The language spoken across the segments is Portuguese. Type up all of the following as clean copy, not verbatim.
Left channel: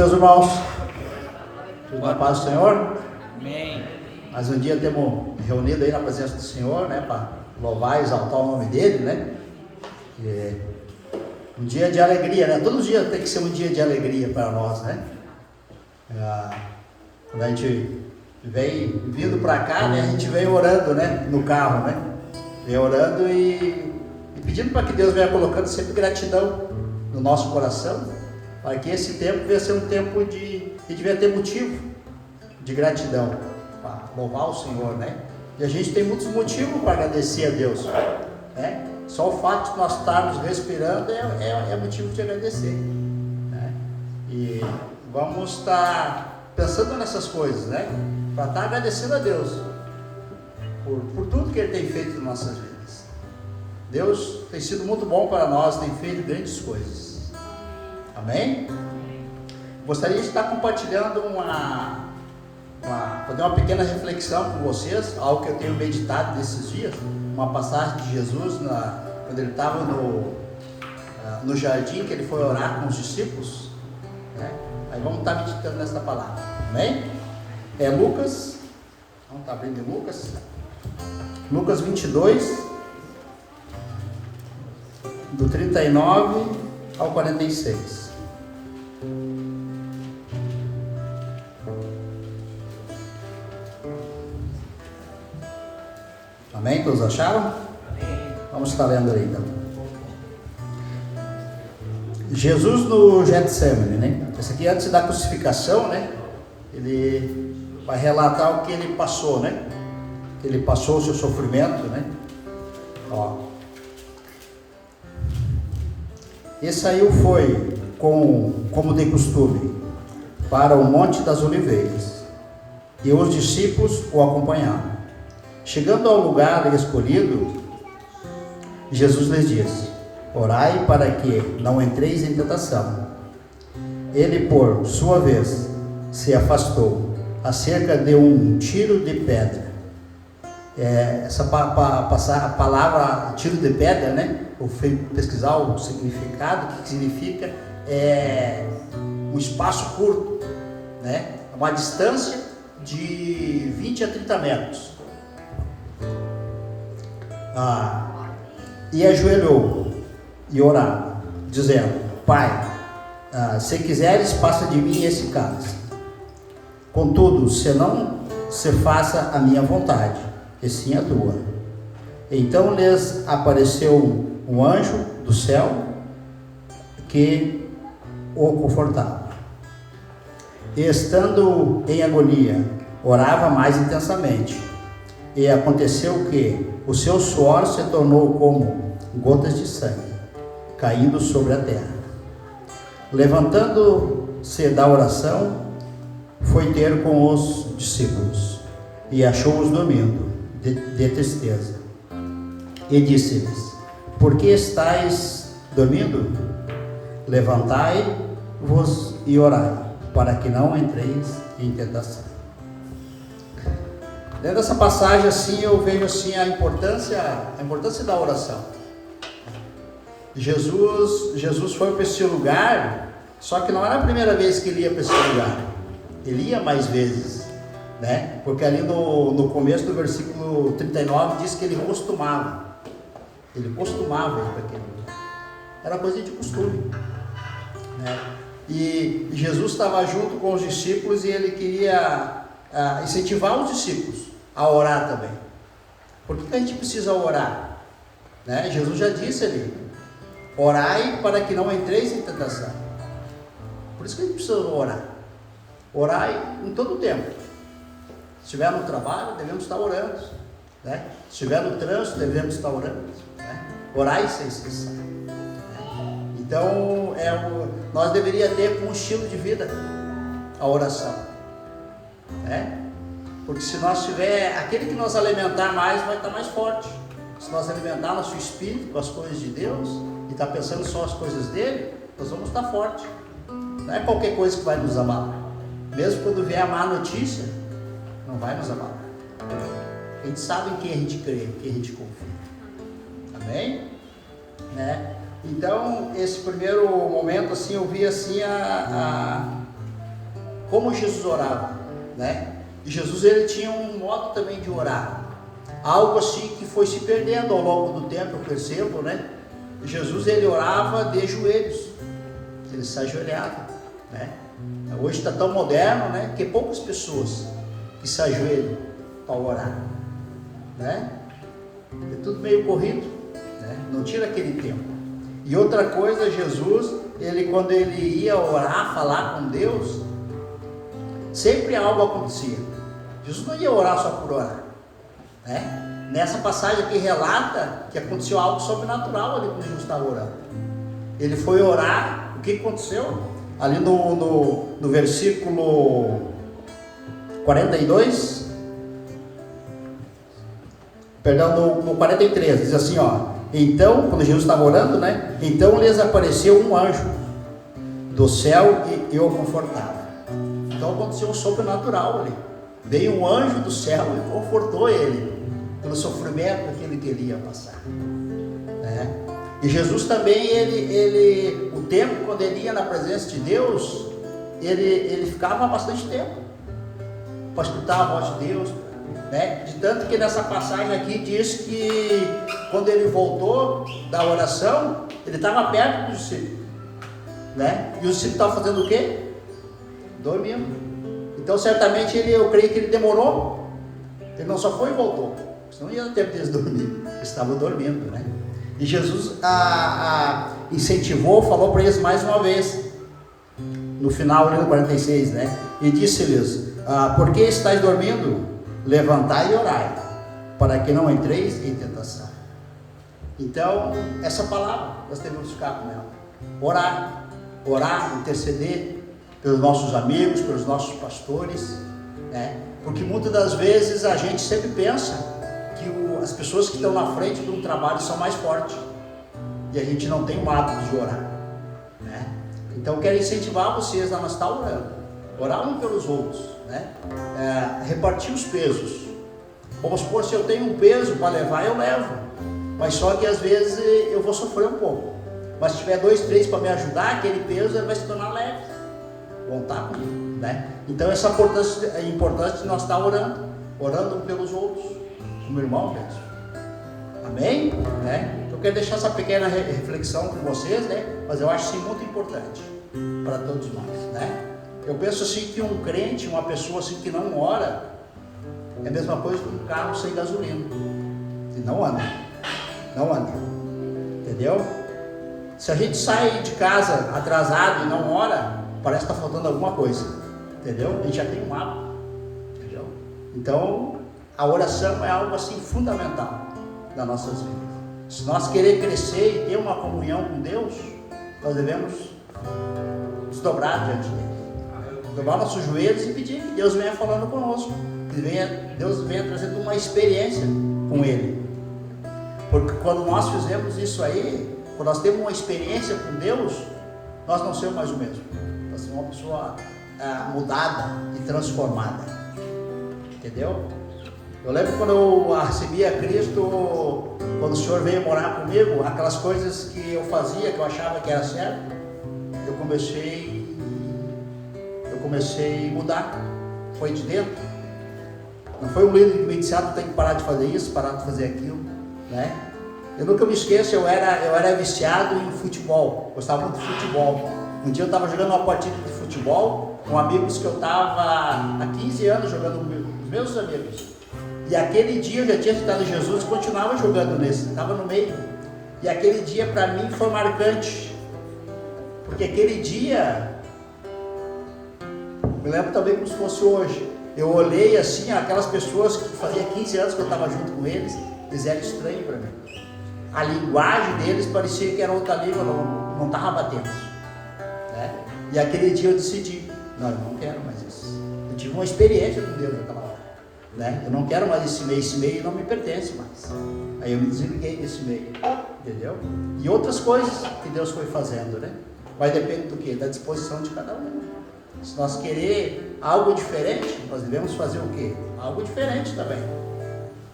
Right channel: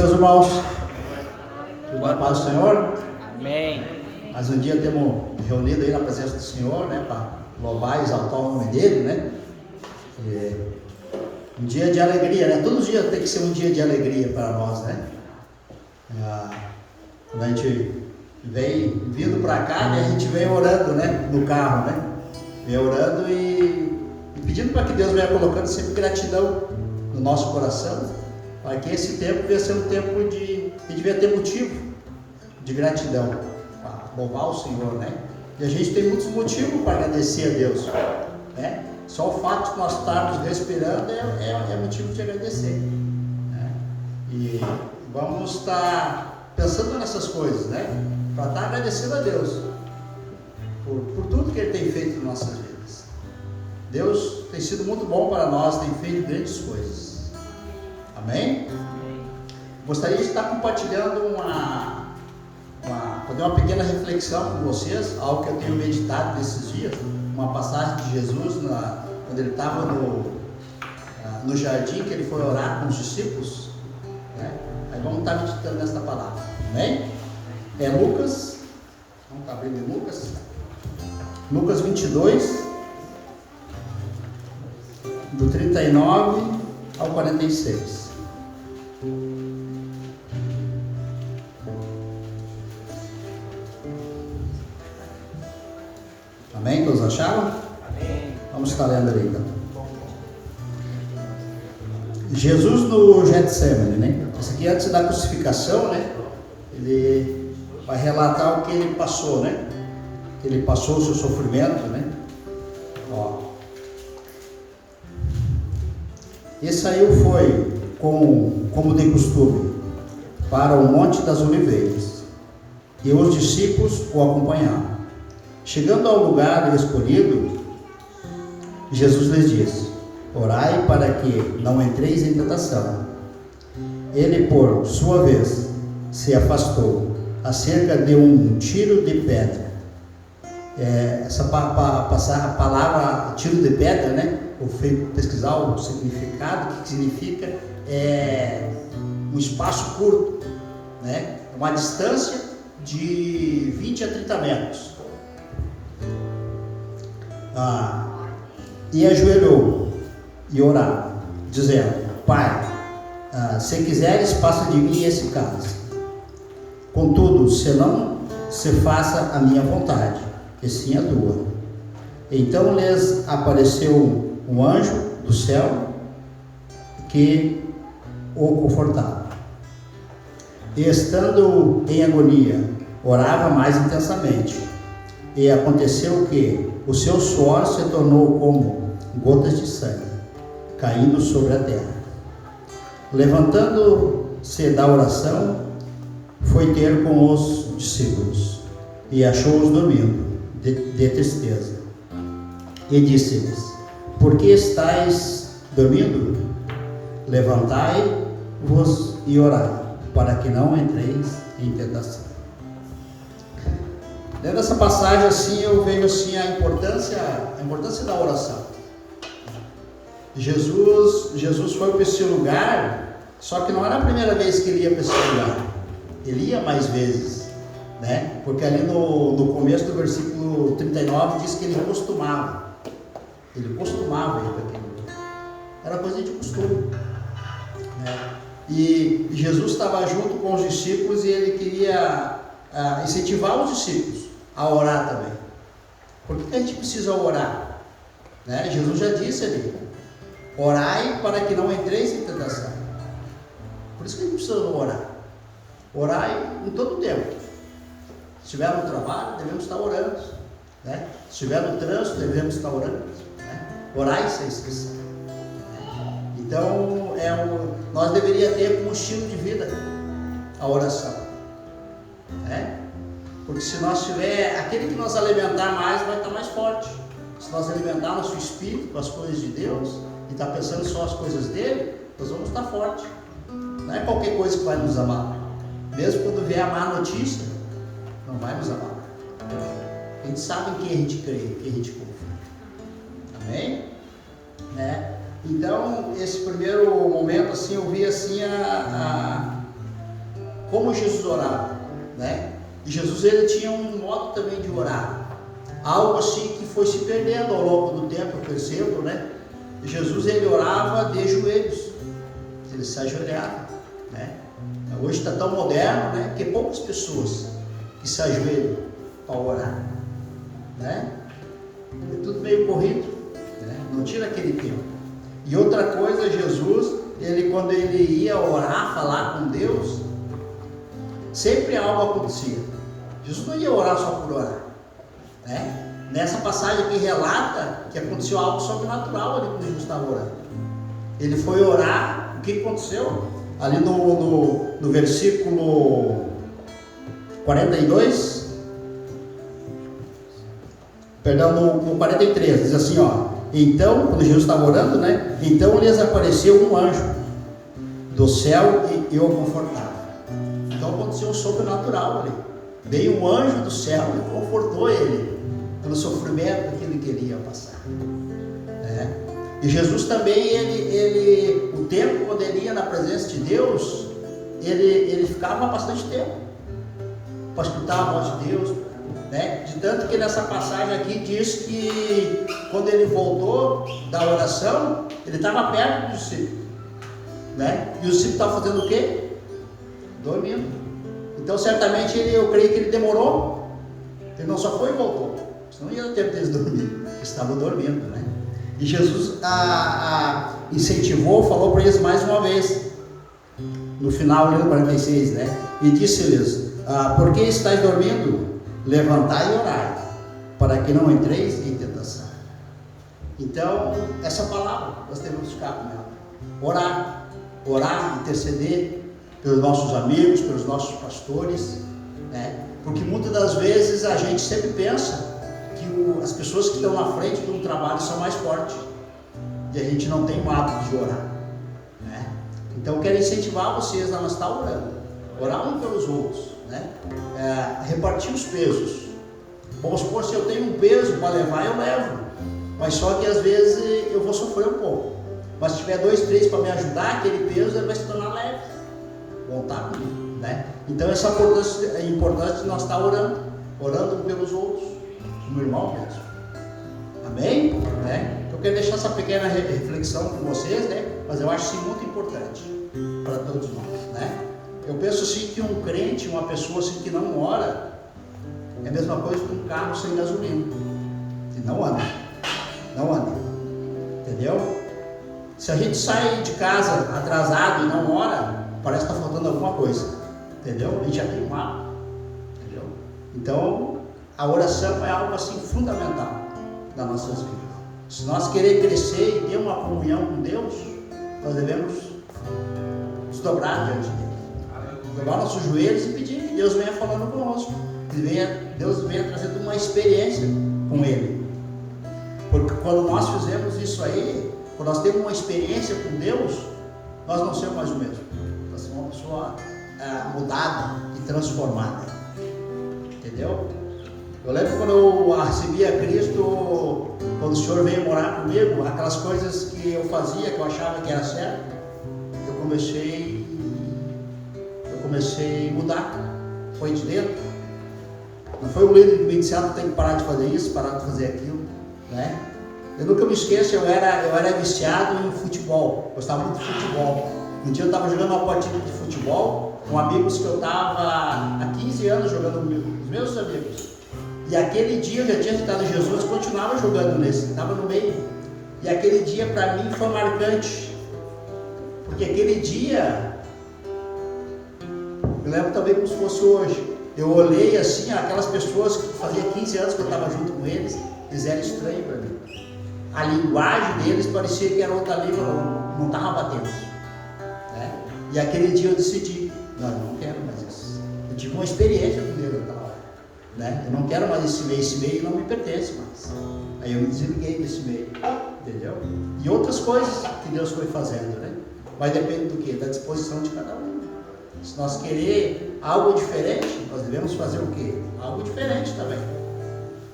Meus irmãos, tudo na paz do Senhor? Amém. Mais um dia temos reunido aí na presença do Senhor, né, para louvar e exaltar o nome dele, né? Um dia de alegria, né? Todo dia tem que ser um dia de alegria para nós, né? Quando a gente vem vindo para cá, né, a gente vem orando, né, no carro, né? Vem orando e pedindo para que Deus venha colocando sempre gratidão no nosso coração, para que esse tempo venha ser um tempo de devia ter motivo de gratidão, para louvar o Senhor, né? E a gente tem muitos motivos para agradecer a Deus, né? Só o fato de nós estarmos respirando é motivo de agradecer, né? E vamos estar pensando nessas coisas, né? Para estar agradecendo a Deus por tudo que Ele tem feito em nossas vidas. Deus tem sido muito bom para nós, tem feito grandes coisas. Amém? Gostaria de estar compartilhando fazer uma pequena reflexão com vocês, algo que eu tenho meditado nesses dias, uma passagem de Jesus, quando ele estava no jardim, que ele foi orar com os discípulos, né? Aí vamos estar meditando nesta palavra, amém? É Lucas, vamos estar abrindo Lucas 22, do 39 ao 46. Amém? Todos acharam? Amém. Vamos estar lendo ali então. Jesus no Getsemane, né? Esse aqui antes da crucificação, né? Ele vai relatar o que ele passou, né? Ele passou o seu sofrimento, né? Ó. E saiu como de costume, para o Monte das Oliveiras, e os discípulos o acompanharam. Chegando ao lugar escolhido, Jesus lhes disse: orai para que não entreis em tentação. Ele, por sua vez, se afastou a cerca de um tiro de pedra. Essa palavra tiro de pedra, né? Eu fui pesquisar o significado, o que significa um espaço curto, né? Uma distância de 20 a 30 metros. E ajoelhou e orava, dizendo: Pai, se quiseres, passa de mim esse cálice. Contudo, se não se faça a minha vontade, e sim a tua. Então lhes apareceu um anjo do céu que o confortava. E estando em agonia, orava mais intensamente. E aconteceu que o seu suor se tornou como gotas de sangue, caindo sobre a terra. Levantando-se da oração, foi ter com os discípulos, e achou-os dormindo, de tristeza. E disse-lhes: por que estáis dormindo? Levantai-vos e orai, para que não entreis em tentação. Dentro dessa passagem, assim, eu vejo assim a importância da oração. Jesus foi para esse lugar, só que não era a primeira vez que ele ia para esse lugar. Ele ia mais vezes, né? Porque ali no começo do versículo 39 diz que ele costumava ir para aquele lugar. Era coisa de costume, né? E Jesus estava junto com os discípulos e ele queria incentivar os discípulos a orar também. Por que a gente precisa orar? Né? Jesus já disse ali: orai para que não entreis em tentação. Por isso que a gente precisa orar. Orai em todo o tempo. Se estiver no trabalho, devemos estar orando, né? Se estiver no trânsito, devemos estar orando, né? Orai sem cessar, né? Então, nós deveríamos ter como estilo de vida a oração, né? Porque se nós tiver, aquele que nos alimentar mais, vai estar mais forte. Se nós alimentar nosso espírito com as coisas de Deus, e estar pensando só as coisas dele, nós vamos estar fortes. Não é qualquer coisa que vai nos abalar. Mesmo quando vier a má notícia, não vai nos abalar. A gente sabe em quem a gente crê, em quem a gente confia. Amém? Né? Então, esse primeiro momento, assim, eu vi assim como Jesus orava, né? E Jesus, ele tinha um modo também de orar, algo assim que foi se perdendo ao longo do tempo, eu percebo, né? Jesus, ele orava de joelhos, ele se ajoelhava, né? Hoje está tão moderno, né? Que poucas pessoas que se ajoelham para orar, né? É tudo meio corrido, né? Não tira aquele tempo. E outra coisa, Jesus, ele, quando ele ia orar, falar com Deus, sempre algo acontecia. Jesus não ia orar só por orar, né? Nessa passagem aqui relata que aconteceu algo sobrenatural ali quando Jesus estava orando. Ele foi orar, o que aconteceu? Ali no versículo 42, perdão, no 43, diz assim, ó: então, quando Jesus estava orando, né? Então lhes apareceu um anjo do céu e o confortava. Então aconteceu um sobrenatural ali. Veio um anjo do céu e confortou ele pelo sofrimento que ele queria passar, né? E Jesus também, ele o tempo quando ele ia na presença de Deus, ele ficava bastante tempo para escutar a voz de Deus, né? De tanto que nessa passagem aqui diz que quando ele voltou da oração, ele estava perto do discípulo, né? E o discípulo estava fazendo o quê? Dormindo. Então certamente eu creio que ele demorou, ele não só foi e voltou, senão não ia ter tempo deles dormir, eles estavam dormindo, né? E Jesus incentivou, falou para eles mais uma vez, no final do 46, né? E disse-lhes: por que estáis dormindo? Levantai e orai, para que não entreis em tentação. Então, essa palavra, nós devemos ficar com ela. Orar, interceder pelos nossos amigos, pelos nossos pastores, né? Porque muitas das vezes a gente sempre pensa que as pessoas que estão na frente de um trabalho são mais fortes, e a gente não tem o hábito de orar, né? Então eu quero incentivar vocês a não estar orando, orar um pelos outros, né? Repartir os pesos. Vamos supor, se eu tenho um peso para levar, eu levo, mas só que às vezes eu vou sofrer um pouco, mas se tiver 2, 3 para me ajudar, aquele peso ele vai se tornar leve, voltar comigo, né? Então essa é importante nós estar orando um pelos outros, como irmão mesmo. Amém? Né? Eu quero deixar essa pequena reflexão com vocês, né? Mas eu acho sim muito importante para todos nós, né? Eu penso assim que um crente, uma pessoa assim que não ora, é a mesma coisa que um carro sem gasolina, que não anda, entendeu? Se a gente sai de casa atrasado e não ora, parece que está faltando alguma coisa, entendeu? A gente já tem um hábito, entendeu? Então a oração é algo assim fundamental nas nossas vidas. Se nós queremos crescer e ter uma comunhão com Deus, nós devemos nos dobrar diante dele, dobrar nossos joelhos e pedir que Deus venha falando conosco, que Deus venha trazendo uma experiência com Ele. Porque quando nós fizemos isso aí, quando nós temos uma experiência com Deus, nós não somos mais o mesmo, nós somos uma pessoa mudada e transformada, entendeu? Eu lembro quando eu recebi a Cristo, quando o Senhor veio morar comigo, aquelas coisas que eu fazia, que eu achava que era certo, eu comecei a mudar, foi de dentro. Não foi um líder que me disse: tem que parar de fazer isso, parar de fazer aquilo, né? Eu nunca me esqueço, eu era viciado em futebol, gostava muito de futebol. Um dia eu estava jogando uma partida de futebol com amigos que eu estava há 15 anos jogando com os meus amigos. E aquele dia eu já tinha citado Jesus e continuava jogando nesse, estava no meio. E aquele dia para mim foi marcante, porque aquele dia, eu lembro também como se fosse hoje. Eu olhei assim, aquelas pessoas que fazia 15 anos que eu estava junto com eles, eles eram estranhos para mim. A linguagem deles parecia que era outra língua, não estava batendo, né? E aquele dia eu decidi: não, eu não quero mais isso. Eu tive uma experiência com Deus naquela hora, né? Eu não quero mais esse meio não me pertence mais. Aí eu me desliguei desse meio, entendeu? E outras coisas que Deus foi fazendo, né? Mas depende do quê? Da disposição de cada um. Se nós querer algo diferente, nós devemos fazer o quê? Algo diferente também.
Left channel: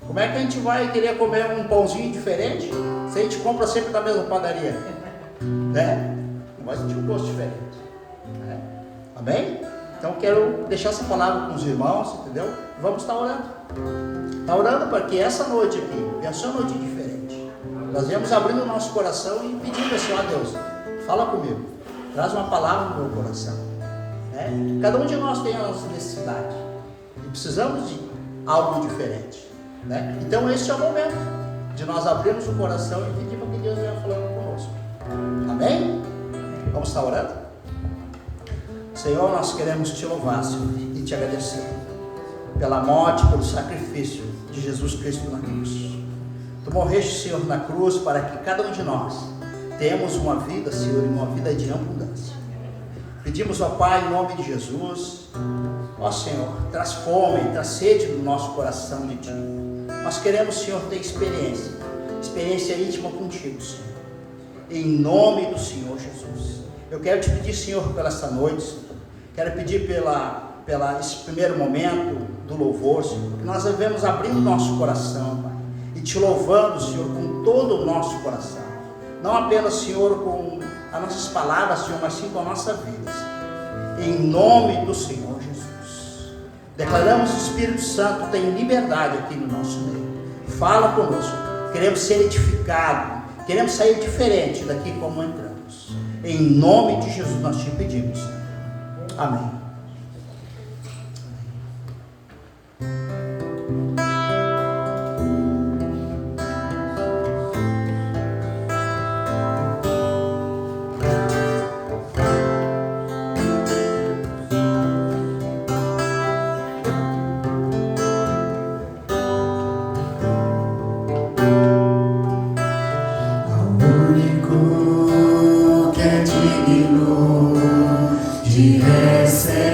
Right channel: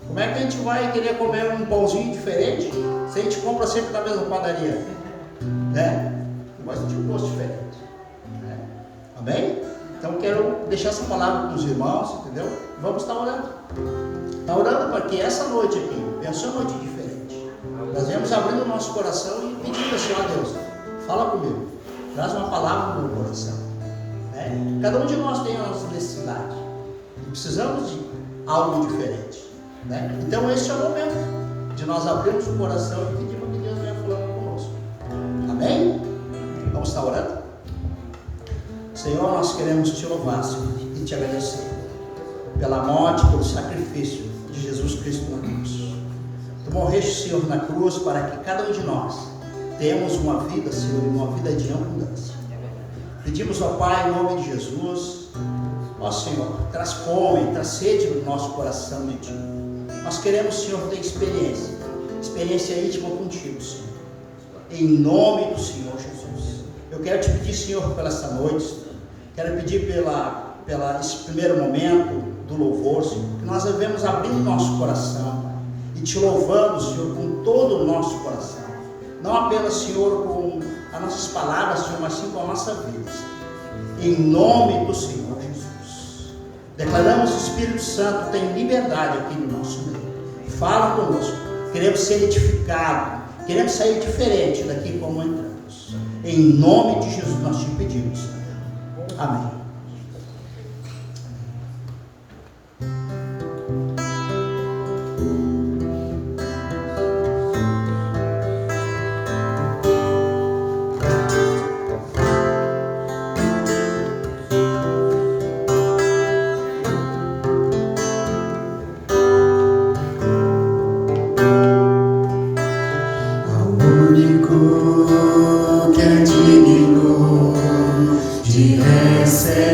Como é que a gente vai querer comer um pãozinho diferente se a gente compra sempre da mesma padaria, né? Mas a gente tem um gosto diferente, né? Amém? Então Então eu quero deixar essa palavra com os irmãos, entendeu? Vamos estar orando. Está orando para que essa noite aqui venha ser uma noite diferente. Nós viemos abrindo o nosso coração e pedindo assim, ó Deus, fala comigo, traz uma palavra no meu coração. Né? Cada um de nós tem a nossa necessidade e precisamos de algo diferente. Né? Então esse é o momento de nós abrirmos o coração e pedir para que Deus venha falando conosco. Amém? Vamos estar orando? Senhor, nós queremos te louvar, Senhor, e te agradecer pela morte, pelo sacrifício de Jesus Cristo na cruz. Tu morreste, Senhor, na cruz para que cada um de nós tenhamos uma vida, Senhor, e uma vida de abundância. Pedimos ao Pai, em nome de Jesus, ó Senhor, traz fome, traz sede no nosso coração de Ti. Nós queremos, Senhor, ter experiência íntima contigo, Senhor. Em nome do Senhor Jesus. Eu quero te pedir, Senhor, pela esta noite, Senhor. Quero pedir pela esse primeiro momento do louvor, Senhor, que nós devemos abrir o nosso coração, Pai, e te louvando, Senhor, com todo o nosso coração. Não apenas, Senhor, com as nossas palavras, Senhor, mas sim com a nossa vida, Senhor. Em nome do Senhor Jesus. Declaramos que o Espírito Santo tem liberdade aqui no nosso meio. Fala conosco. Queremos ser edificados. Queremos sair diferente daqui como entramos. Em nome de Jesus nós te pedimos. Amém. Que é digno de receber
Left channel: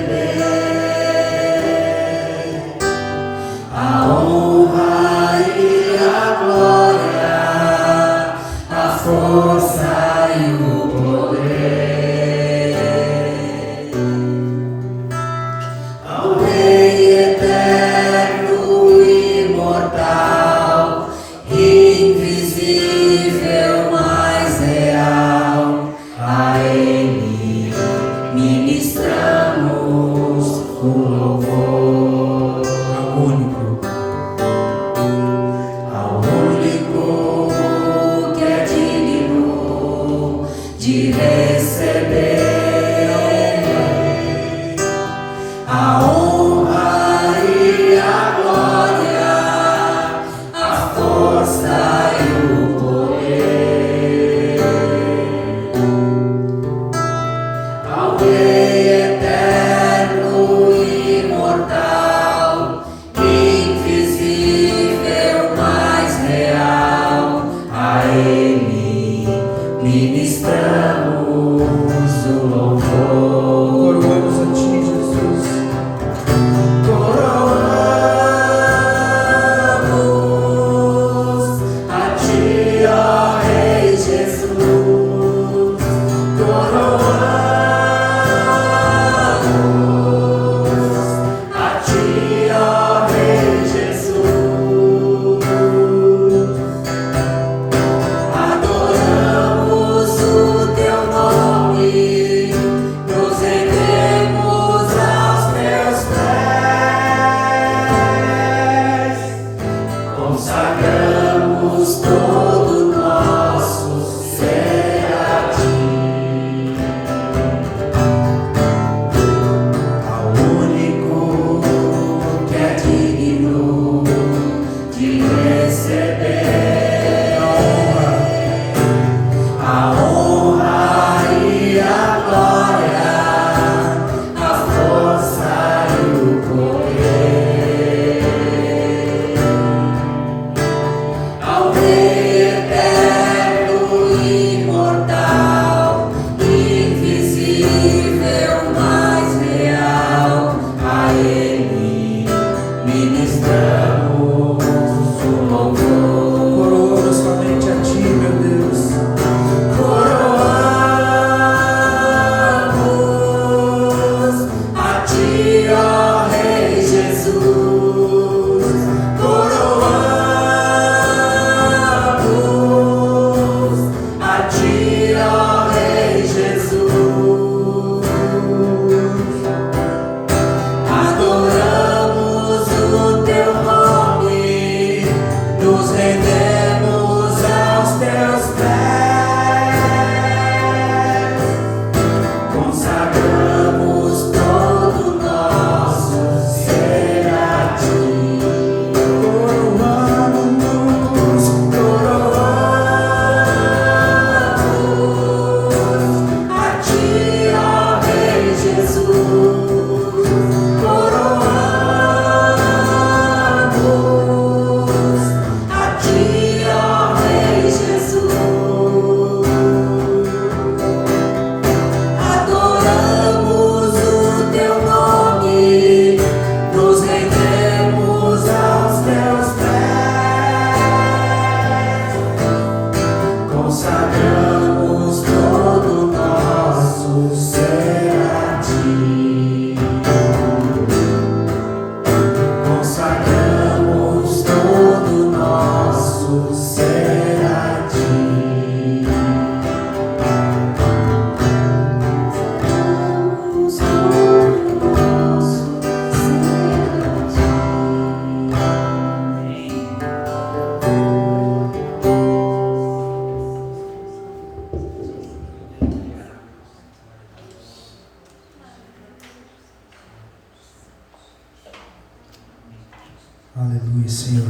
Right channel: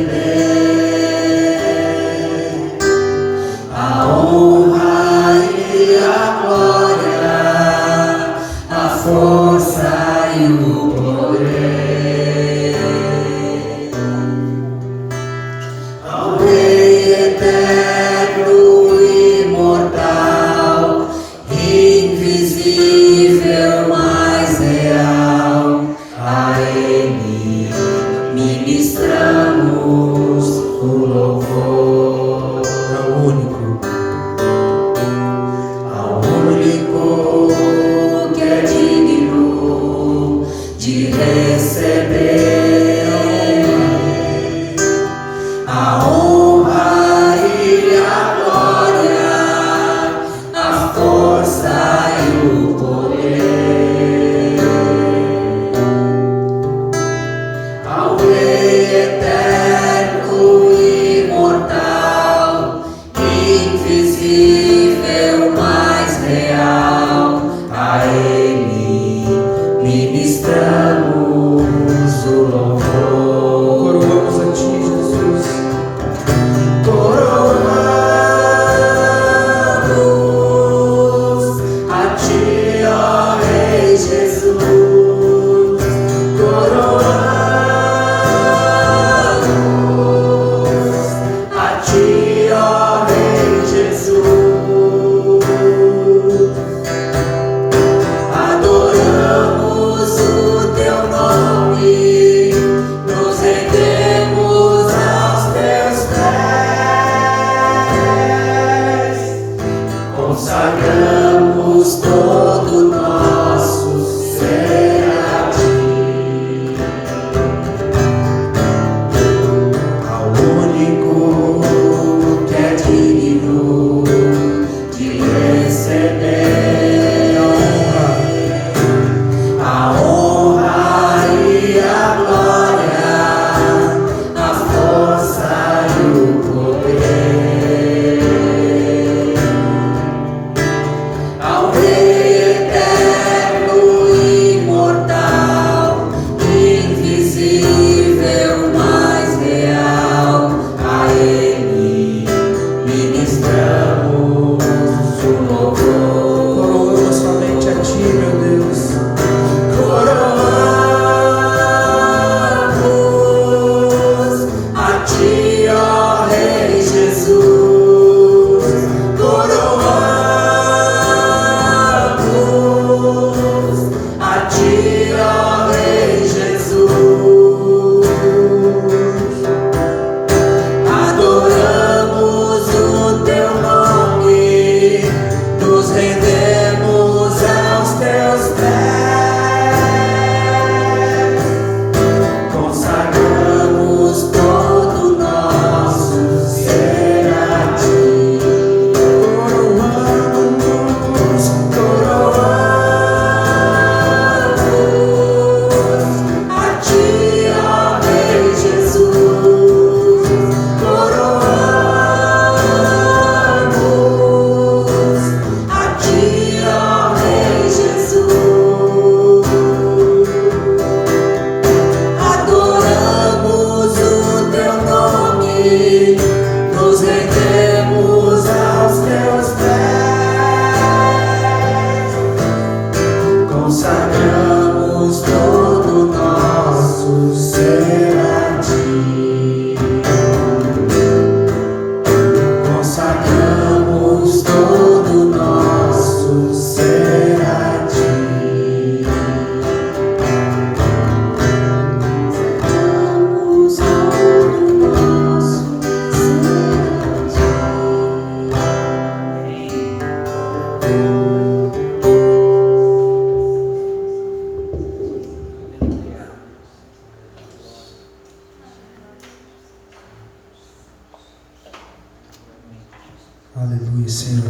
Aleluia, Senhor.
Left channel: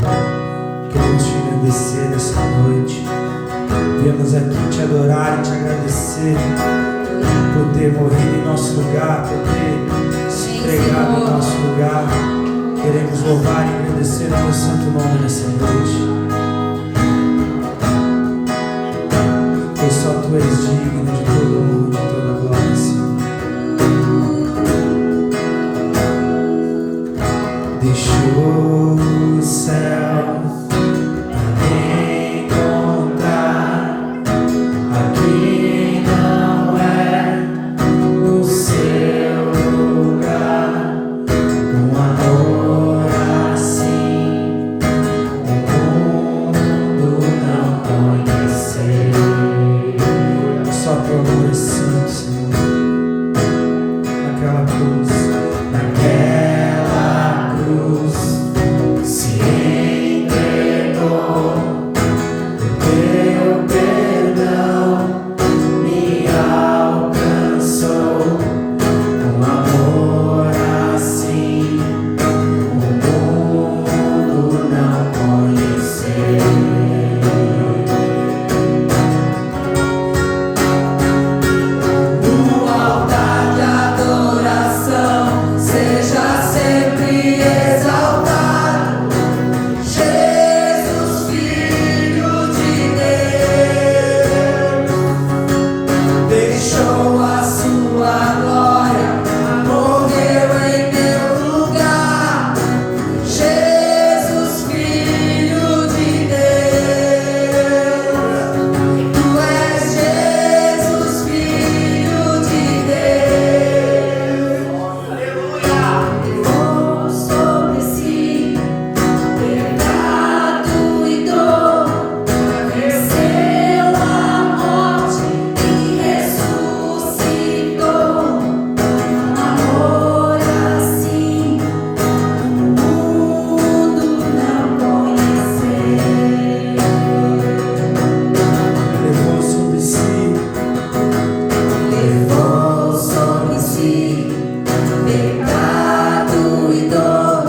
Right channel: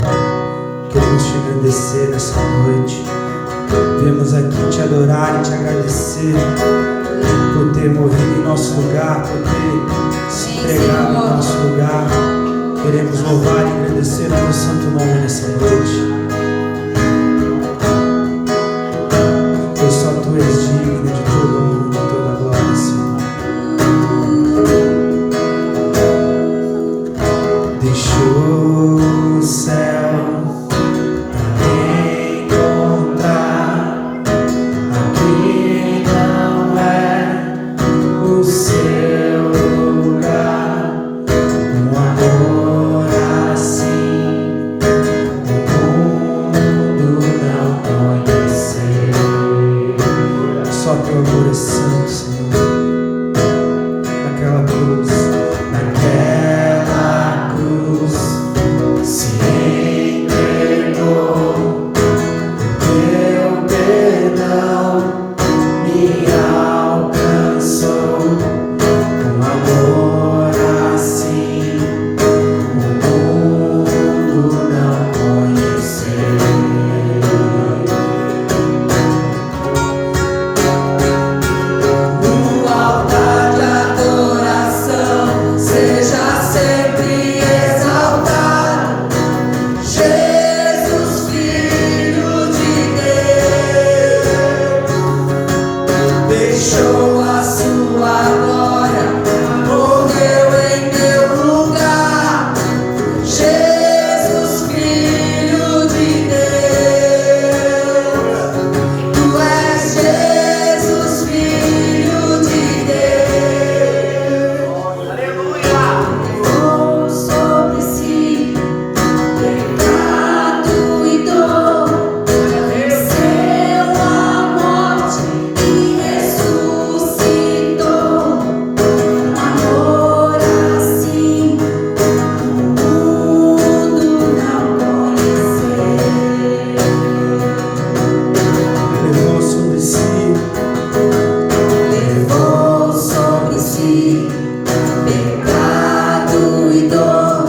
Queremos te agradecer nessa noite. Viemos aqui te adorar e te agradecer por ter morrido em nosso lugar, por ter se entregado em nosso lugar. Queremos louvar e agradecer o teu santo nome nessa noite. Pois só tu és digno de toda honra e de toda glória, Senhor. Deixou o céu pra me encontrar. Aqui não é o seu lugar. Um amor assim o mundo não conheceu. Só teu amor é santo, Senhor. Naquela cruz, se entregou, o teu perdão me alcançou. Um amor assim o mundo não conheceu. No altar de adoração, seja sempre exaltado, Jesus, Filho de Deus. Deixou a sua glória, morreu em meu lugar. Jesus, Filho de Deus. Tu és Jesus, Filho de Deus. Levou sobre si pecado e dor, venceu a morte e ressuscitou. Um amor assim o mundo não conheceu. Levou sobre si pecado e dor,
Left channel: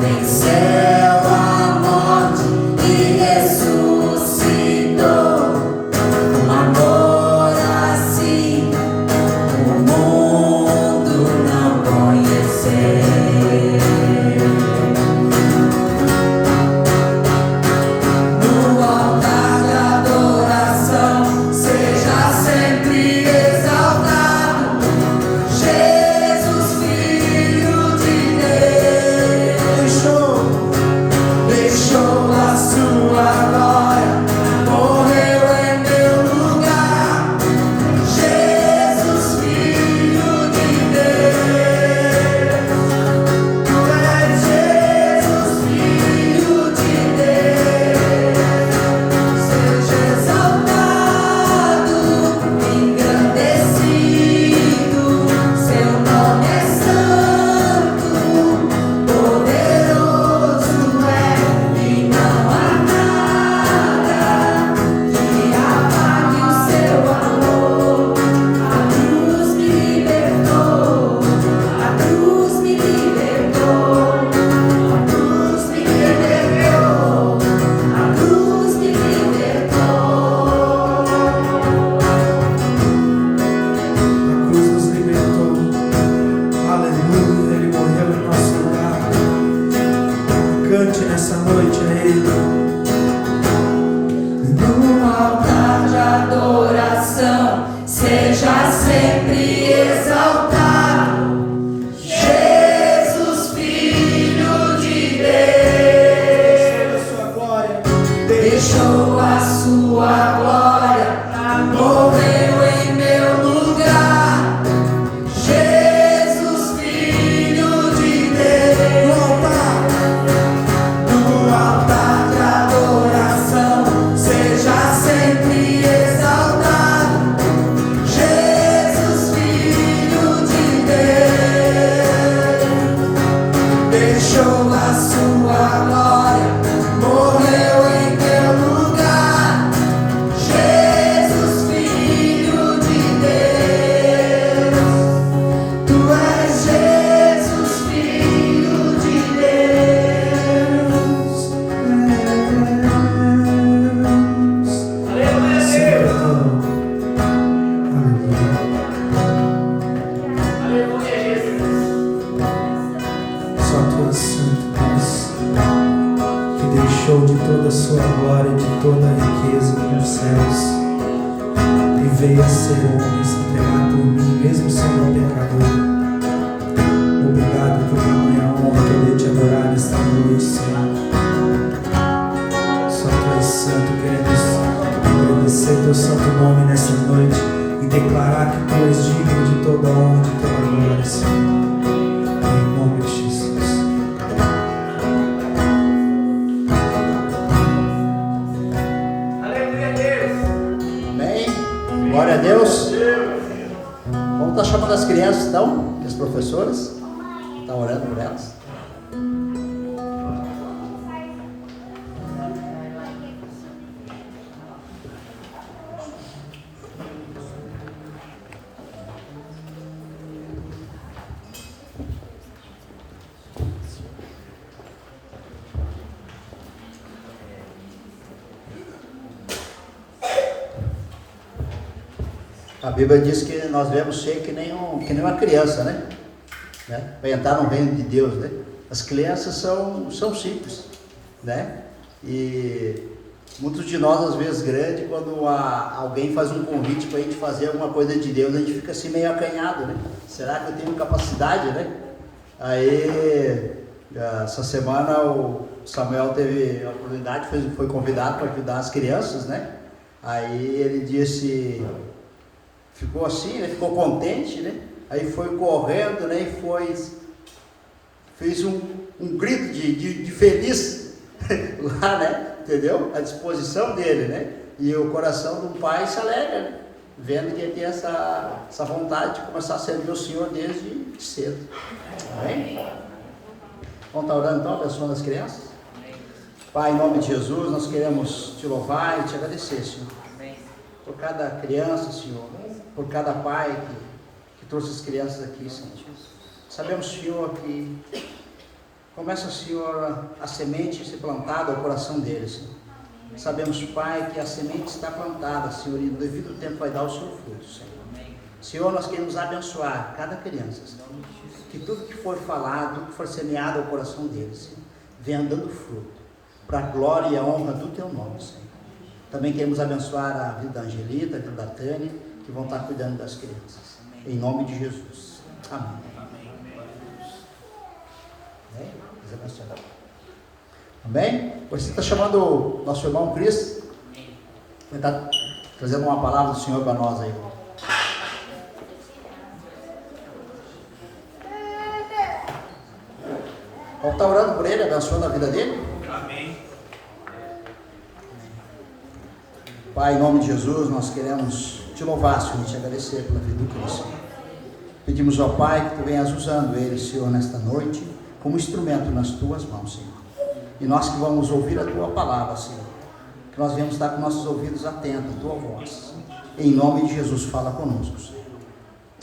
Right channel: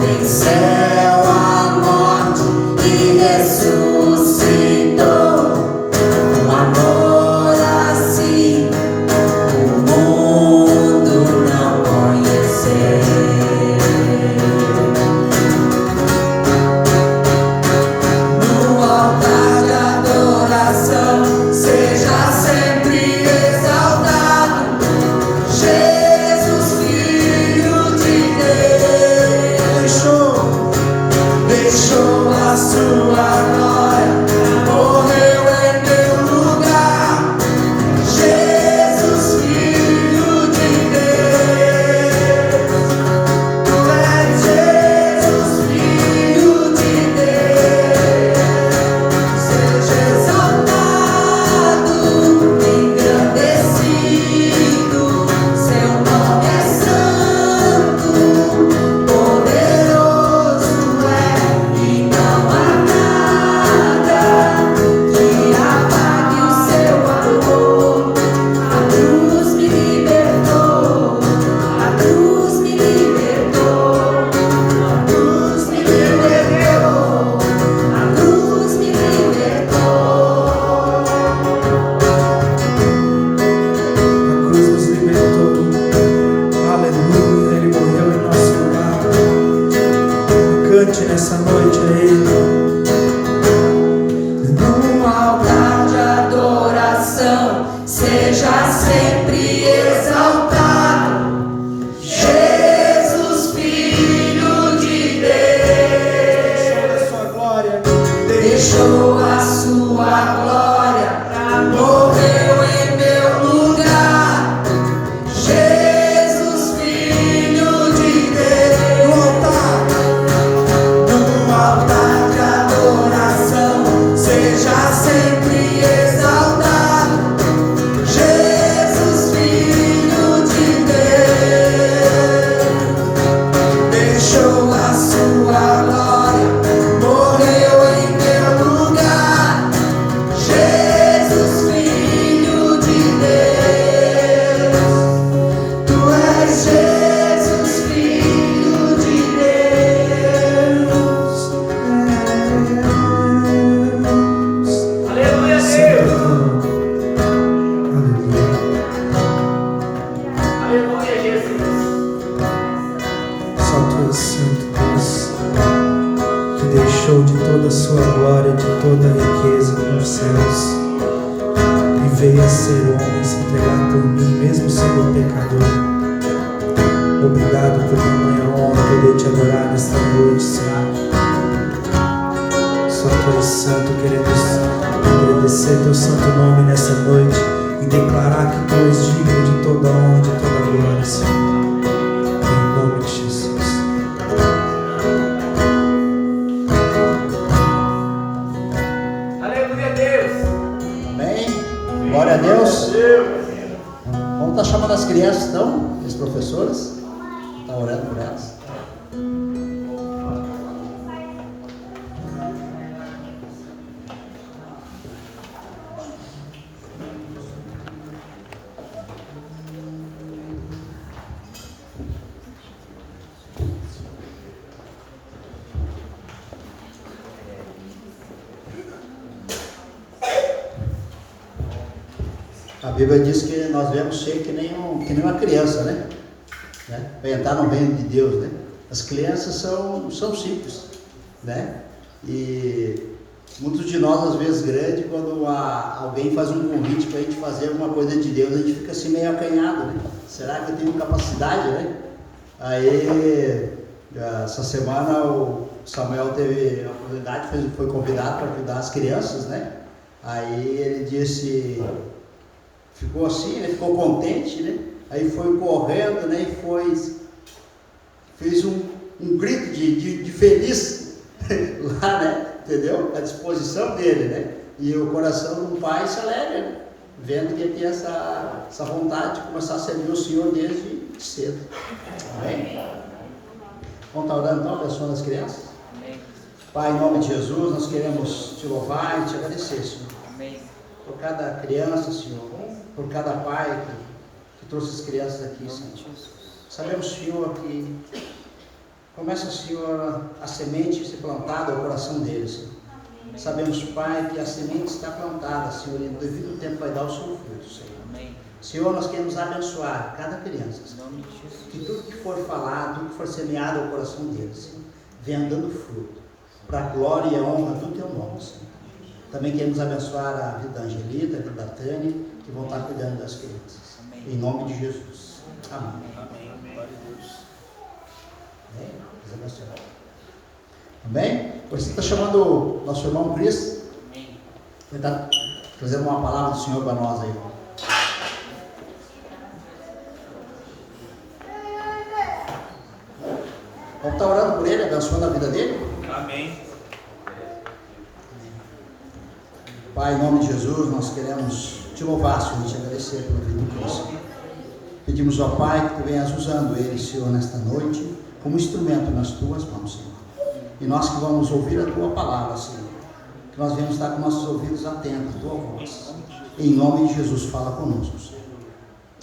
venceu a morte e ressuscitou. Um amor assim o mundo não conheceu. No altar de adoração, seja sempre exaltado, Jesus, Filho de Deus. Deixou a sua glória, morreu em meu lugar. Jesus, Filho de Deus. Tu és Jesus, Filho de Deus. Seja exaltado, engrandecido. Seu nome é santo, poderoso é, e não há nada que apague o seu amor. A cruz me libertou, a cruz me libertou, a cruz me libertou, a cruz me libertou. A cruz nos libertou. Aleluia, Ele morreu em nosso lugar. Cante nessa noite a Ele. No altar de adoração, seja sempre exaltado, Jesus, Filho de Deus. Deixou a sua glória, morreu em meu lugar. Jesus, Filho de Deus. No altar de adoração, seja sempre exaltado, Jesus, Filho de Deus. Deixou a sua glória, morreu em meu lugar. Jesus, Filho de Deus. Tu és Jesus, Filho de Deus. deixou de toda a sua glória, de toda a riqueza dos céus, e veio a ser homem, se entregar por mim, mesmo sendo pecador. Obrigado por tamanha honra poder te adorar nesta noite, Senhor. Só Tu és santo, queremos agradecer Teu santo nome nessa noite e declarar que Tu és digno de toda honra e de toda glória, Senhor. Em nome de Jesus. Aleluia a Deus. Amém? Glória a Deus. Vamos estar chamando as crianças, então, e as professoras. Está orando por elas. A Bíblia diz que nós devemos ser que nem uma criança, né? Para entrar no reino de Deus, né? As crianças são simples, né? E muitos de nós, às vezes, grandes, quando alguém faz um convite para a gente fazer alguma coisa de Deus, a gente fica assim meio acanhado, né? Será que eu tenho capacidade, né? Aí, essa semana, o Samuel teve a oportunidade, foi convidado para ajudar as crianças, né? Aí ele disse, ficou assim, né? Ficou contente, né? Aí foi correndo, né? E fez um grito de feliz lá, né? Entendeu? À disposição dele, né? E o coração de um pai se alegra, né? Vendo que ele tem essa vontade de começar a servir o Senhor desde cedo. Amém? Vamos estar orando então, abençoando as crianças? Pai, em nome de Jesus, nós queremos te louvar e te agradecer, Senhor. Por cada criança, Senhor, por cada pai que trouxe as crianças aqui, Senhor. Sabemos, Senhor, que começa, Senhor, a semente ser plantada ao coração deles, Senhor. Sabemos, Pai, que a semente está plantada, Senhor, e no devido tempo vai dar o seu fruto, Senhor. Senhor, nós queremos abençoar cada criança, Senhor. Que tudo que for falado, tudo que for semeado ao coração deles, Senhor, venha dando fruto, para a glória e a honra do Teu nome, Senhor. Também queremos abençoar a vida da Angelita, a vida da Tânia, que vão estar cuidando das crianças. Em nome de Jesus. Amém. Amém? Você está chamando o nosso irmão Cris? Ele está trazendo uma palavra do Senhor para nós aí. Vamos estar orando por ele, abençoando a vida dele? Amém. Pai, em nome de Jesus, nós queremos te louvar, Senhor, e te agradecer pela vida do Cristo. Pedimos ao Pai que Tu venhas usando ele, Senhor, nesta noite, como instrumento nas Tuas mãos, Senhor. E nós que vamos ouvir a Tua palavra, Senhor, que nós venhamos estar com nossos ouvidos atentos à Tua voz. Em nome de Jesus, fala conosco, Senhor.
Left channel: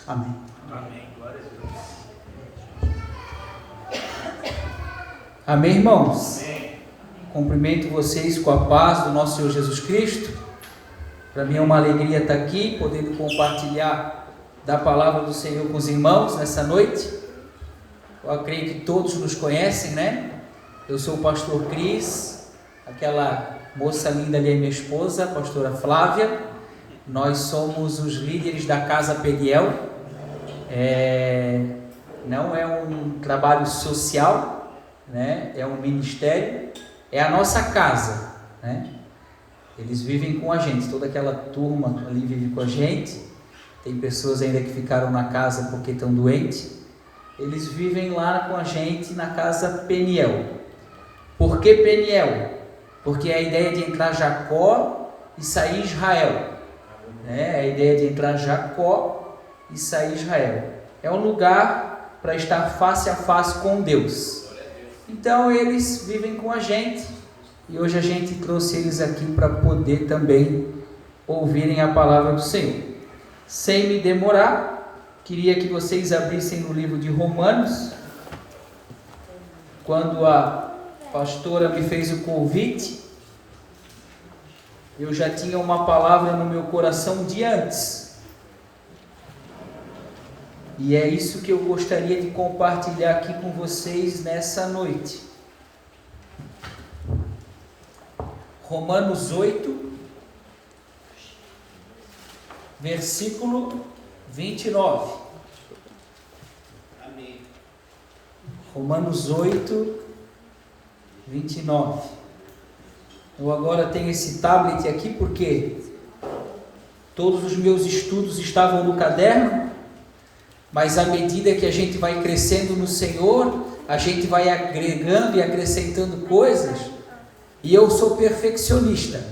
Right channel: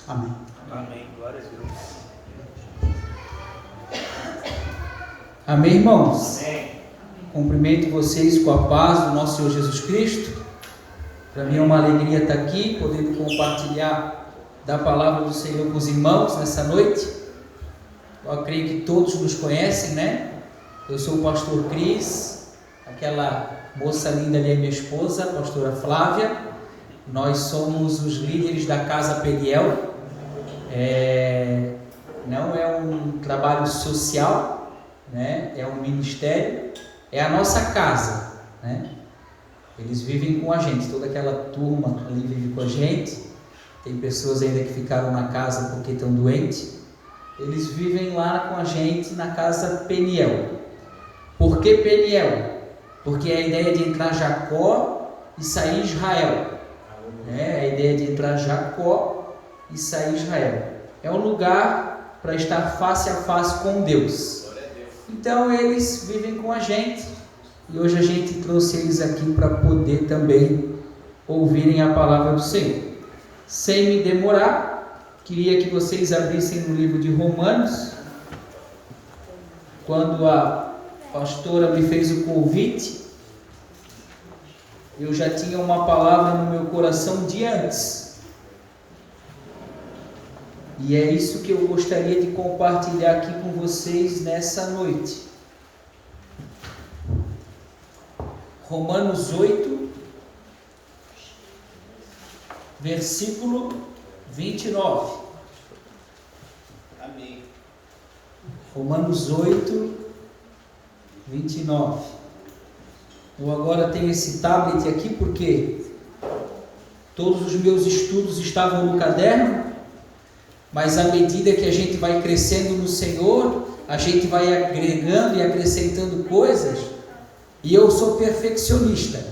Amém. Amém. Glória a Deus. Amém, irmãos? Amém. Cumprimento vocês com a paz do nosso Senhor Jesus Cristo. Para mim é uma alegria estar aqui, poder compartilhar da palavra do Senhor com os irmãos nessa noite. Eu creio que todos nos conhecem, né? Eu sou o pastor Cris, aquela moça linda ali é minha esposa, a pastora Flávia. Nós somos os líderes da Casa Peniel. Não é um trabalho social, né? É um ministério, é a nossa casa, né? Eles vivem com a gente, toda aquela turma ali vive com a gente. Tem pessoas ainda que ficaram na casa porque estão doentes. Eles vivem lá com a gente na Casa Peniel. Por que Peniel? Porque é a ideia de entrar Jacó e sair Israel, né? É a ideia de entrar Jacó e sair Israel. É um lugar para estar face a face com Deus. Então eles vivem com a gente e hoje a gente trouxe eles aqui para poder também ouvirem a palavra do Senhor. Sem me demorar, queria que vocês abrissem no livro de Romanos. Quando a pastora me fez o convite, eu já tinha uma palavra no meu coração de antes. E é isso que eu gostaria de compartilhar aqui com vocês nessa noite. Romanos 8, versículo 29. Amém. Romanos 8, 29. Eu agora tenho esse tablet aqui porque todos os meus estudos estavam no caderno, mas à medida que a gente vai crescendo no Senhor, a gente vai agregando e acrescentando coisas, e eu sou perfeccionista.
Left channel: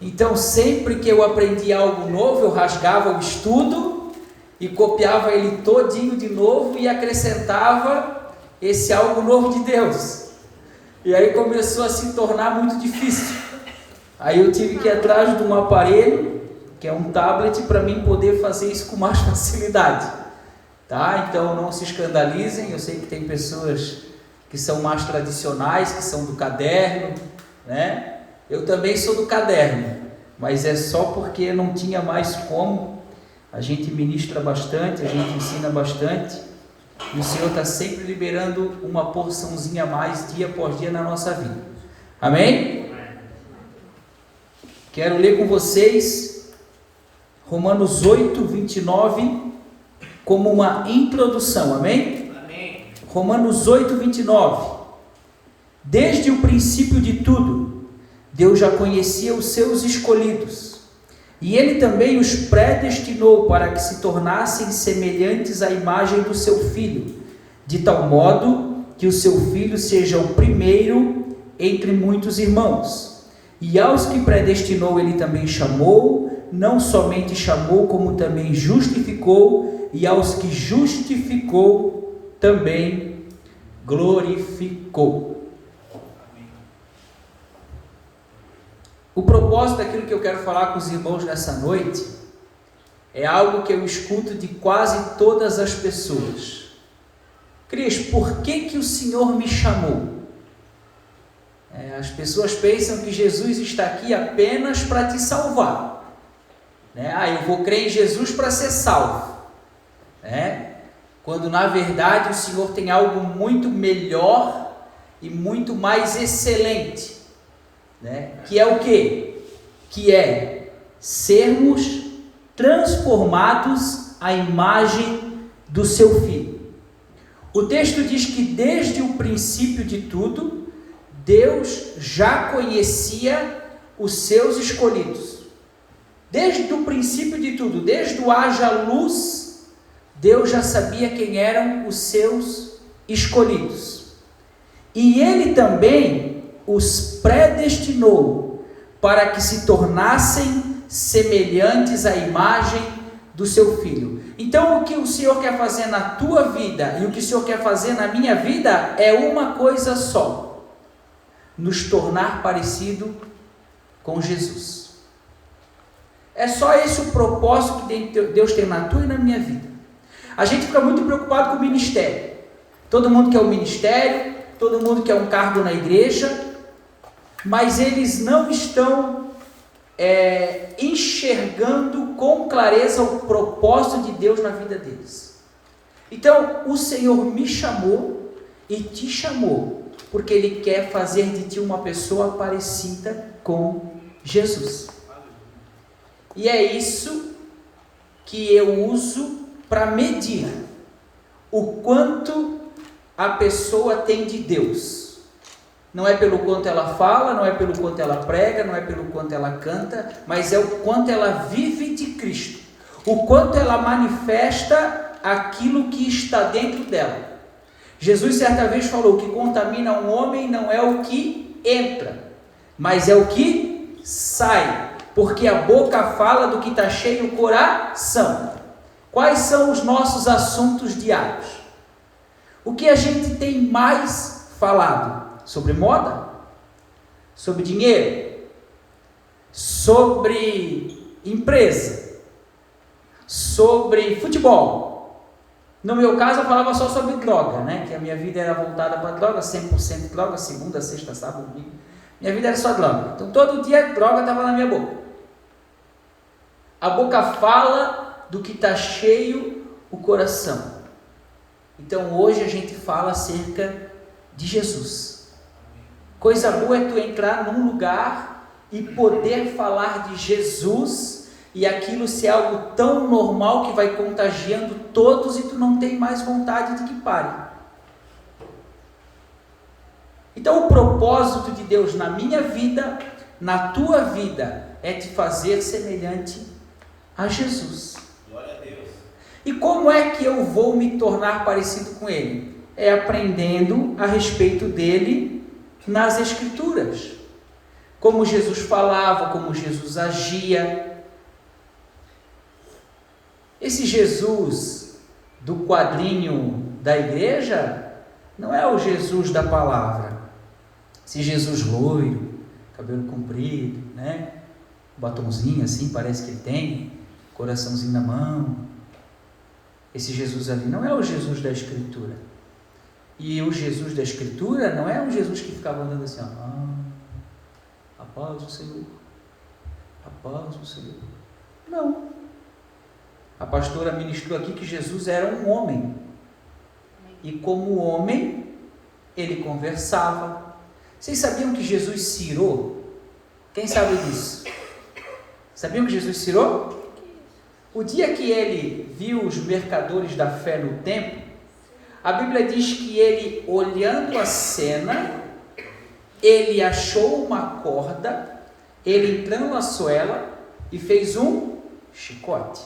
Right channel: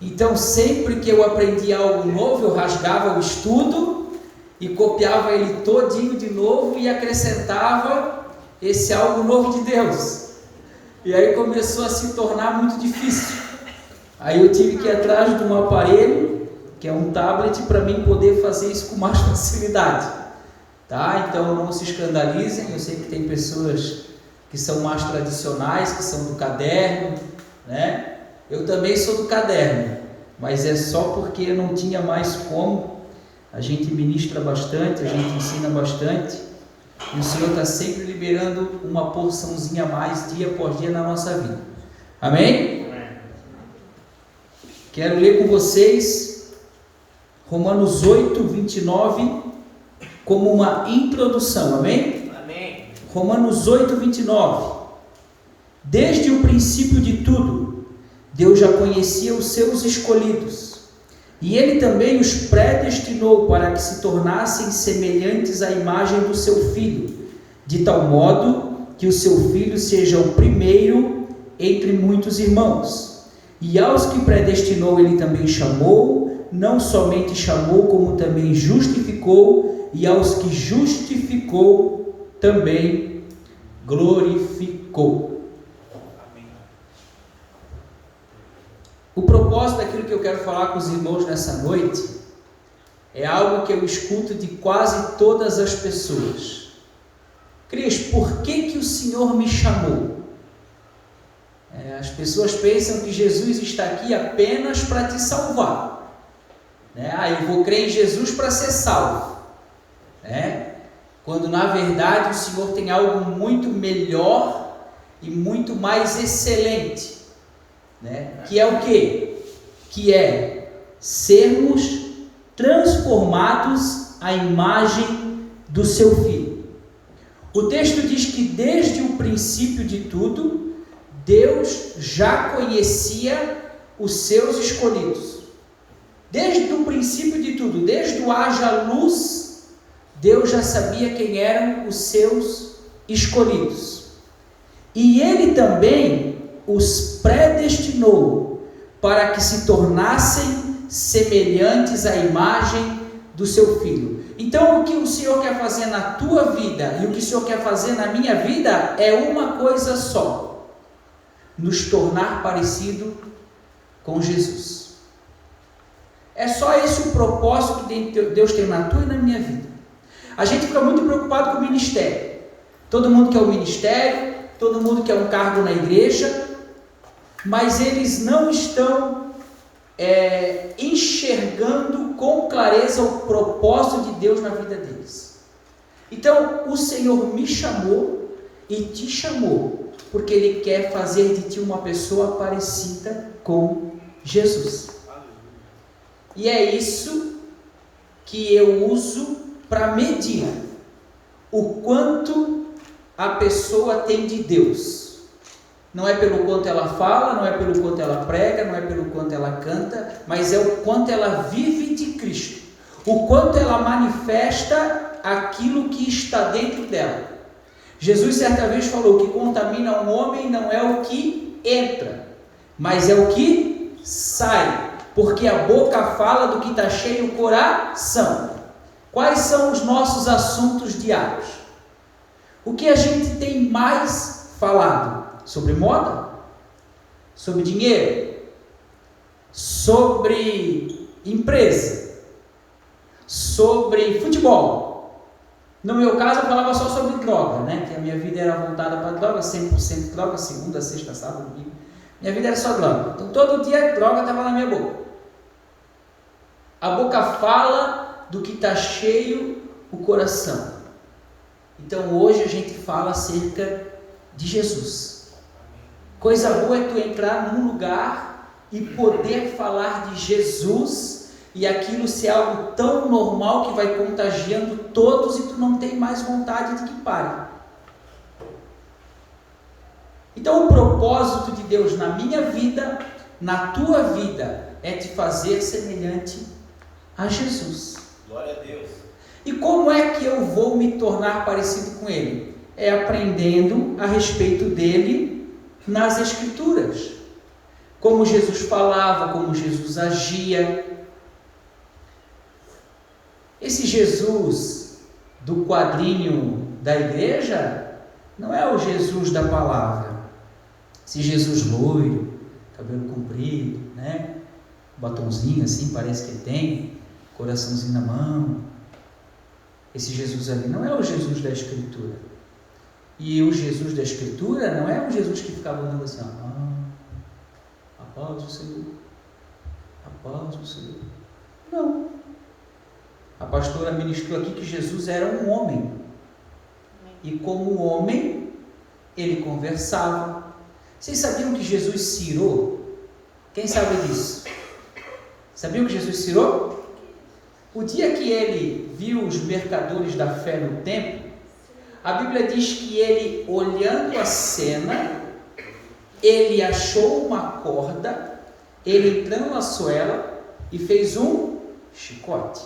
Então, sempre que eu aprendi algo novo, eu rasgava o estudo e copiava ele todinho de novo e acrescentava esse algo novo de Deus. E aí começou a se tornar muito difícil. Aí eu tive que ir atrás de um aparelho, que é um tablet, para mim poder fazer isso com mais facilidade. Tá? Então não se escandalizem, eu sei que tem pessoas que são mais tradicionais, que são do caderno, né? Eu também sou do caderno, mas é só porque não tinha mais como. A gente ministra bastante, a gente ensina bastante, e o Senhor está sempre liberando uma porçãozinha a mais, dia após dia, na nossa vida. Amém? Quero ler com vocês Romanos 8, 29, como uma introdução. Amém? Amém. Romanos 8, 29. Desde o princípio de tudo, Deus já conhecia os seus escolhidos, e Ele também os predestinou para que se tornassem semelhantes à imagem do seu Filho, de tal modo que o seu Filho seja o primeiro entre muitos irmãos. E aos que predestinou Ele também chamou, não somente chamou, como também justificou, e aos que justificou também glorificou. O propósito daquilo que eu quero falar com os irmãos nessa noite é algo que eu escuto de quase todas as pessoas. Cris, por que o Senhor me chamou? As pessoas pensam que Jesus está aqui apenas para te salvar. Eu vou crer em Jesus para ser salvo. Quando na verdade o Senhor tem algo muito melhor e muito mais excelente. Que é o quê? Que é sermos transformados à imagem do seu Filho. O texto diz que desde o princípio de tudo, Deus já conhecia os seus escolhidos. Desde o princípio de tudo, desde o haja luz, Deus já sabia quem eram os seus escolhidos. E Ele também os predestinou para que se tornassem semelhantes à imagem do seu Filho. Então, o que o Senhor quer fazer na tua vida e o que o Senhor quer fazer na minha vida é uma coisa só: nos tornar parecido com Jesus. É só esse o propósito que Deus tem na tua e na minha vida. A gente fica muito preocupado com o ministério. Todo mundo quer um ministério, todo mundo quer um cargo na igreja, mas eles não estão enxergando com clareza o propósito de Deus na vida deles. Então, o Senhor me chamou e te chamou, porque Ele quer fazer de ti uma pessoa parecida com Jesus. E é isso que eu uso para medir o quanto a pessoa tem de Deus. Não é pelo quanto ela fala, não é pelo quanto ela prega, não é pelo quanto ela canta, mas é o quanto ela vive de Cristo, o quanto ela manifesta aquilo que está dentro dela. Jesus certa vez falou que contamina um homem não é o que entra, mas é o que sai, porque a boca fala do que está cheio o coração. Quais são os nossos assuntos diários? O que a gente tem mais falado? Sobre moda? Sobre dinheiro? Sobre empresa? Sobre futebol? No meu caso eu falava só sobre droga, que a minha vida era voltada para droga, 100% droga, segunda, sexta, sábado, domingo. Minha vida era só droga. Então todo dia droga estava na minha boca. A boca fala do que está cheio o coração. Então hoje a gente fala acerca de Jesus. Coisa boa é tu entrar num lugar e poder falar de Jesus e aquilo ser algo tão normal que vai contagiando todos e tu não tem mais vontade de que pare. Então o propósito de Deus na minha vida, na tua vida, é te fazer semelhante a Jesus. Glória a Deus. E como é que eu vou me tornar parecido com Ele? É aprendendo a respeito dele nas Escrituras. Como Jesus falava, como Jesus agia. Esse Jesus do quadrinho da igreja não é o Jesus da palavra. Esse Jesus loiro, cabelo comprido, né? Batonzinho assim, parece que ele tem, coraçãozinho na mão. Esse Jesus ali não é o Jesus da Escritura. E o Jesus da Escritura não é um Jesus que ficava andando assim, ó, a paz do Senhor, a paz do Senhor. Não. A pastora ministrou aqui que Jesus era um homem. E como homem, ele conversava. Vocês sabiam que Jesus cirou? Quem sabe disso? Sabiam que Jesus cirou? O dia que ele viu os mercadores da fé no templo, a Bíblia diz que ele, olhando a cena, ele achou uma corda, ele entrelaçou ela e fez um chicote.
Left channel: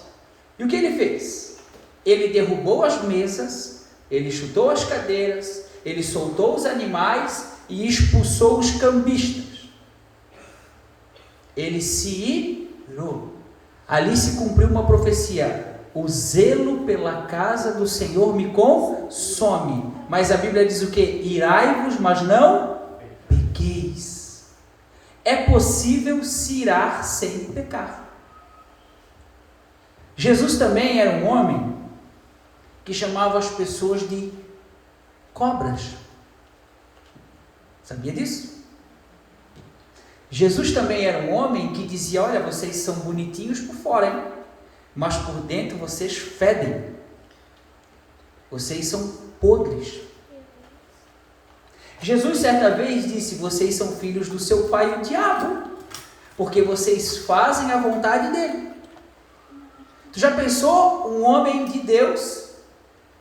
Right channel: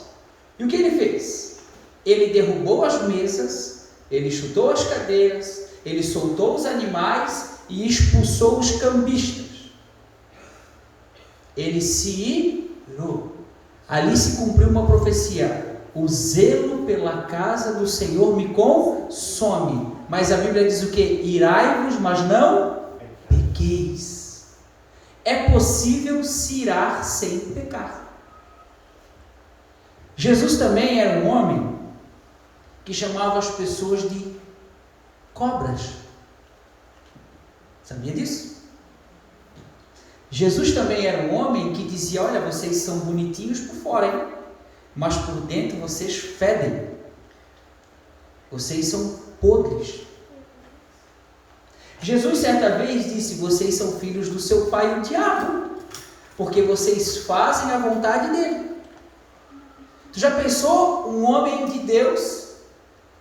E o que ele fez? Ele derrubou as mesas, ele chutou as cadeiras, ele soltou os animais e expulsou os cambistas. Ele se irou. Ali se cumpriu uma profecia: o zelo pela casa do Senhor me consome. Mas a Bíblia diz o que? Irai-vos, mas não pequeis. É possível se irar sem pecar. Jesus também era um homem que chamava as pessoas de cobras. Sabia disso? Jesus também era um homem que dizia: olha, vocês são bonitinhos por fora, hein? Mas por dentro vocês fedem. Vocês são podres. Jesus certa vez disse: vocês são filhos do seu pai, o diabo, porque vocês fazem a vontade dele. Tu já pensou um homem de Deus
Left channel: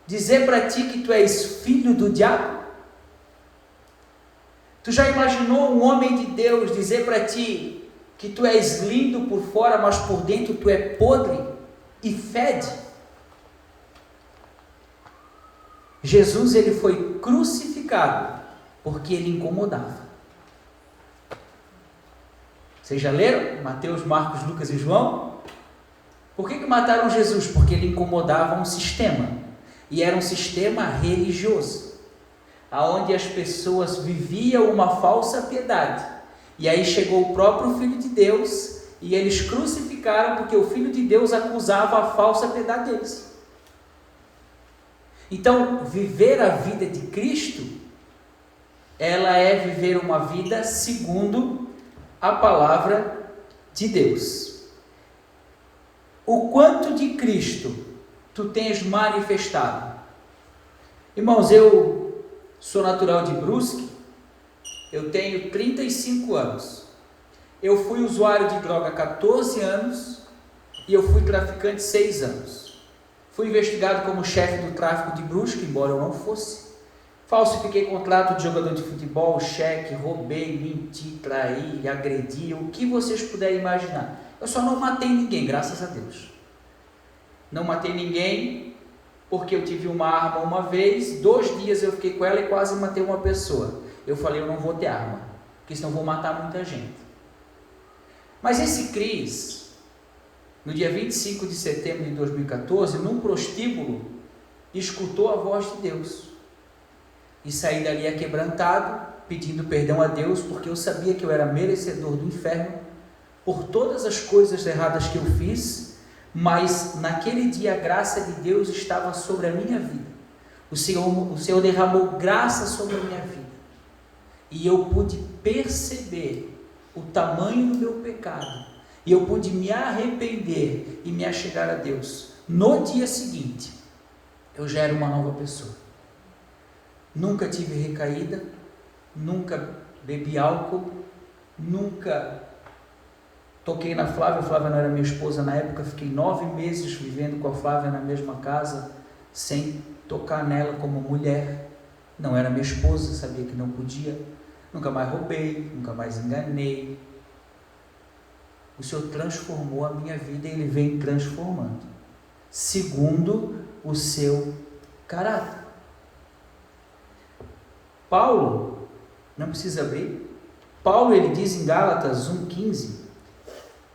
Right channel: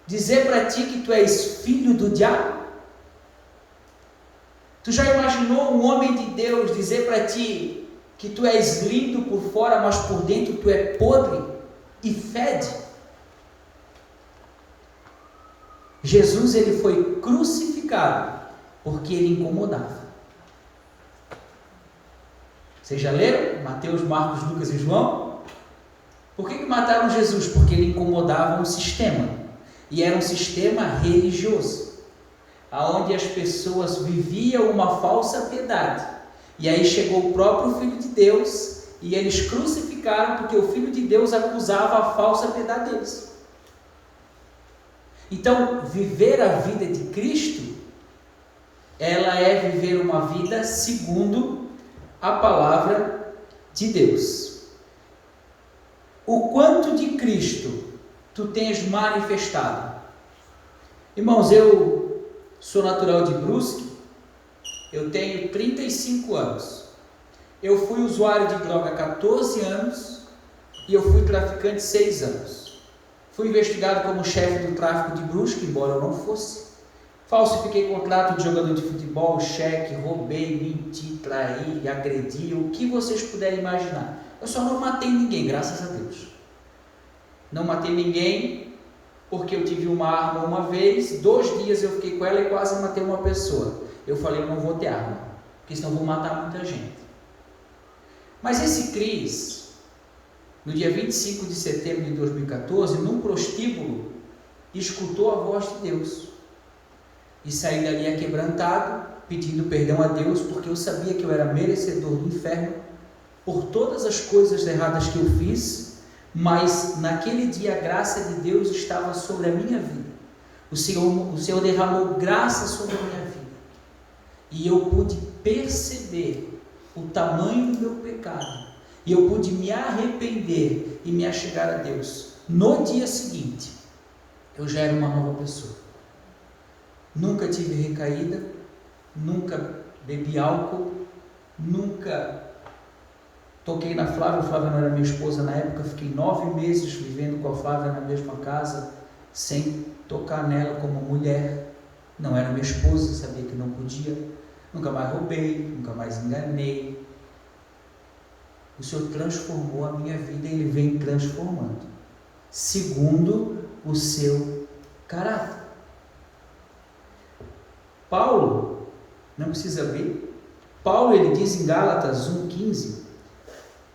dizer para ti que tu és filho do diabo? Tu já imaginou um homem de Deus dizer para ti que tu és lindo por fora, mas por dentro tu é podre e fede? Jesus, ele foi crucificado porque ele incomodava. Vocês já leram Mateus, Marcos, Lucas e João? Por que mataram Jesus? Porque ele incomodava um sistema, e era um sistema religioso, aonde as pessoas viviam uma falsa piedade. E aí chegou o próprio Filho de Deus e eles crucificaram porque o Filho de Deus acusava a falsa piedade deles. Então, viver a vida de Cristo, ela é viver uma vida segundo a palavra de Deus. O quanto de Cristo tu tens manifestado? Irmãos, eu sou natural de Brusque, eu tenho 35 anos, eu fui usuário de droga há 14 anos e eu fui traficante 6 anos. Fui investigado como chefe do tráfico de Brusque, embora eu não fosse. Falsifiquei contrato de jogador de futebol, cheque, roubei, menti, traí, agredi, o que vocês puderem imaginar. Eu só não matei ninguém, graças a Deus. Não matei ninguém porque eu tive uma arma uma vez, 2 dias eu fiquei com ela e quase matei uma pessoa. Eu falei, eu não vou ter arma, porque senão vou matar muita gente. Mas esse Cris, no dia 25 de setembro de 2014, num prostíbulo, escutou a voz de Deus. E saí dali aquebrantado, pedindo perdão a Deus, porque eu sabia que eu era merecedor do inferno, por todas as coisas erradas que eu fiz, mas naquele dia a graça de Deus estava sobre a minha vida. O Senhor derramou graça sobre a minha vida. E eu pude perceber o tamanho do meu pecado. E eu pude me arrepender e me achegar a Deus. No dia seguinte, eu já era uma nova pessoa. Nunca tive recaída, nunca bebi álcool, nunca toquei na Flávia não era minha esposa na época, fiquei 9 meses vivendo com a Flávia na mesma casa, sem tocar nela como mulher. Não era minha esposa, sabia que não podia. Nunca mais roubei, nunca mais enganei. O Senhor transformou a minha vida e Ele vem transformando, segundo o seu caráter. Paulo, não precisa abrir, Paulo ele diz em Gálatas 1,15:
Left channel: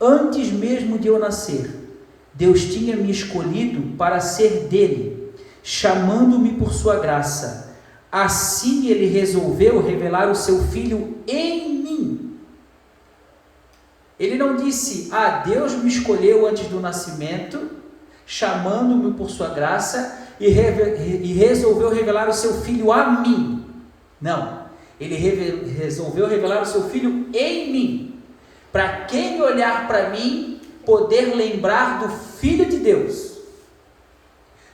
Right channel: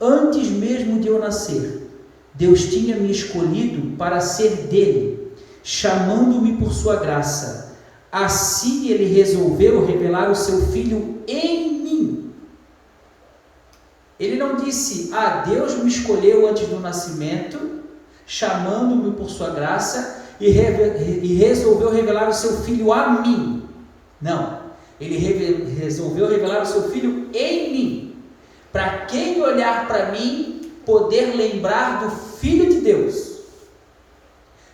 antes mesmo de eu nascer, Deus tinha me escolhido para ser dele, chamando-me por sua graça. Assim Ele resolveu revelar o seu Filho em mim. Ele não disse, Deus me escolheu antes do nascimento, chamando-me por sua graça e resolveu revelar o seu Filho a mim. Não, Ele resolveu revelar o seu Filho em mim, para quem olhar para mim, poder lembrar do Filho de Deus.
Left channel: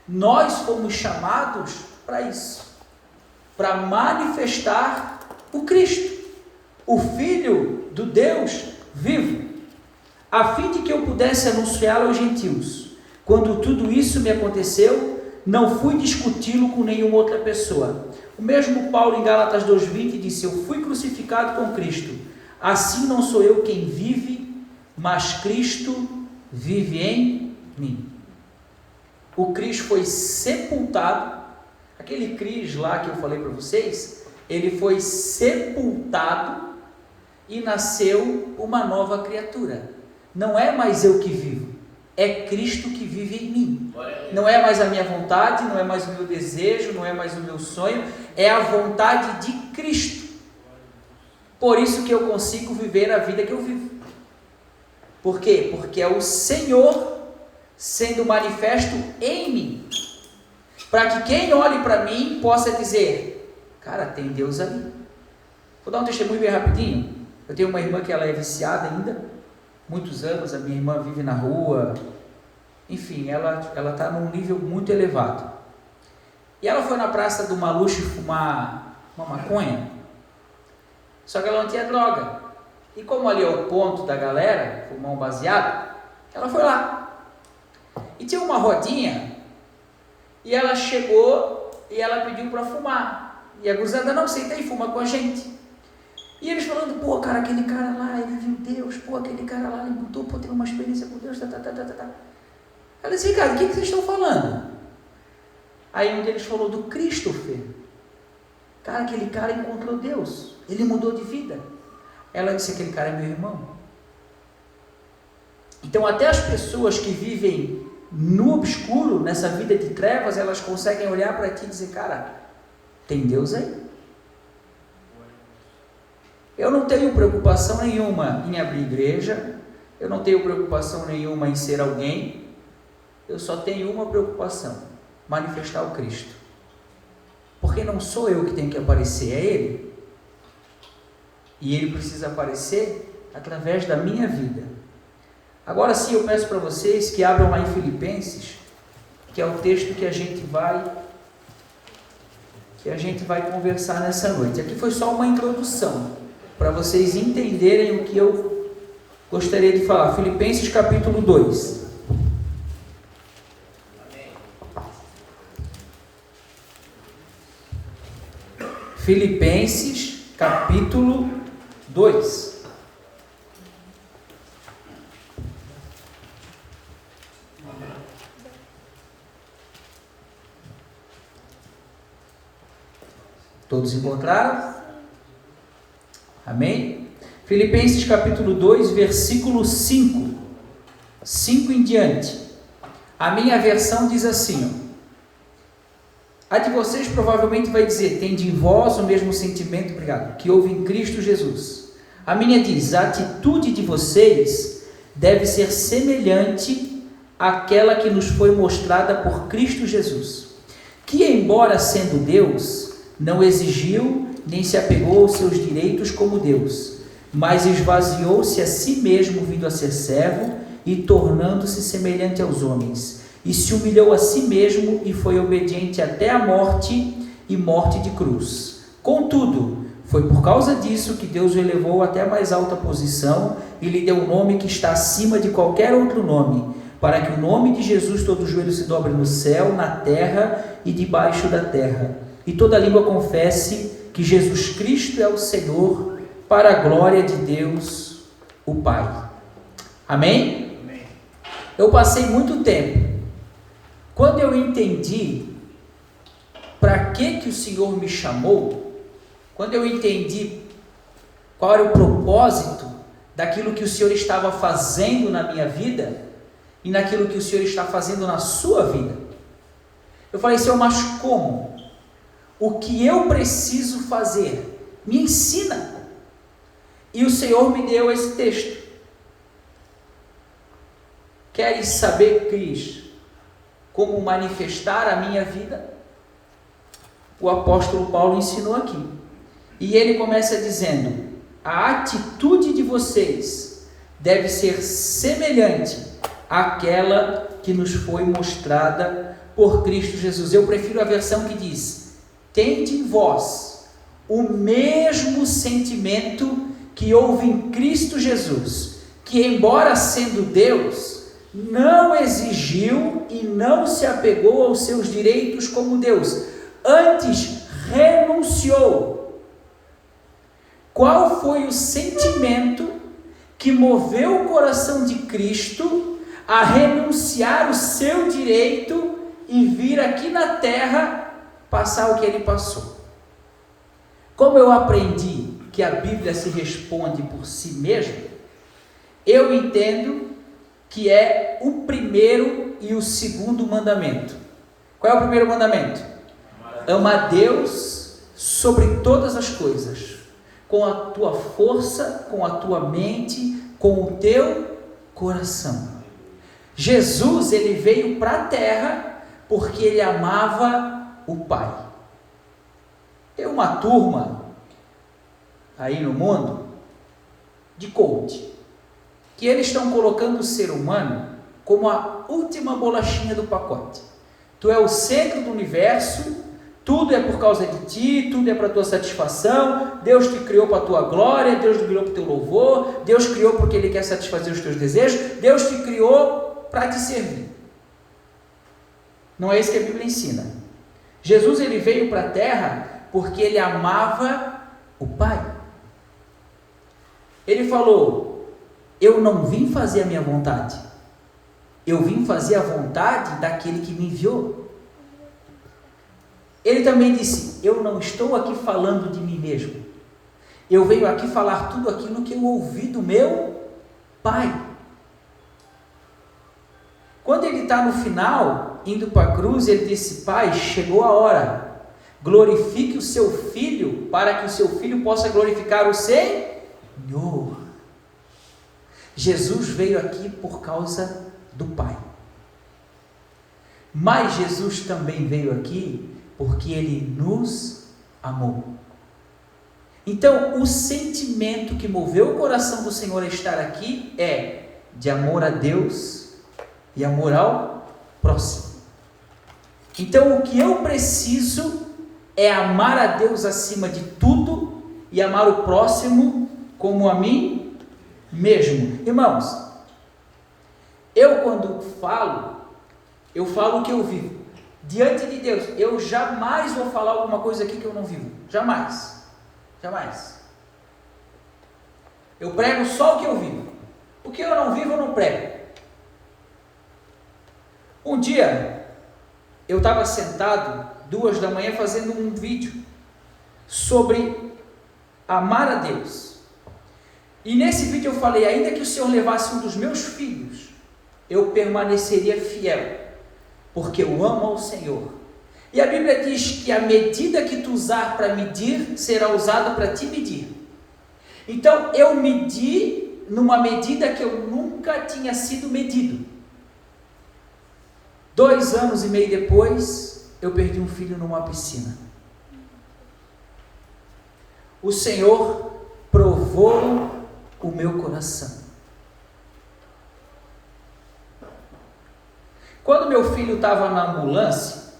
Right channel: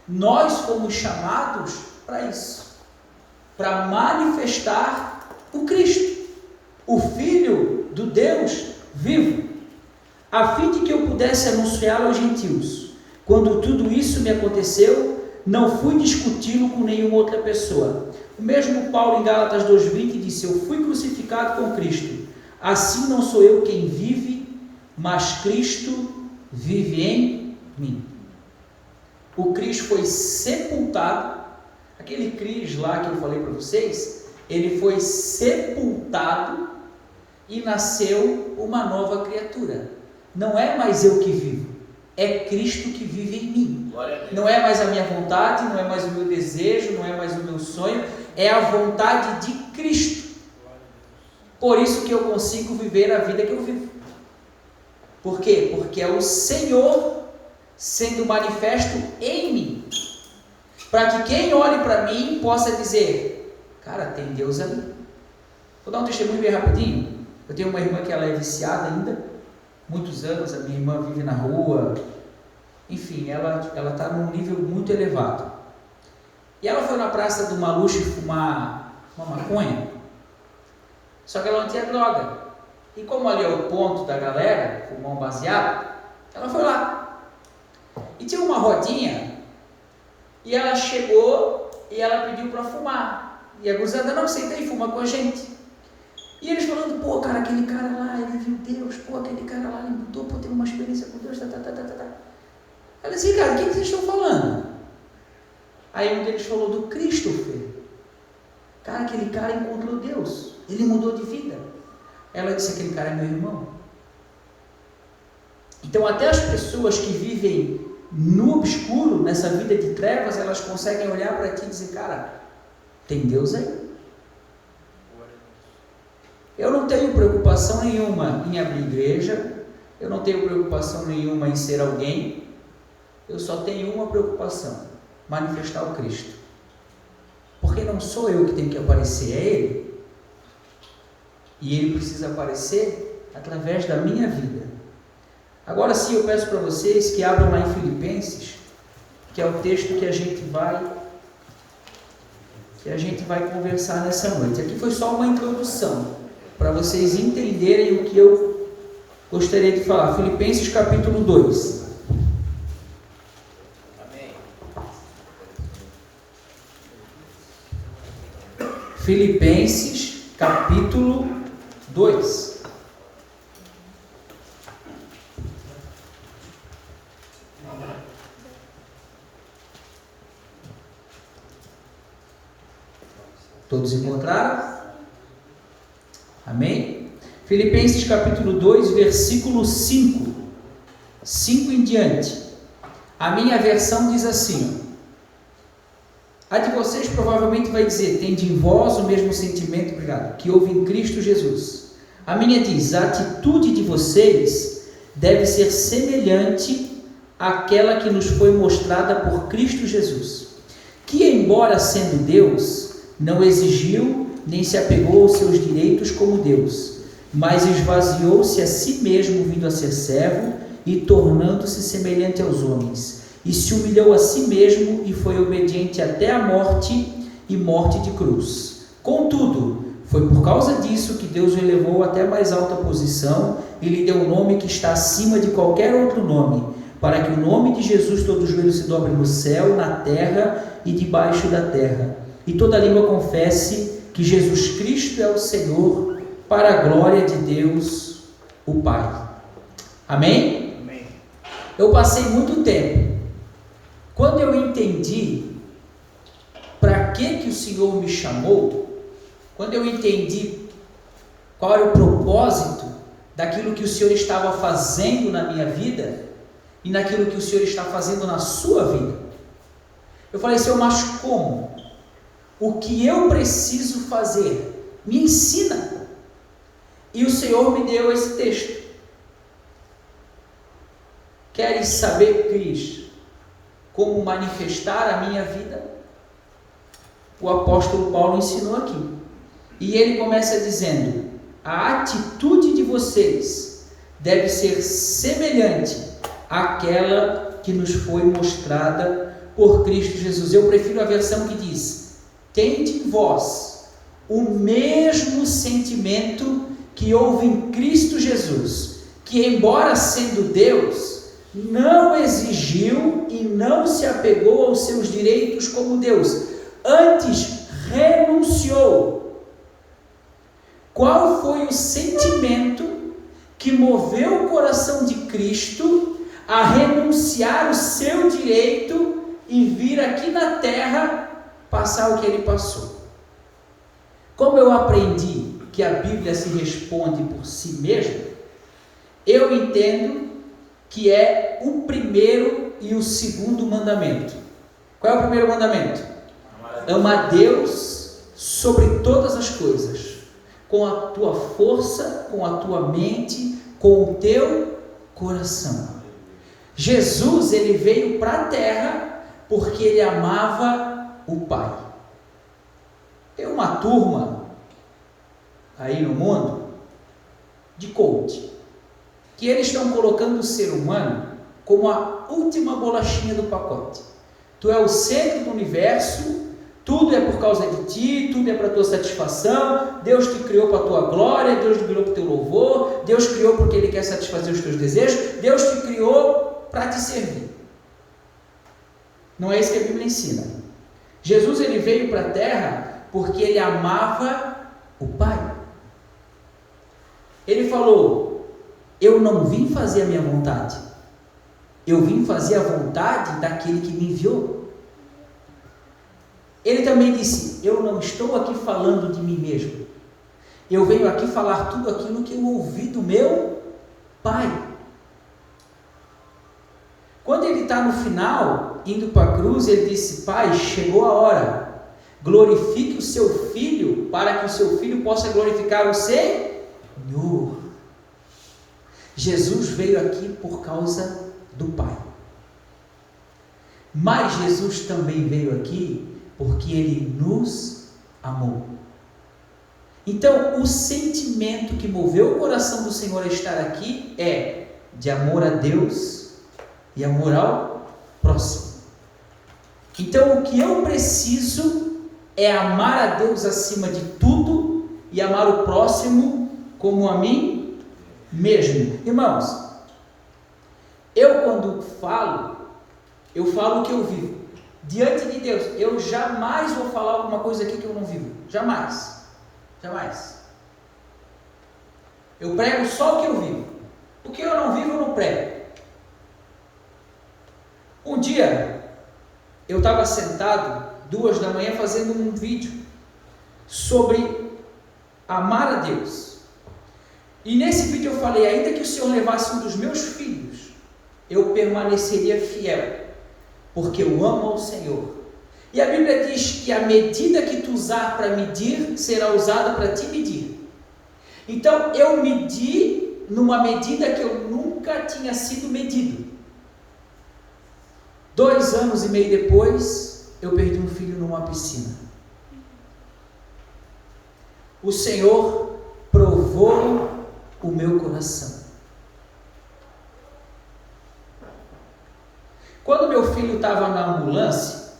Nós fomos chamados para isso, para manifestar o Cristo, o Filho do Deus vivo, a fim de que eu pudesse anunciá-lo aos gentios. Quando tudo isso me aconteceu, não fui discuti-lo com nenhuma outra pessoa. O mesmo Paulo em Gálatas 2,20 disse, eu fui crucificado com Cristo, assim não sou eu quem vive, mas Cristo vive em mim. O Cristo foi sepultado, aquele Cris lá que eu falei para vocês, ele foi sepultado e nasceu uma nova criatura. Não é mais eu que vivo, é Cristo que vive em mim. Não é mais a minha vontade, não é mais o meu desejo, não é mais o meu sonho, é a vontade de Cristo. Por isso que eu consigo viver a vida que eu vivo. Por quê? Porque é o Senhor sendo manifesto em mim, para que quem olhe para mim possa dizer, cara, tem Deus ali. Vou dar um testemunho bem rapidinho. Eu tenho uma irmã que ela é viciada ainda, muitos anos, a minha irmã vive na rua, enfim, ela está num nível muito elevado. E ela foi na Praça do Maluche fumar uma maconha, só que ela não tinha droga. E como ali é o ponto da galera, fumar um baseado, ela foi lá. E tinha uma rodinha, e ela chegou e ela pediu para fumar. E a gurizada, não, senta aí, fuma com a gente. E eles falando, pô, cara, aquele cara lá, ele viu Deus, pô, aquele cara lá, ele mudou, pô, teve uma experiência com Deus, Ela disse, cara, o que vocês estão falando? Aí um deles falou do Christopher. Cara, aquele cara encontrou Deus, ele mudou de vida. Ela disse, aquele cara é meu irmão. Então até as pessoas que vivem no obscuro, nessa vida de trevas, elas conseguem olhar para ti e dizer, cara, tem Deus aí. Eu não tenho preocupação nenhuma em abrir igreja, eu não tenho preocupação nenhuma em ser alguém, eu só tenho uma preocupação, manifestar o Cristo. Porque não sou eu que tenho que aparecer, é Ele. E Ele precisa aparecer através da minha vida. Agora sim, eu peço para vocês que abram lá em Filipenses, que é o texto que a gente vai conversar nessa noite. Aqui foi só uma introdução, para vocês entenderem o que eu gostaria de falar. Filipenses capítulo 2. Amém. Filipenses capítulo 2. Todos encontraram? Amém? Filipenses capítulo 2, versículo 5. 5 em diante. A minha versão diz assim, ó. A de vocês provavelmente vai dizer, tende em vós o mesmo sentimento, obrigado, que houve em Cristo Jesus. A minha diz, a atitude de vocês deve ser semelhante àquela que nos foi mostrada por Cristo Jesus, que embora sendo Deus, não exigiu nem se apegou aos seus direitos como Deus, mas esvaziou-se a si mesmo, vindo a ser servo e tornando-se semelhante aos homens, e se humilhou a si mesmo e foi obediente até a morte e morte de cruz. Contudo, Foi por causa disso que Deus o elevou até a mais alta posição e lhe deu um nome que está acima de qualquer outro nome, para que o nome de Jesus todo joelho se dobre no céu, na terra e debaixo da terra, e toda língua confesse que Jesus Cristo é o Senhor, para a glória de Deus, o Pai. Amém? Amém. Eu passei muito tempo, quando eu entendi para que o Senhor me chamou, quando eu entendi qual era o propósito daquilo que o Senhor estava fazendo na minha vida e naquilo que o Senhor está fazendo na sua vida, eu falei: Senhor, mas como? O que eu preciso fazer? Me ensina. E o Senhor me deu esse texto. Queres saber, Cris, como manifestar a minha vida? O apóstolo Paulo ensinou aqui. E ele começa dizendo: a atitude de vocês deve ser semelhante àquela que nos foi mostrada por Cristo Jesus. Eu prefiro a versão que diz: tende em vós o mesmo sentimento que houve em Cristo Jesus, que, embora sendo Deus, não exigiu e não se apegou aos seus direitos como Deus, antes renunciou. Qual foi o sentimento que moveu o coração de Cristo a renunciar o seu direito e vir aqui na terra passar o que ele passou? Como eu aprendi que a Bíblia se responde por si mesma, eu entendo que é o primeiro e o segundo mandamento. Qual é o primeiro mandamento? Ama a Deus sobre todas as coisas, com a tua força, com a tua mente, com o teu coração. Jesus, ele veio para a terra porque ele amava o Pai. Tem uma turma aí no mundo de coach, que eles estão colocando o ser humano como a última bolachinha do pacote. Tu é o centro do universo, tudo é por causa de ti, tudo é para tua satisfação, Deus te criou para a tua glória, Deus te criou para o teu louvor, Deus criou porque Ele quer satisfazer os teus desejos, Deus te criou para te servir. Não é isso que a Bíblia ensina. Jesus, ele veio para a terra porque ele amava o Pai. Ele falou: eu não vim fazer a minha vontade, eu vim fazer a vontade daquele que me enviou. Ele também disse: eu não estou aqui falando de mim mesmo, eu venho aqui falar tudo aquilo que eu ouvi do meu Pai. Quando ele está no final, indo para a cruz, ele disse: Pai, chegou a hora, glorifique o seu Filho, para que o seu Filho possa glorificar o Senhor. Jesus veio aqui por causa do Pai, mas Jesus também veio aqui porque Ele nos amou. Então, o sentimento que moveu o coração do Senhor a estar aqui é de amor a Deus e amor ao próximo. Então, o que eu preciso é amar a Deus acima de tudo e amar o próximo como a mim mesmo. Irmãos, eu quando falo, eu falo o que eu vivo. Diante de Deus, eu jamais vou falar alguma coisa aqui que eu não vivo. Jamais. Jamais. Eu prego só o que eu vivo. O que eu não vivo, eu não prego. Um dia, eu estava sentado, 2 da manhã, fazendo um vídeo sobre amar a Deus. E nesse vídeo eu falei: ainda que o Senhor levasse um dos meus filhos, eu permaneceria fiel, porque eu amo ao Senhor. E a Bíblia diz que a medida que tu usar para medir, será usada para te medir. Então, eu medi numa medida que eu nunca tinha sido medido. 2 anos e meio depois, eu perdi um filho numa piscina. O Senhor provou o meu coração. Quando meu filho estava na ambulância,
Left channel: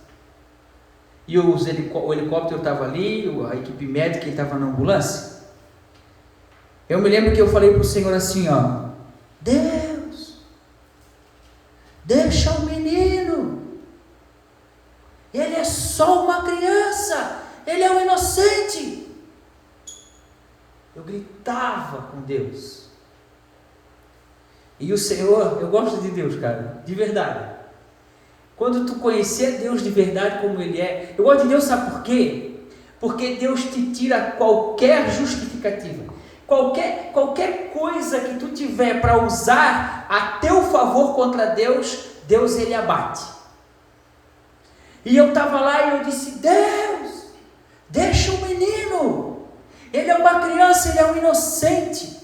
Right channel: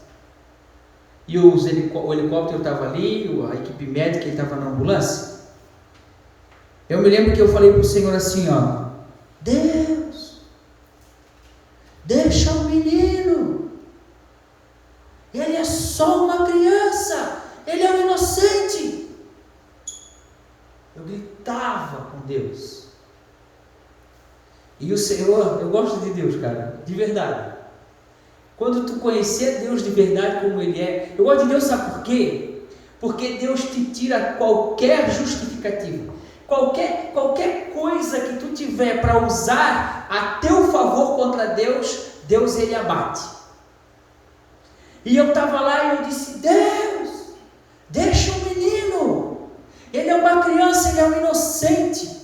e o helicóptero estava ali, a equipe médica estava na ambulância. Eu me lembro que eu falei para o Senhor assim, ó: Deus, deixa o menino, ele é só uma criança, ele é um inocente. Eu gritava com Deus. E o Senhor, eu gosto de Deus, cara, de verdade. Quando tu conhecer Deus de verdade como Ele é, eu gosto de Deus, sabe por quê? Porque Deus te tira qualquer justificativa, qualquer coisa que tu tiver para usar a teu favor contra Deus, Deus Ele abate. E eu estava lá e eu disse: Deus, deixa o menino, ele é uma criança, ele é um inocente.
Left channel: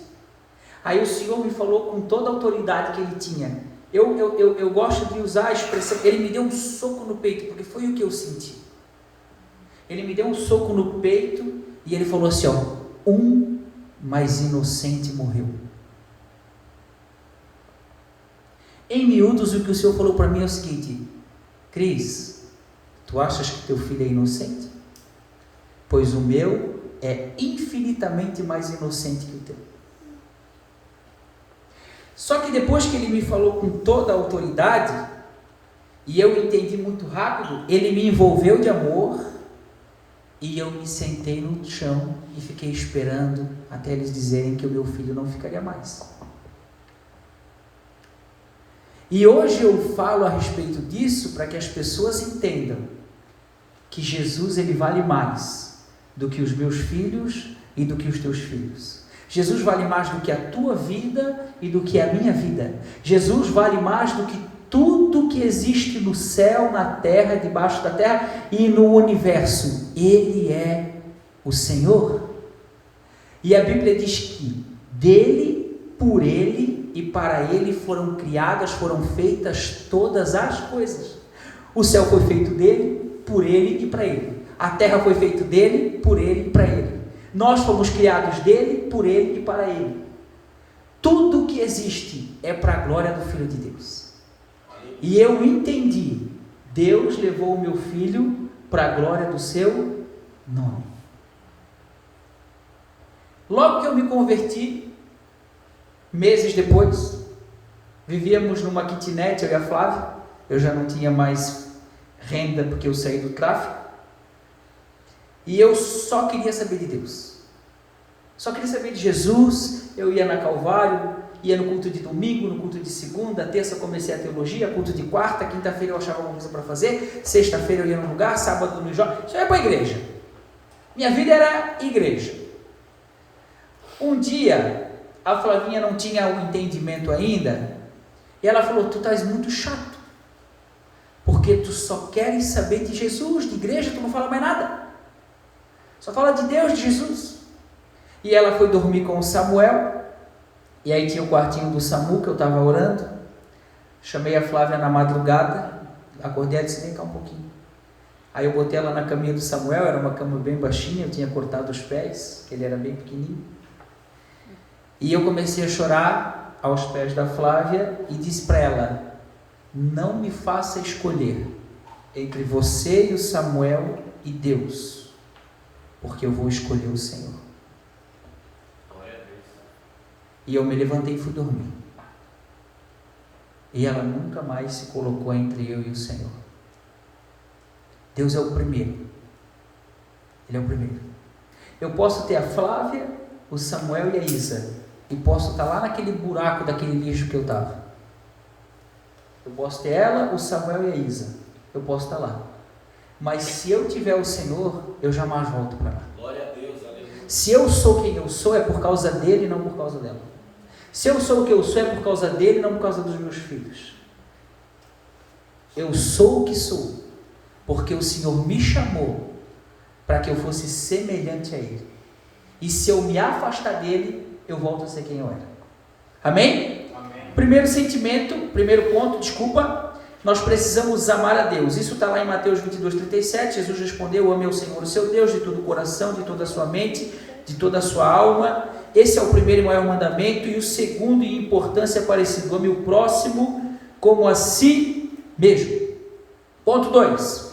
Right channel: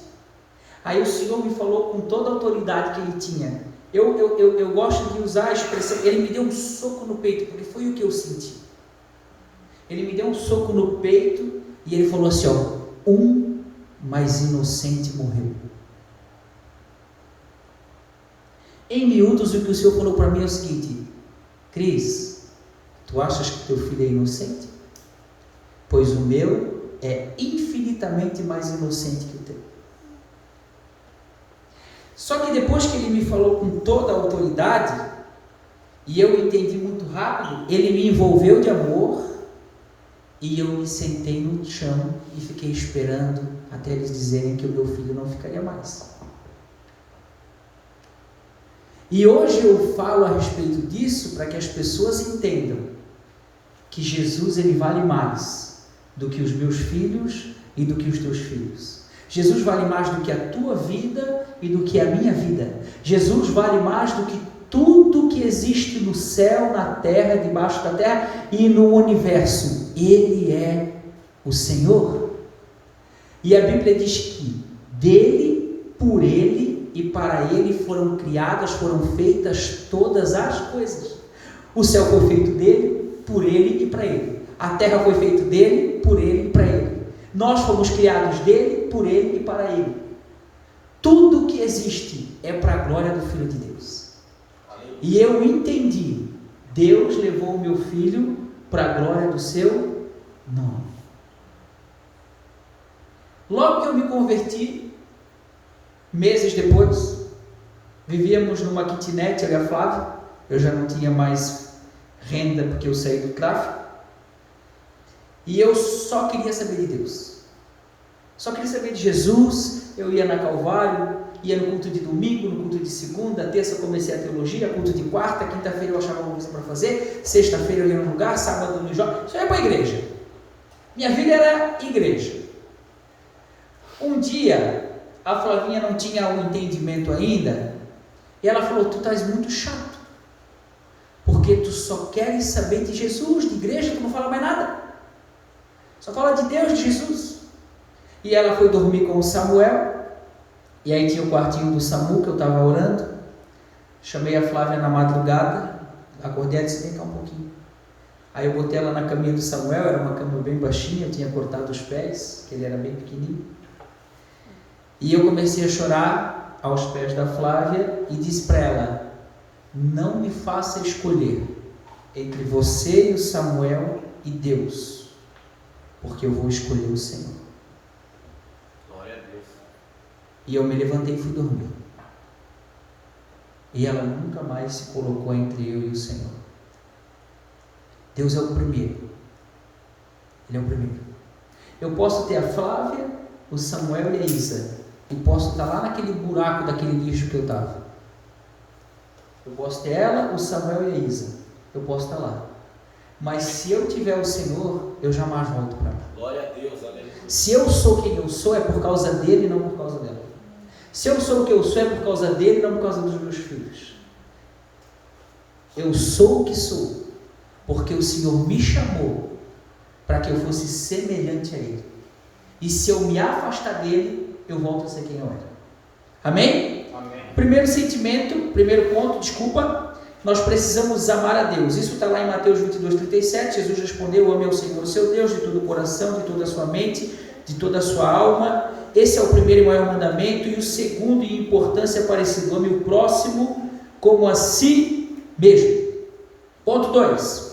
Aí o Senhor me falou com toda a autoridade que Ele tinha. Eu gosto de usar a expressão, Ele me deu um soco no peito, porque foi o que eu senti. Ele me deu um soco no peito e Ele falou assim, ó: um mais inocente morreu. Em miúdos, o que o Senhor falou para mim é o seguinte: Cris, tu achas que teu filho é inocente? Pois o meu é infinitamente mais inocente que o teu. Só que depois que Ele me falou com toda a autoridade, e eu entendi muito rápido, Ele me envolveu de amor, e eu me sentei no chão e fiquei esperando até eles dizerem que o meu filho não ficaria mais. E hoje eu falo a respeito disso para que as pessoas entendam que Jesus, Ele vale mais do que os meus filhos e do que os teus filhos. Jesus vale mais do que a tua vida e do que a minha vida. Jesus vale mais do que tudo que existe no céu, na terra, debaixo da terra e no universo. Ele é o Senhor. E a Bíblia diz que dele, por ele e para ele foram criadas, foram feitas todas as coisas. O céu foi feito dele, por ele e para ele. A terra foi feita dele, por ele e para ele. Nós fomos criados dele, por ele e para ele. Tudo que existe é para a glória do Filho de Deus. E eu entendi, Deus levou o meu filho para a glória do seu nome. Logo que eu me converti, meses depois, vivíamos numa kitnet, eu e a Flávia. Eu já não tinha mais renda porque eu saí do tráfico. E eu só queria saber de Deus. Só queria saber de Jesus. Eu ia na Calvário, ia no culto de domingo, no culto de segunda, terça comecei a teologia, culto de quarta, quinta-feira eu achava alguma coisa para fazer, sexta-feira eu ia no lugar, sábado no jogo, só ia para a igreja. Minha vida era igreja. Um dia, a Flavinha não tinha um entendimento ainda, e ela falou: tu estás muito chato, porque tu só queres saber de Jesus, de igreja, tu não fala mais nada. Só fala de Deus, de Jesus. E ela foi dormir com o Samuel. E aí tinha o quartinho do Samu que eu estava orando. Chamei a Flávia na madrugada. Acordei e disse: vem cá um pouquinho. Aí eu botei ela na caminha do Samuel. Era uma cama bem baixinha. Eu tinha cortado os pés, ele era bem pequenininho. E eu comecei a chorar aos pés da Flávia. E disse para ela: não me faça escolher entre você e o Samuel e Deus, porque eu vou escolher o Senhor. Glória a Deus. E eu me levantei e fui dormir. E ela nunca mais se colocou entre eu e o Senhor. Deus é o primeiro. Ele é o primeiro. Eu posso ter a Flávia, o Samuel e a Isa, e posso estar lá naquele buraco daquele lixo que eu estava. Eu posso ter ela, o Samuel e a Isa. Eu posso estar lá. Mas se eu tiver o Senhor, eu jamais volto para lá. Glória a Deus, aleluia. Se eu sou quem eu sou, é por causa dele, não por causa dela. Se eu sou o que eu sou, é por causa dele, não por causa dos meus filhos. Eu sou o que sou, porque o Senhor me chamou para que eu fosse semelhante a Ele. E se eu me afastar dele, eu volto a ser quem eu era. Amém? Amém. Primeiro ponto, nós precisamos amar a Deus. Isso está lá em Mateus 22:37. Jesus respondeu: ame ao Senhor, o seu Deus, de todo o coração, de toda a sua mente, de toda a sua alma. Esse é o primeiro e maior mandamento. E o segundo em importância é parecido: ame o próximo como a si mesmo. Ponto 2.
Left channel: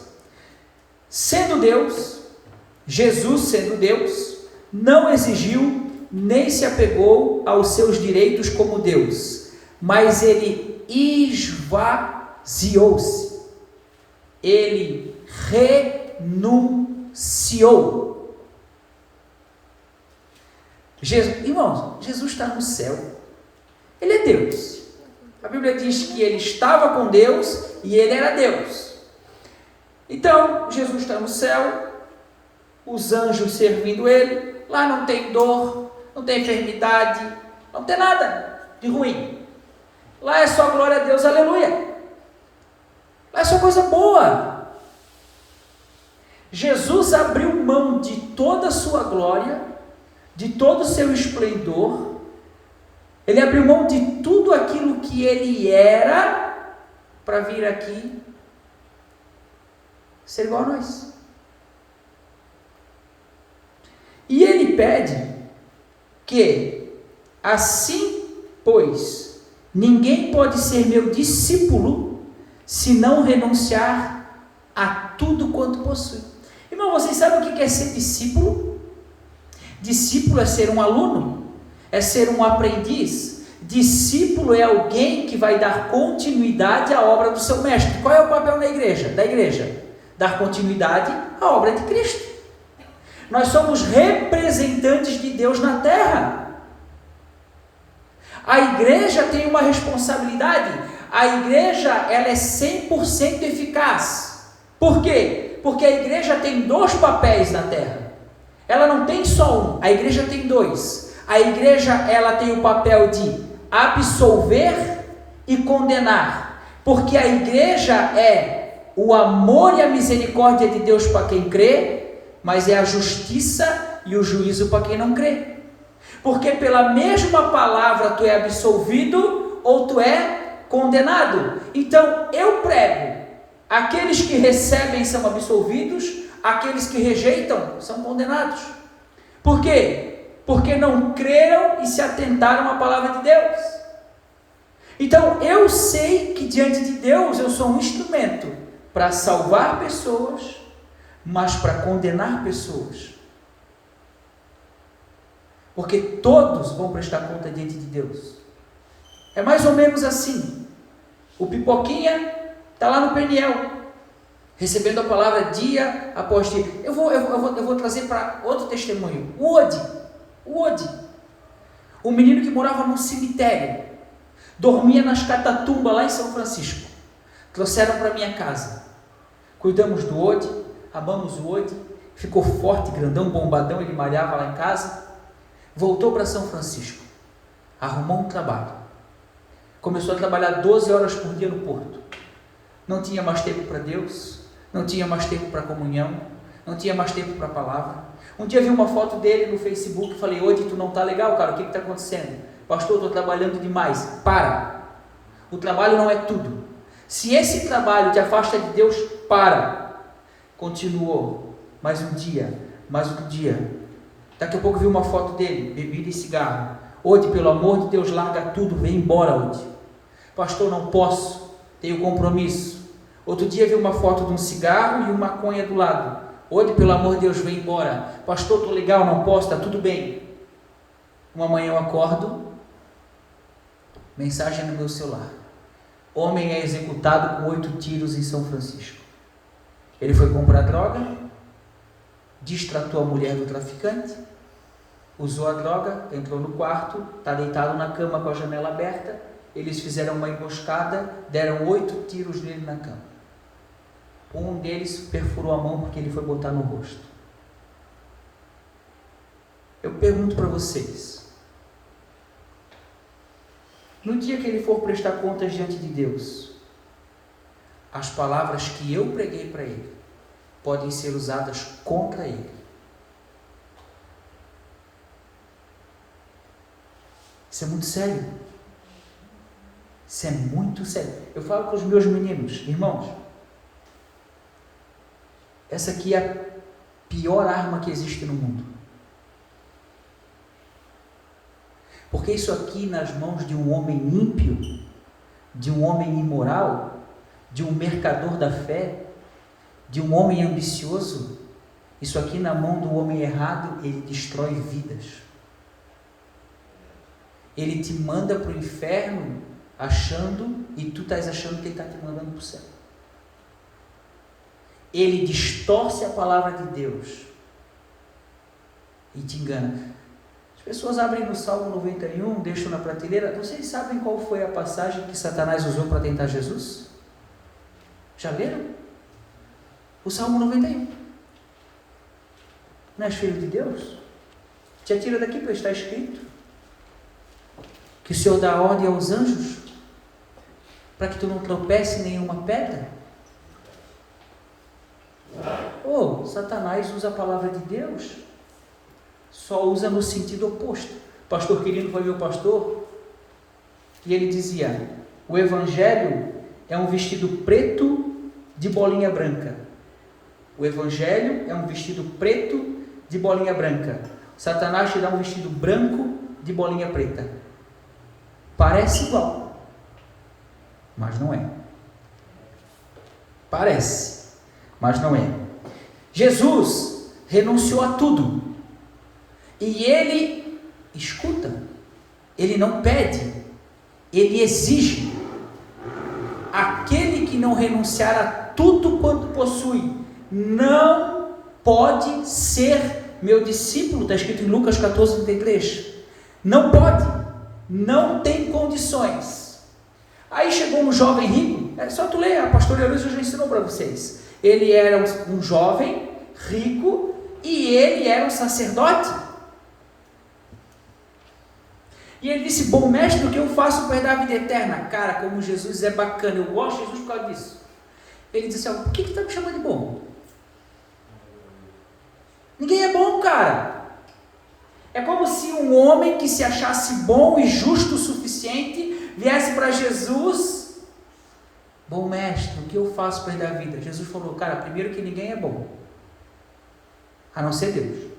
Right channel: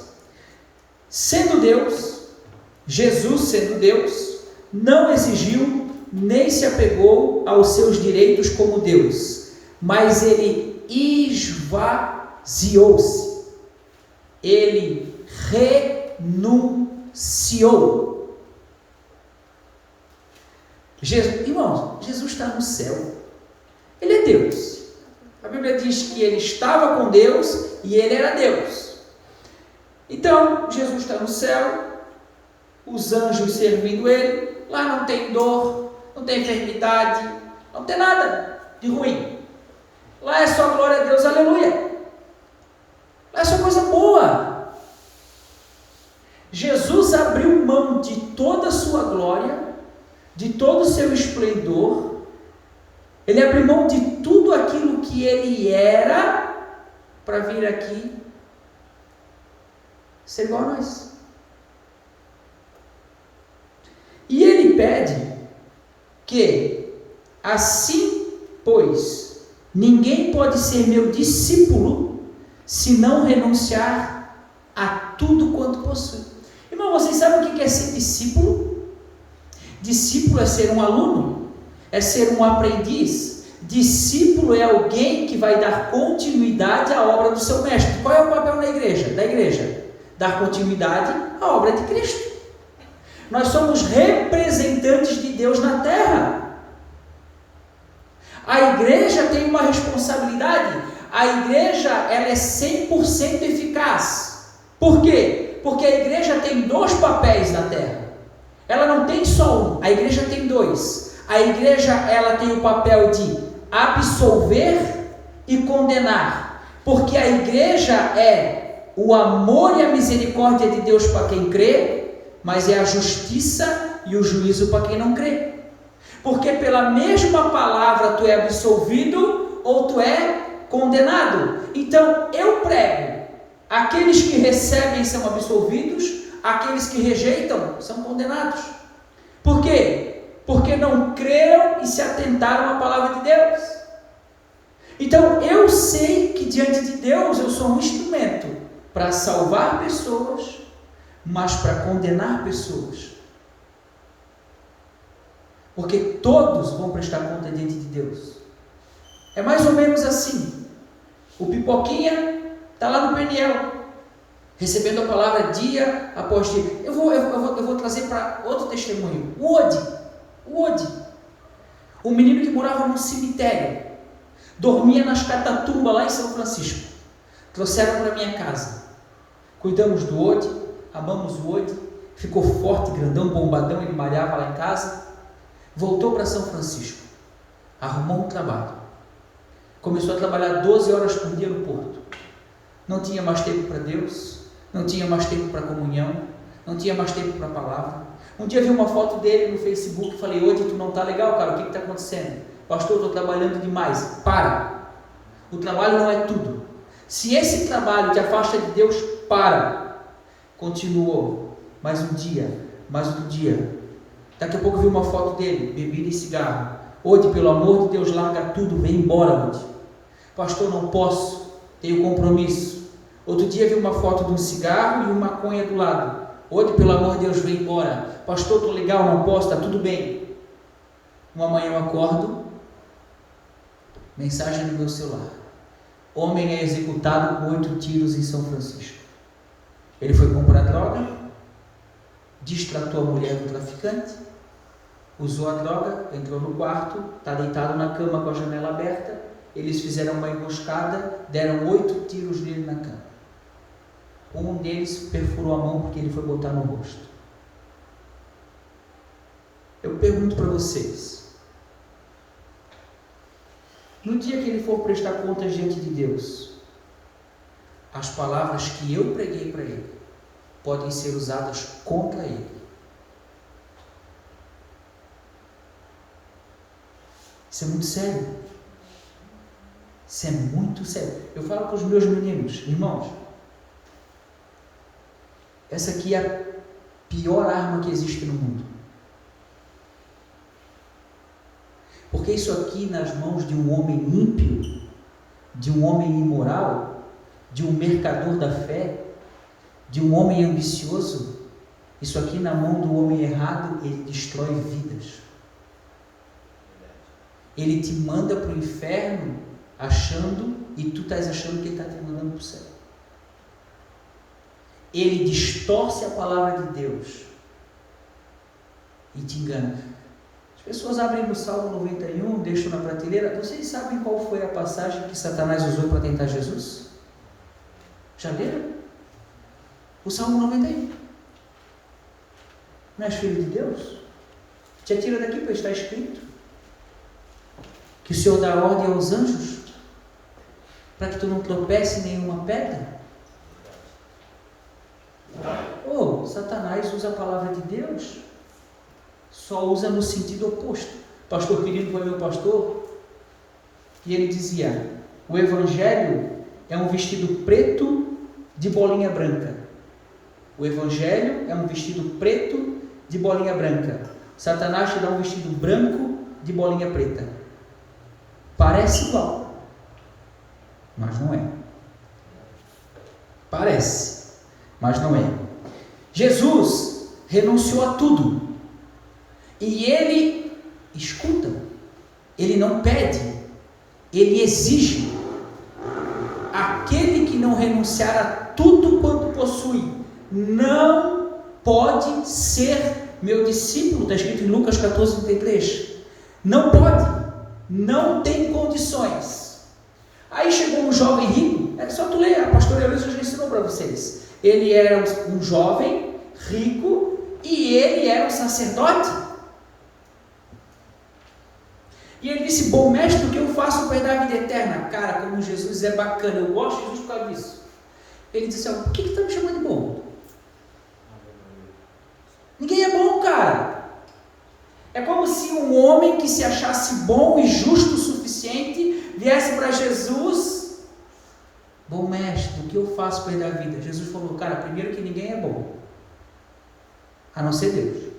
Sendo Deus, Jesus sendo Deus, não exigiu nem se apegou aos seus direitos como Deus, mas ele esvaziou-se, ele renunciou. Irmãos, Jesus está no céu, ele é Deus. A Bíblia diz que ele estava com Deus e ele era Deus. Então, Jesus está no céu, os anjos servindo ele, lá não tem dor, não tem enfermidade, não tem nada de ruim. Lá é só glória a Deus, aleluia. Lá é só coisa boa. Jesus abriu mão de toda a sua glória, de todo o seu esplendor. Ele abriu mão de tudo aquilo que ele era para vir aqui ser igual a nós. E ele pede que, assim, pois, ninguém pode ser meu discípulo se não renunciar a tudo quanto possui. Irmão, vocês sabem o que é ser discípulo? Discípulo é ser um aluno, é ser um aprendiz. Discípulo é alguém que vai dar continuidade à obra do seu mestre. Qual é o papel da igreja? Dar continuidade à obra de Cristo. Nós somos representantes de Deus na terra. A igreja tem uma responsabilidade. A igreja, ela é 100% eficaz. Por quê? Porque a igreja tem dois papéis na terra. Ela não tem só um, a igreja tem dois. A igreja, ela tem o papel de absolver e condenar. Porque a igreja é o amor e a misericórdia de Deus para quem crê, mas é a justiça e o juízo para quem não crê. Porque pela mesma palavra tu é absolvido ou tu é condenado. Então eu prego, aqueles que recebem são absolvidos, aqueles que rejeitam são condenados. Por quê? Porque não creram e se atentaram à palavra de Deus. Então eu sei que diante de Deus eu sou um instrumento para salvar pessoas, mas para condenar pessoas. Porque todos vão prestar conta diante de Deus. É mais ou menos assim. O Pipoquinha está lá no Peniel, recebendo a palavra dia após dia. Eu vou trazer para outro testemunho. O Odi. Um menino que morava num cemitério, dormia nas catatumbas lá em São Francisco. Trouxeram para minha casa. Cuidamos do Odi, amamos o Odi, ficou forte, grandão, bombadão, ele malhava lá em casa. Voltou para São Francisco, arrumou um trabalho, começou a trabalhar 12 horas por dia no porto. Não tinha mais tempo para Deus, não tinha mais tempo para comunhão, não tinha mais tempo para a palavra. Um dia vi uma foto dele no Facebook e falei: Odi, tu não está legal, cara, o que está acontecendo? Pastor, estou trabalhando demais. Para, o trabalho não é tudo. Se esse trabalho te afasta de Deus, para. Continuou, mais um dia. Daqui a pouco vi uma foto dele, bebida e cigarro. Odi, pelo amor de Deus, larga tudo, vem embora, Odi. Pastor, não posso, tenho compromisso. Outro dia vi uma foto de um cigarro e uma maconha do lado. Odi, pelo amor de Deus, vem embora. Pastor, estou legal, não posso, está tudo bem. Uma manhã eu acordo, mensagem no meu celular: homem é executado com 8 tiros em São Francisco. Ele foi comprar droga, distratou a mulher do traficante, usou a droga, entrou no quarto, está deitado na cama com a janela aberta. Eles fizeram uma emboscada, deram 8 tiros nele na cama. Um deles perfurou a mão porque ele foi botar no rosto. Eu pergunto para vocês, no dia que ele for prestar contas diante de Deus, as palavras que eu preguei para ele podem ser usadas contra ele. Isso é muito sério. Isso é muito sério. Eu falo para os meus meninos: irmãos, essa aqui é a pior arma que existe no mundo. Porque isso aqui nas mãos de um homem ímpio, de um homem imoral, de um mercador da fé, de um homem ambicioso, isso aqui na mão do homem errado, ele destrói vidas. Ele te manda para o inferno achando, e tu estás achando que ele está te mandando para o céu. Ele distorce a palavra de Deus e te engana. As pessoas abrem no Salmo 91, deixam na prateleira. Vocês sabem qual foi a passagem que Satanás usou para tentar Jesus? Já leram? O Salmo 91. Não és filho de Deus? Te atira daqui, pois está escrito que o Senhor dá ordem aos anjos para que tu não tropece em nenhuma pedra. Satanás usa a palavra de Deus, só usa no sentido oposto. O pastor Quirino foi meu pastor, e ele dizia: o evangelho é um vestido preto de bolinha branca. O evangelho é um vestido preto de bolinha branca. Satanás te dá um vestido branco de bolinha preta. Parece igual, mas não é. Parece, mas não é. Jesus renunciou a tudo. E ele escuta. Ele não pede. Ele exige. Aquele que não renunciar a tudo quanto possui, não pode ser meu discípulo. Está escrito em Lucas 14:33. Não pode. Não tem condições. Aí chegou um jovem rico. É só tu ler, a pastora Luísa já ensinou para vocês. Ele era um jovem rico e ele era um sacerdote. E ele disse: bom mestre, o que eu faço para herdar a vida eterna? Cara, como Jesus é bacana, eu gosto de Jesus por causa disso. Ele disse assim: por que está me chamando de bom? Ninguém é bom, cara. É como se um homem que se achasse bom e justo o suficiente viesse para Jesus: bom mestre, o que eu faço para herdar a vida? Jesus falou: cara, primeiro que ninguém é bom, a não ser Deus.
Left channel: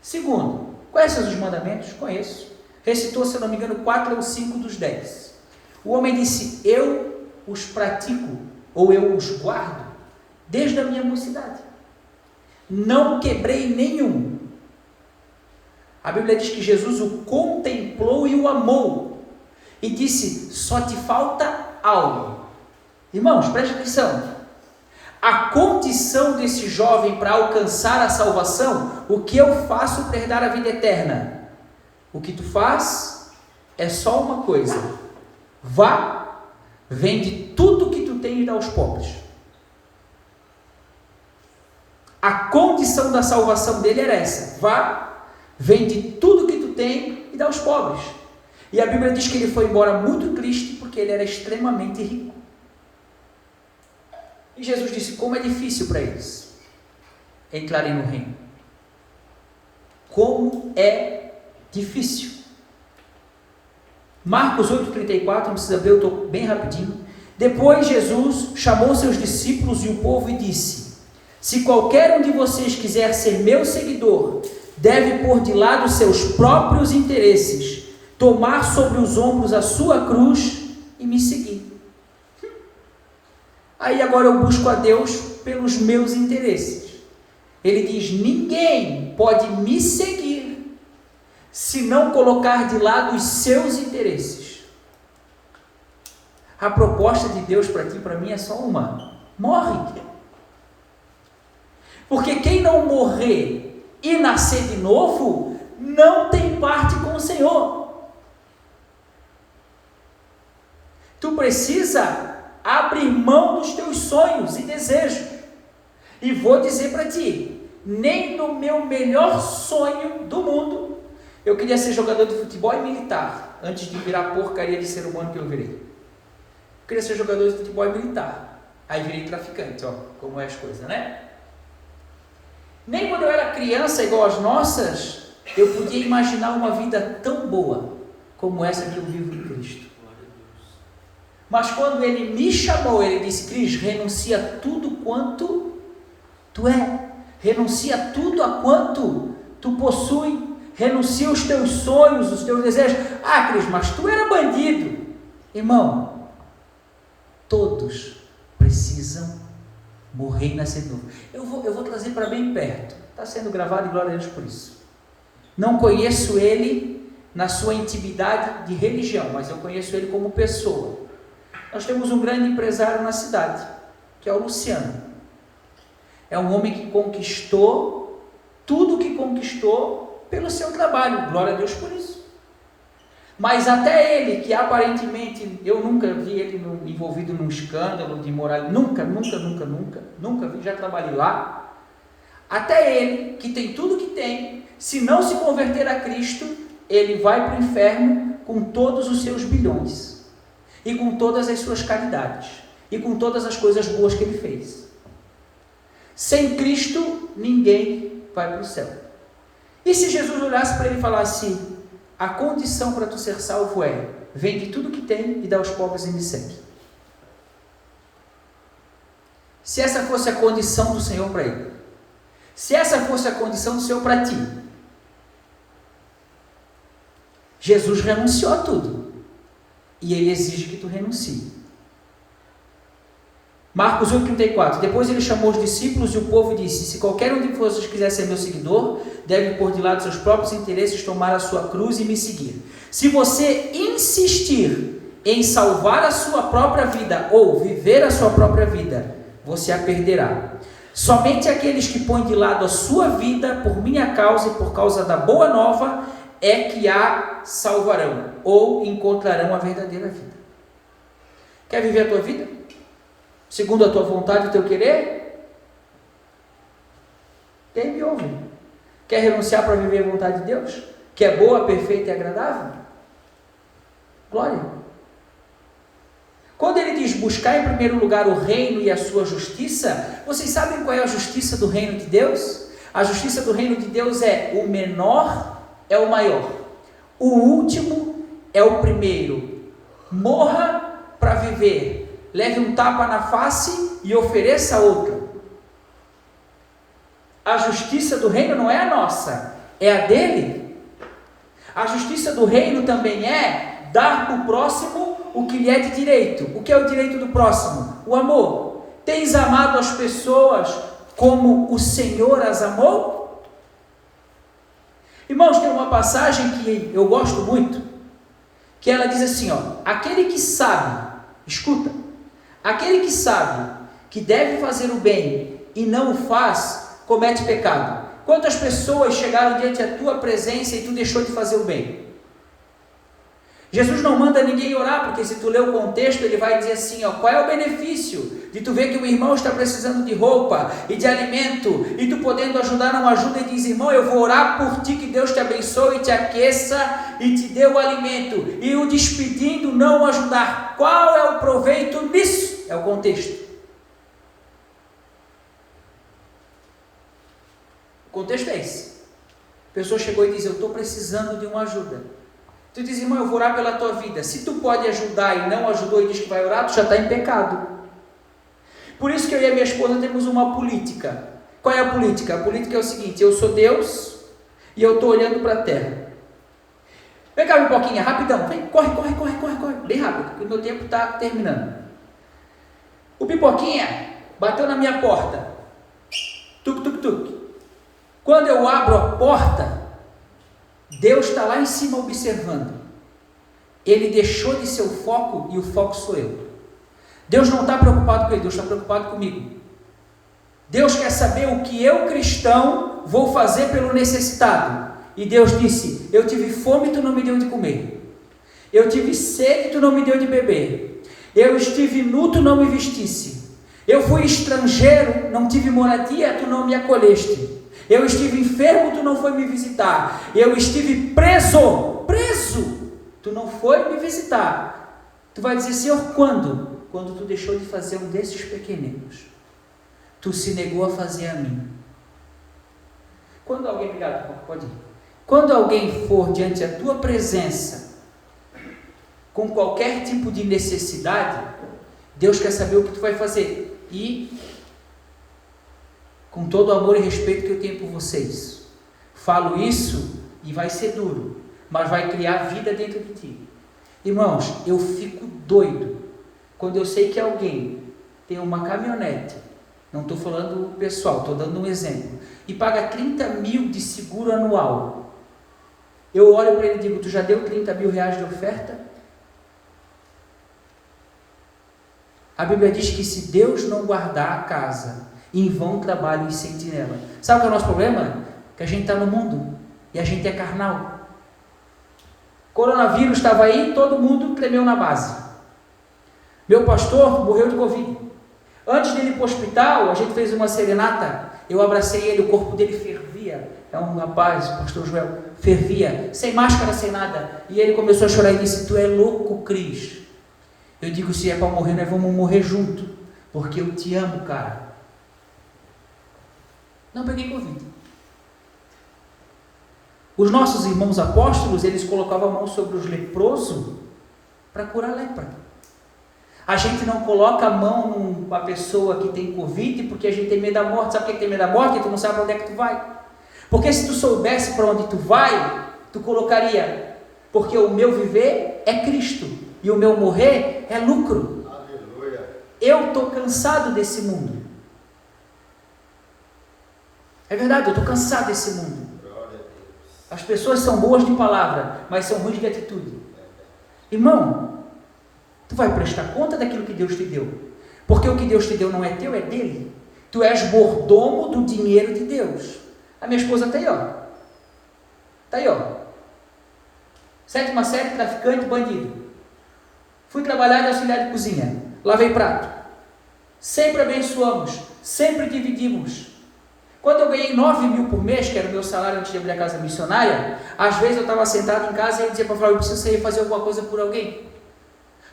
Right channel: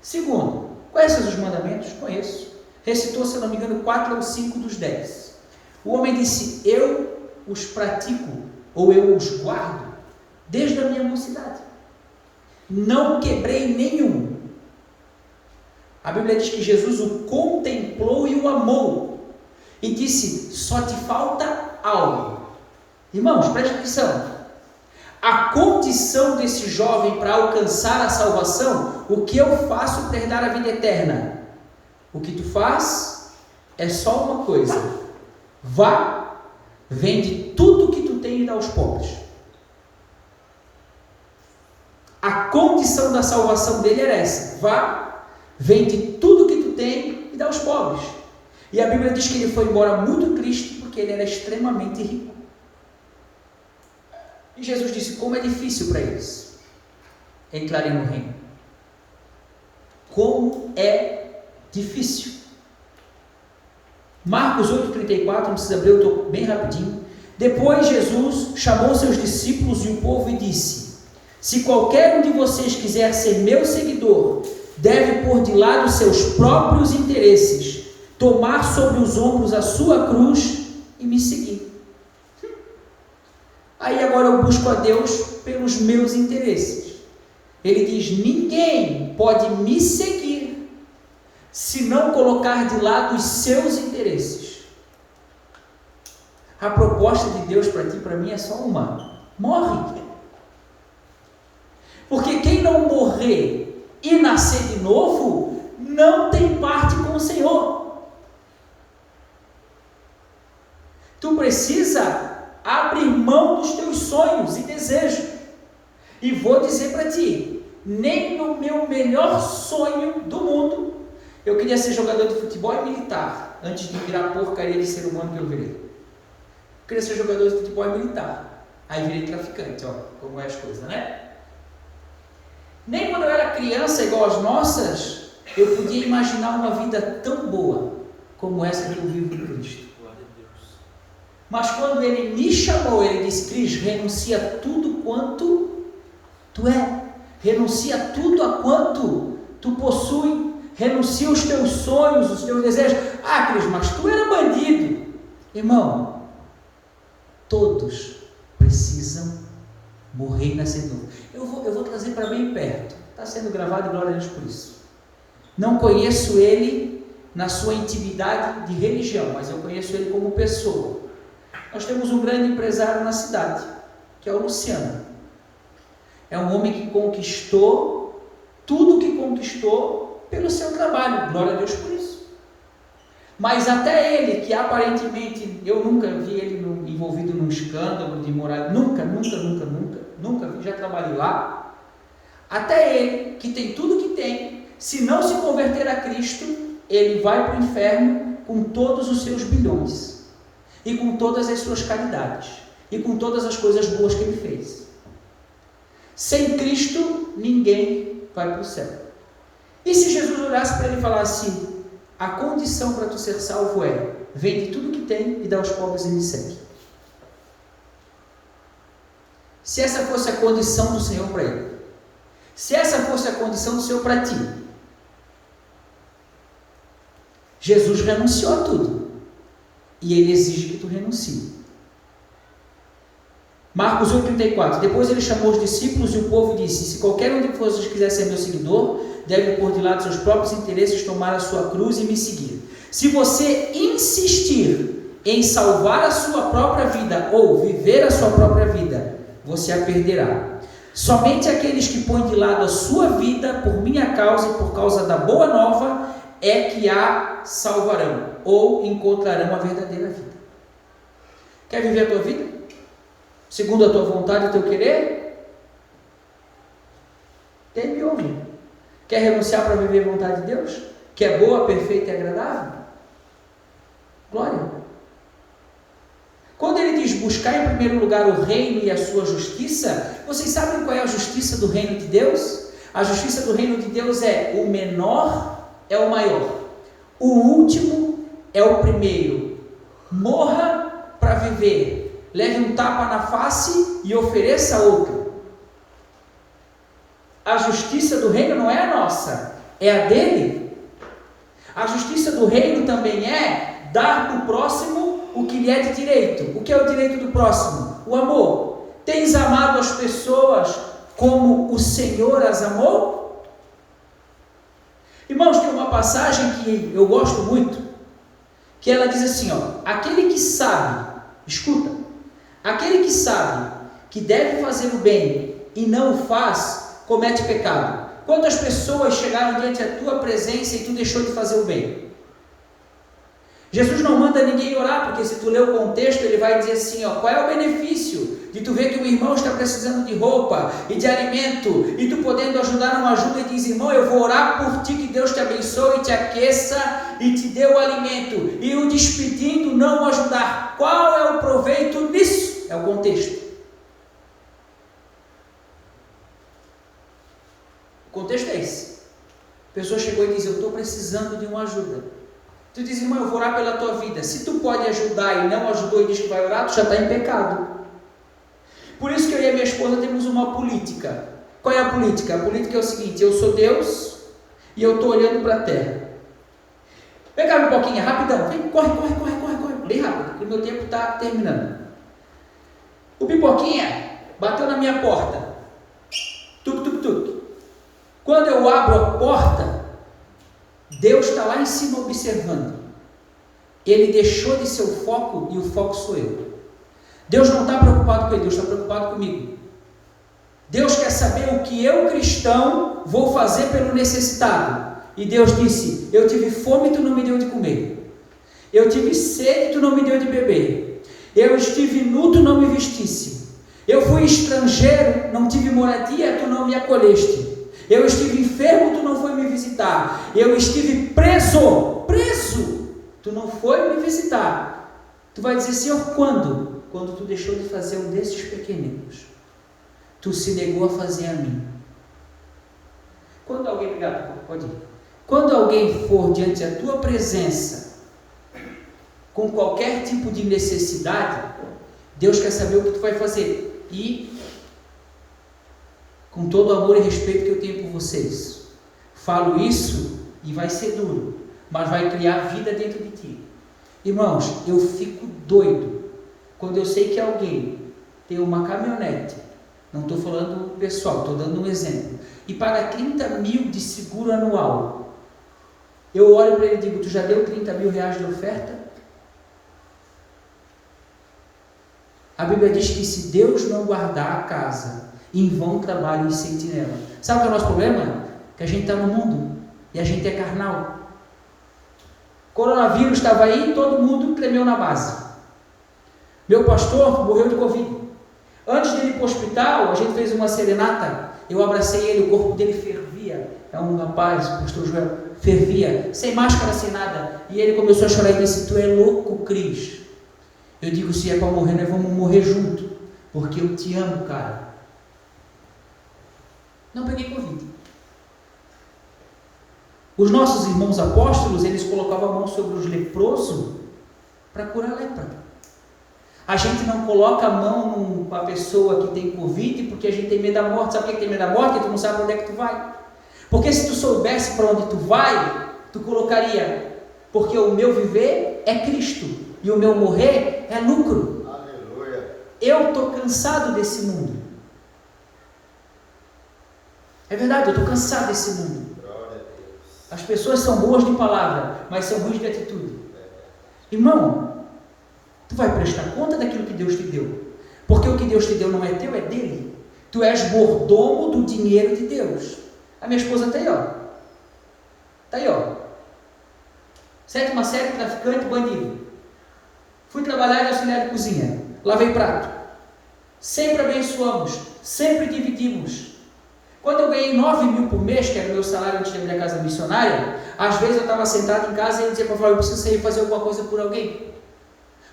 Segundo, conhece os mandamentos? Conheço. Recitou, se eu não me engano, 4 ou 5 dos 10. O homem disse: eu os pratico, ou eu os guardo, desde a minha mocidade. Não quebrei nenhum. A Bíblia diz que Jesus o contemplou e o amou. E disse: só te falta algo. Irmãos, preste atenção. A condição desse jovem para alcançar a salvação, o que eu faço para herdar a vida eterna? O que tu faz é só uma coisa: vá, vende tudo que tu tem e dá aos pobres. A condição da salvação dele era essa: vá, vende tudo que tu tem e dá aos pobres. E a Bíblia diz que ele foi embora muito triste porque ele era extremamente rico. E Jesus disse: como é difícil para eles entrarem no reino. Como é difícil. Marcos 8:34, não precisa abrir, eu estou bem rapidinho. Depois Jesus chamou seus discípulos e o povo e disse: se qualquer um de vocês quiser ser meu seguidor, deve pôr de lado seus próprios interesses, tomar sobre os ombros a sua cruz e me seguir. Aí agora eu busco a Deus pelos meus interesses. Ele diz: ninguém pode me seguir se não colocar de lado os seus interesses. A proposta de Deus para ti e para mim é só uma: morre. Porque quem não morrer e nascer de novo, não tem parte com o Senhor. Tu precisa abrir mão dos teus sonhos e desejos. E vou dizer para ti, nem no meu melhor sonho do mundo, eu queria ser jogador de futebol e militar, antes de virar porcaria de ser humano que eu virei. Eu queria ser jogador de futebol e militar, aí virei traficante, ó, como é as coisas, né? Nem quando eu era criança, igual as nossas, eu podia imaginar uma vida tão boa como essa que eu vivo em Cristo. Mas quando Ele me chamou, Ele disse: Cris, renuncia a tudo quanto tu é, renuncia a tudo a quanto tu possui, renuncia os teus sonhos, os teus desejos. Ah, Cris, mas tu era bandido. Irmão, todos precisam Morrer e nascer de novo. Eu vou trazer para bem perto. Está sendo gravado e glória a Deus por isso. Não conheço ele na sua intimidade de religião, mas eu conheço ele como pessoa. Nós temos um grande empresário na cidade, que é o Luciano. É um homem que conquistou tudo que conquistou pelo seu trabalho. Glória a Deus por isso. Mas até ele, que aparentemente, eu nunca vi ele envolvido num escândalo de moral, nunca vi, já trabalhei lá. Até ele, que tem tudo que tem, se não se converter a Cristo, ele vai para o inferno com todos os seus bilhões, e com todas as suas caridades, e com todas as coisas boas que ele fez. Sem Cristo, ninguém vai para o céu. E se Jesus olhasse para ele e falasse: a condição para tu ser salvo é: vende tudo que tem e dá aos pobres e me segue. Se essa fosse a condição do Senhor para ele, se essa fosse a condição do Senhor para ti, Jesus renunciou a tudo e ele exige que tu renuncie. Marcos 8,34. Depois ele chamou os discípulos e o povo disse: se qualquer um de vocês quiser ser meu seguidor, deve pôr de lado seus próprios interesses, tomar a sua cruz e me seguir. Se você insistir em salvar a sua própria vida ou viver a sua própria vida, você a perderá. Somente aqueles que põem de lado a sua vida por minha causa e por causa da boa nova é que a salvarão ou encontrarão a verdadeira vida. Quer viver a tua vida segundo a tua vontade e o teu querer? Tem e ouve. Quer renunciar para viver a vontade de Deus? Que é boa, perfeita e agradável? Glória. Quando ele diz buscar em primeiro lugar o reino e a sua justiça, vocês sabem qual é a justiça do reino de Deus? A justiça do reino de Deus é: o menor é o maior, o último é o primeiro. Morra para viver, leve um tapa na face e ofereça outra. A justiça do reino não é a nossa, é a dele. A justiça do reino também é dar para o próximo o que lhe é de direito. O que é o direito do próximo? O amor. Tens amado as pessoas como o Senhor as amou? Irmãos, tem uma passagem que eu gosto muito, que ela diz assim, aquele que sabe, escuta, aquele que sabe que deve fazer o bem e não o faz, comete pecado. Quantas pessoas chegaram diante da tua presença e tu deixou de fazer o bem? Jesus não manda ninguém orar, porque se tu ler o contexto, ele vai dizer assim, qual é o benefício de tu ver que o irmão está precisando de roupa e de alimento, e tu podendo ajudar não ajuda, e diz, irmão, eu vou orar por ti, que Deus te abençoe, te aqueça e te dê o alimento, e o despedindo não ajudar. Qual é o proveito nisso? É o contexto. O contexto é esse. A pessoa chegou e diz, eu estou precisando de uma ajuda. Tu diz, irmão, eu vou orar pela tua vida. Se tu pode ajudar e não ajudou e diz que vai orar, tu já está em pecado. Por isso que eu e a minha esposa temos uma política. Qual é a política? A política é o seguinte, eu sou Deus e eu estou olhando para a terra. Vem cá, Pipoquinha, rapidão. Vem, corre. Bem rápido, porque o meu tempo está terminando. O Pipoquinha bateu na minha porta. Tuc. Quando eu abro a porta, Deus está lá em cima observando. Ele deixou de ser o foco e o foco sou eu. Deus não está preocupado com ele, Deus está preocupado comigo. Deus quer saber o que eu, cristão, vou fazer pelo necessitado. E Deus disse, eu tive fome e tu não me deu de comer. Eu tive sede e tu não me deu de beber. Eu estive nu, tu não me vestisse. Eu fui estrangeiro, não tive moradia, tu não me acolheste. Eu estive enfermo, tu não foi me visitar. Eu estive preso, tu não foi me visitar. Tu vai dizer, Senhor, quando? Quando tu deixou de fazer um desses pequeninos. Tu se negou a fazer a mim. Quando alguém, obrigado, pode ir. Quando alguém for diante da tua presença, com qualquer tipo de necessidade, Deus quer saber o que tu vai fazer. E com todo o amor e respeito que eu tenho por vocês, falo isso e vai ser duro, mas vai criar vida dentro de ti. Irmãos, eu fico doido quando eu sei que alguém tem uma caminhonete não estou falando pessoal, estou dando um exemplo, e paga 30 mil de seguro anual, eu olho para ele e digo, tu já deu 30 mil reais de oferta? A Bíblia diz que se Deus não guardar a casa, em vão trabalham os sentinelas. Sabe qual é o nosso problema? Que a gente está no mundo, e a gente é carnal. Coronavírus estava aí, todo mundo tremeu na base. Meu pastor morreu de Covid. Antes dele ir para o hospital, a gente fez uma serenata, eu abracei ele, o corpo dele fervia. É um rapaz, o pastor Joel, fervia, sem máscara, sem nada. E ele começou a chorar e disse, tu é louco, Cris. Eu digo, se é para morrer, nós vamos morrer junto, porque eu te amo, cara. Não peguei Covid. Os nossos irmãos apóstolos, eles colocavam a mão sobre os leprosos para curar a lepra. A gente não coloca a mão numa pessoa que tem Covid porque a gente tem medo da morte. Sabe por que tem medo da morte? Porque tu não sabe para onde é que tu vai. Porque se tu soubesse para onde tu vai, tu colocaria, porque o meu viver é Cristo e o meu morrer é lucro. Aleluia. Eu estou cansado desse mundo. É verdade, eu estou cansado desse mundo. Glória a Deus. As pessoas são boas de palavra, mas são ruins de atitude. Irmão, tu vai prestar conta daquilo que Deus te deu, porque o que Deus te deu não é teu, é dele. Tu és mordomo do dinheiro de Deus. A minha esposa está aí, ó. Está aí, ó. 7ª série, traficante, bandido. Fui trabalhar de auxiliar de cozinha. Lavei prato. Sempre abençoamos. Sempre dividimos. Quando eu ganhei 9 mil por mês, que era o meu salário antes de abrir a casa missionária, às vezes eu estava sentado em casa e eu dizia para Flávio, eu preciso sair fazer alguma coisa por alguém.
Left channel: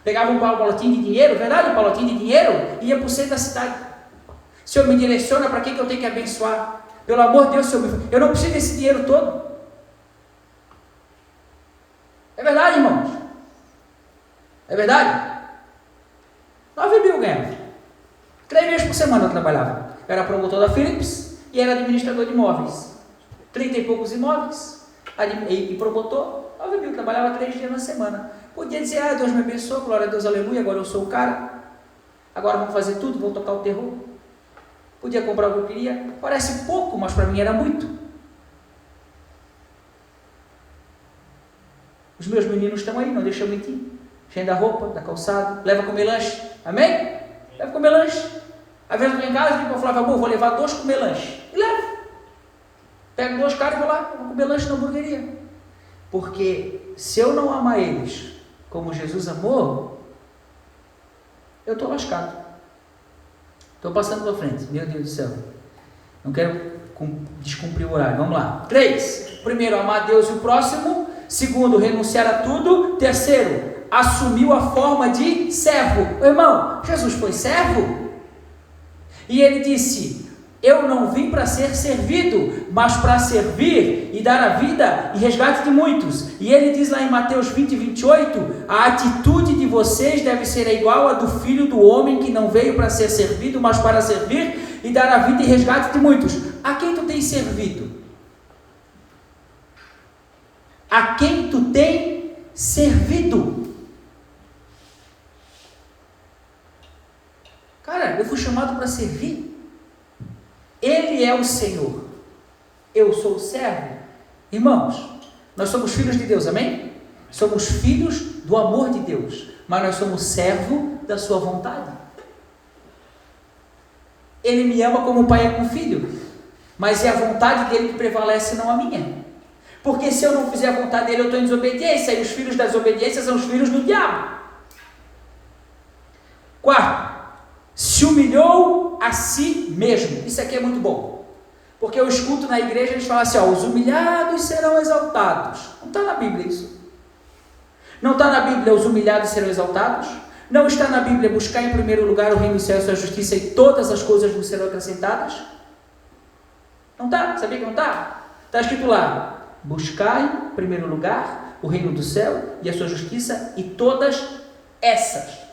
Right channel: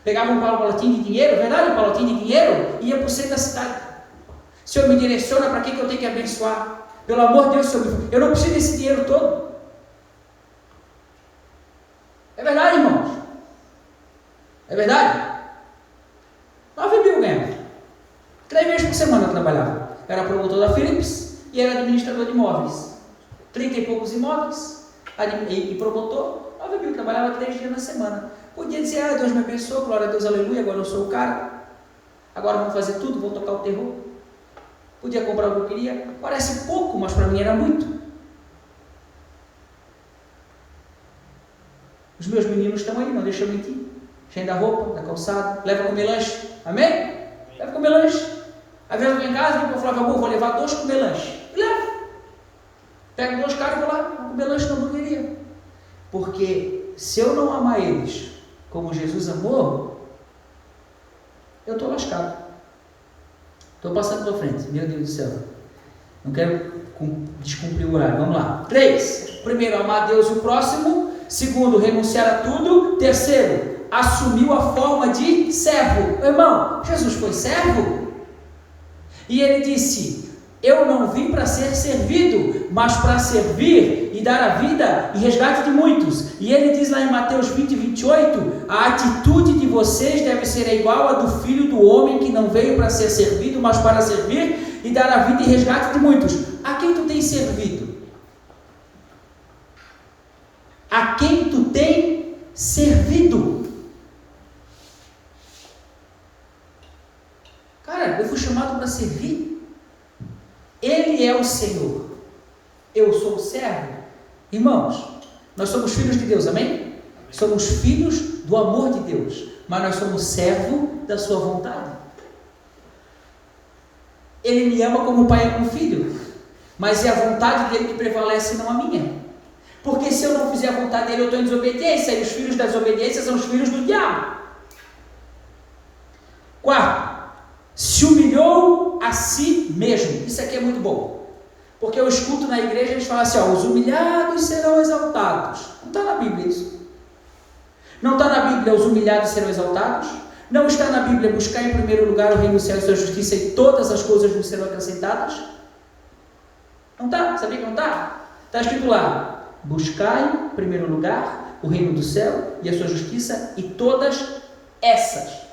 Pegava um palotinho de dinheiro, verdade? Um palotinho de dinheiro, e ia para o centro da cidade. O Senhor me direciona para quem que eu tenho que abençoar. Pelo amor de Deus, Senhor, eu não preciso desse dinheiro todo. É verdade, irmãos? É verdade? 9 mil ganhava. 3 vezes por semana eu trabalhava. Eu era promotor da Philips e era administrador de imóveis. 30 e poucos imóveis e promotor, 9 mil. Trabalhava 3 dias na semana. Podia dizer, Deus me abençoou, glória a Deus, aleluia, agora eu sou o cara. Agora vamos fazer tudo, vou tocar o terror. Podia comprar o que eu queria. Parece pouco, mas para mim era muito. Os meus meninos estão aí, não deixa eu mentir. Cheio da roupa, da calçada, leva comer lanche. Amém? Leva comer lanche. Às vezes eu venho em casa e digo para o Flávio, amor, vou levar 2 comer lanche. E levo. Pego 2 caras e vou lá, vou comer lanche na hamburgueria. Porque se eu não amar eles como Jesus amou, eu estou lascado. Estou passando para frente. Meu Deus do céu. Não quero descumprir o horário. Vamos lá. 3. Primeiro, amar a Deus e o próximo. Segundo, renunciar a tudo. Terceiro, assumiu a forma de servo. Irmão, Jesus foi servo? E ele disse, eu não vim para ser servido, mas para servir e dar a vida e resgate de muitos. E ele diz lá em Mateus 20, 28, a atitude de vocês deve ser igual a do Filho do Homem, que não veio para ser servido, mas para servir e dar a vida e resgate de muitos. A quem tu tens servido? A quem tu tem servido? Cara, eu fui chamado para servir. Ele é o Senhor. Eu sou o servo. Irmãos, nós somos filhos de Deus, amém? Somos filhos do amor de Deus, mas nós somos servo da sua vontade. Ele me ama como o pai ama o filho, mas é a vontade dele que prevalece, não a minha. Porque se eu não fizer a vontade dele, eu estou em desobediência, e os filhos da desobediência são os filhos do diabo. 4. Se humilhou a si mesmo. Isso aqui é muito bom. Porque eu escuto na igreja eles falam assim, os humilhados serão exaltados. Não está na Bíblia isso. Não está na Bíblia os humilhados serão exaltados. Não está na Bíblia buscar em primeiro lugar o reino do céu e a sua justiça e todas as coisas vos serão acrescentadas. Não está? Sabia que não está? Está escrito lá, buscai em primeiro lugar o reino do céu e a sua justiça e todas essas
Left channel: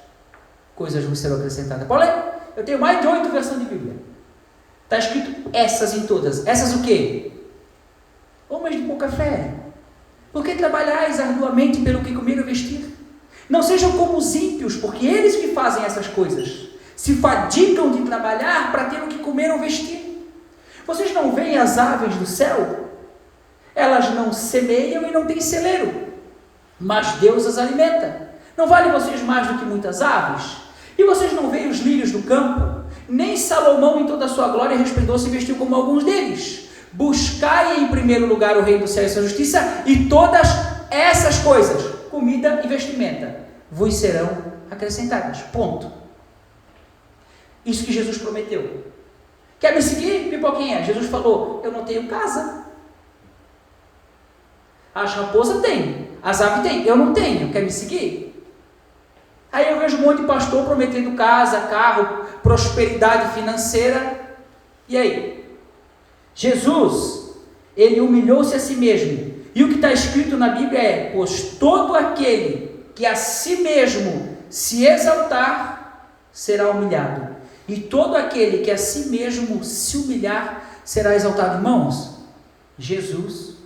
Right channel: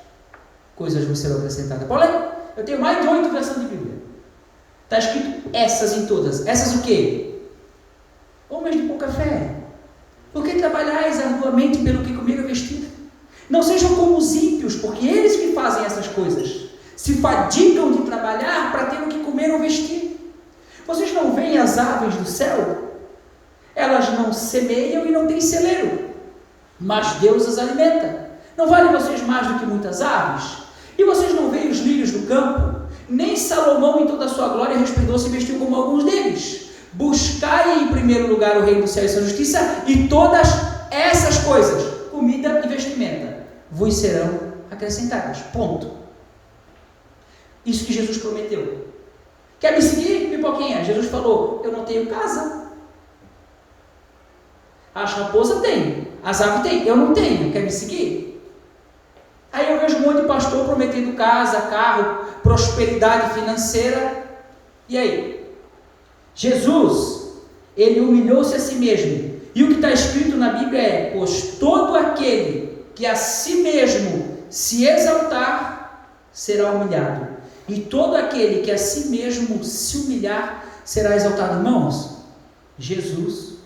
coisas vos serão acrescentadas. Pode ler? Eu tenho mais de 8 versões de Bíblia. Está escrito essas em todas. Essas o quê? Homens de pouca fé. Por que trabalhais arduamente pelo que comer ou vestir? Não sejam como os ímpios, porque eles que fazem essas coisas. se fadigam de trabalhar para ter o que comer ou vestir. Vocês não veem as aves do céu? Elas não semeiam e não têm celeiro, mas Deus as alimenta. Não valem vocês mais do que muitas aves? E vocês não veem os lírios do campo? Nem Salomão em toda a sua glória resplandeceu e vestiu como alguns deles. Buscai em primeiro lugar o reino do céu e sua justiça, e todas essas coisas, comida e vestimenta, vos serão acrescentadas. Ponto. Isso que Jesus prometeu. Quer me seguir, pipoquinha? Jesus falou, eu não tenho casa. As raposas têm, as aves têm, eu não tenho. Quer me seguir? Aí eu vejo um monte de pastor prometendo casa, carro, prosperidade financeira. E aí? Jesus, ele humilhou-se a si mesmo. E o que está escrito na Bíblia é: pois todo aquele que a si mesmo se exaltar, será humilhado. E todo aquele que a si mesmo se humilhar, será exaltado. Irmãos, Jesus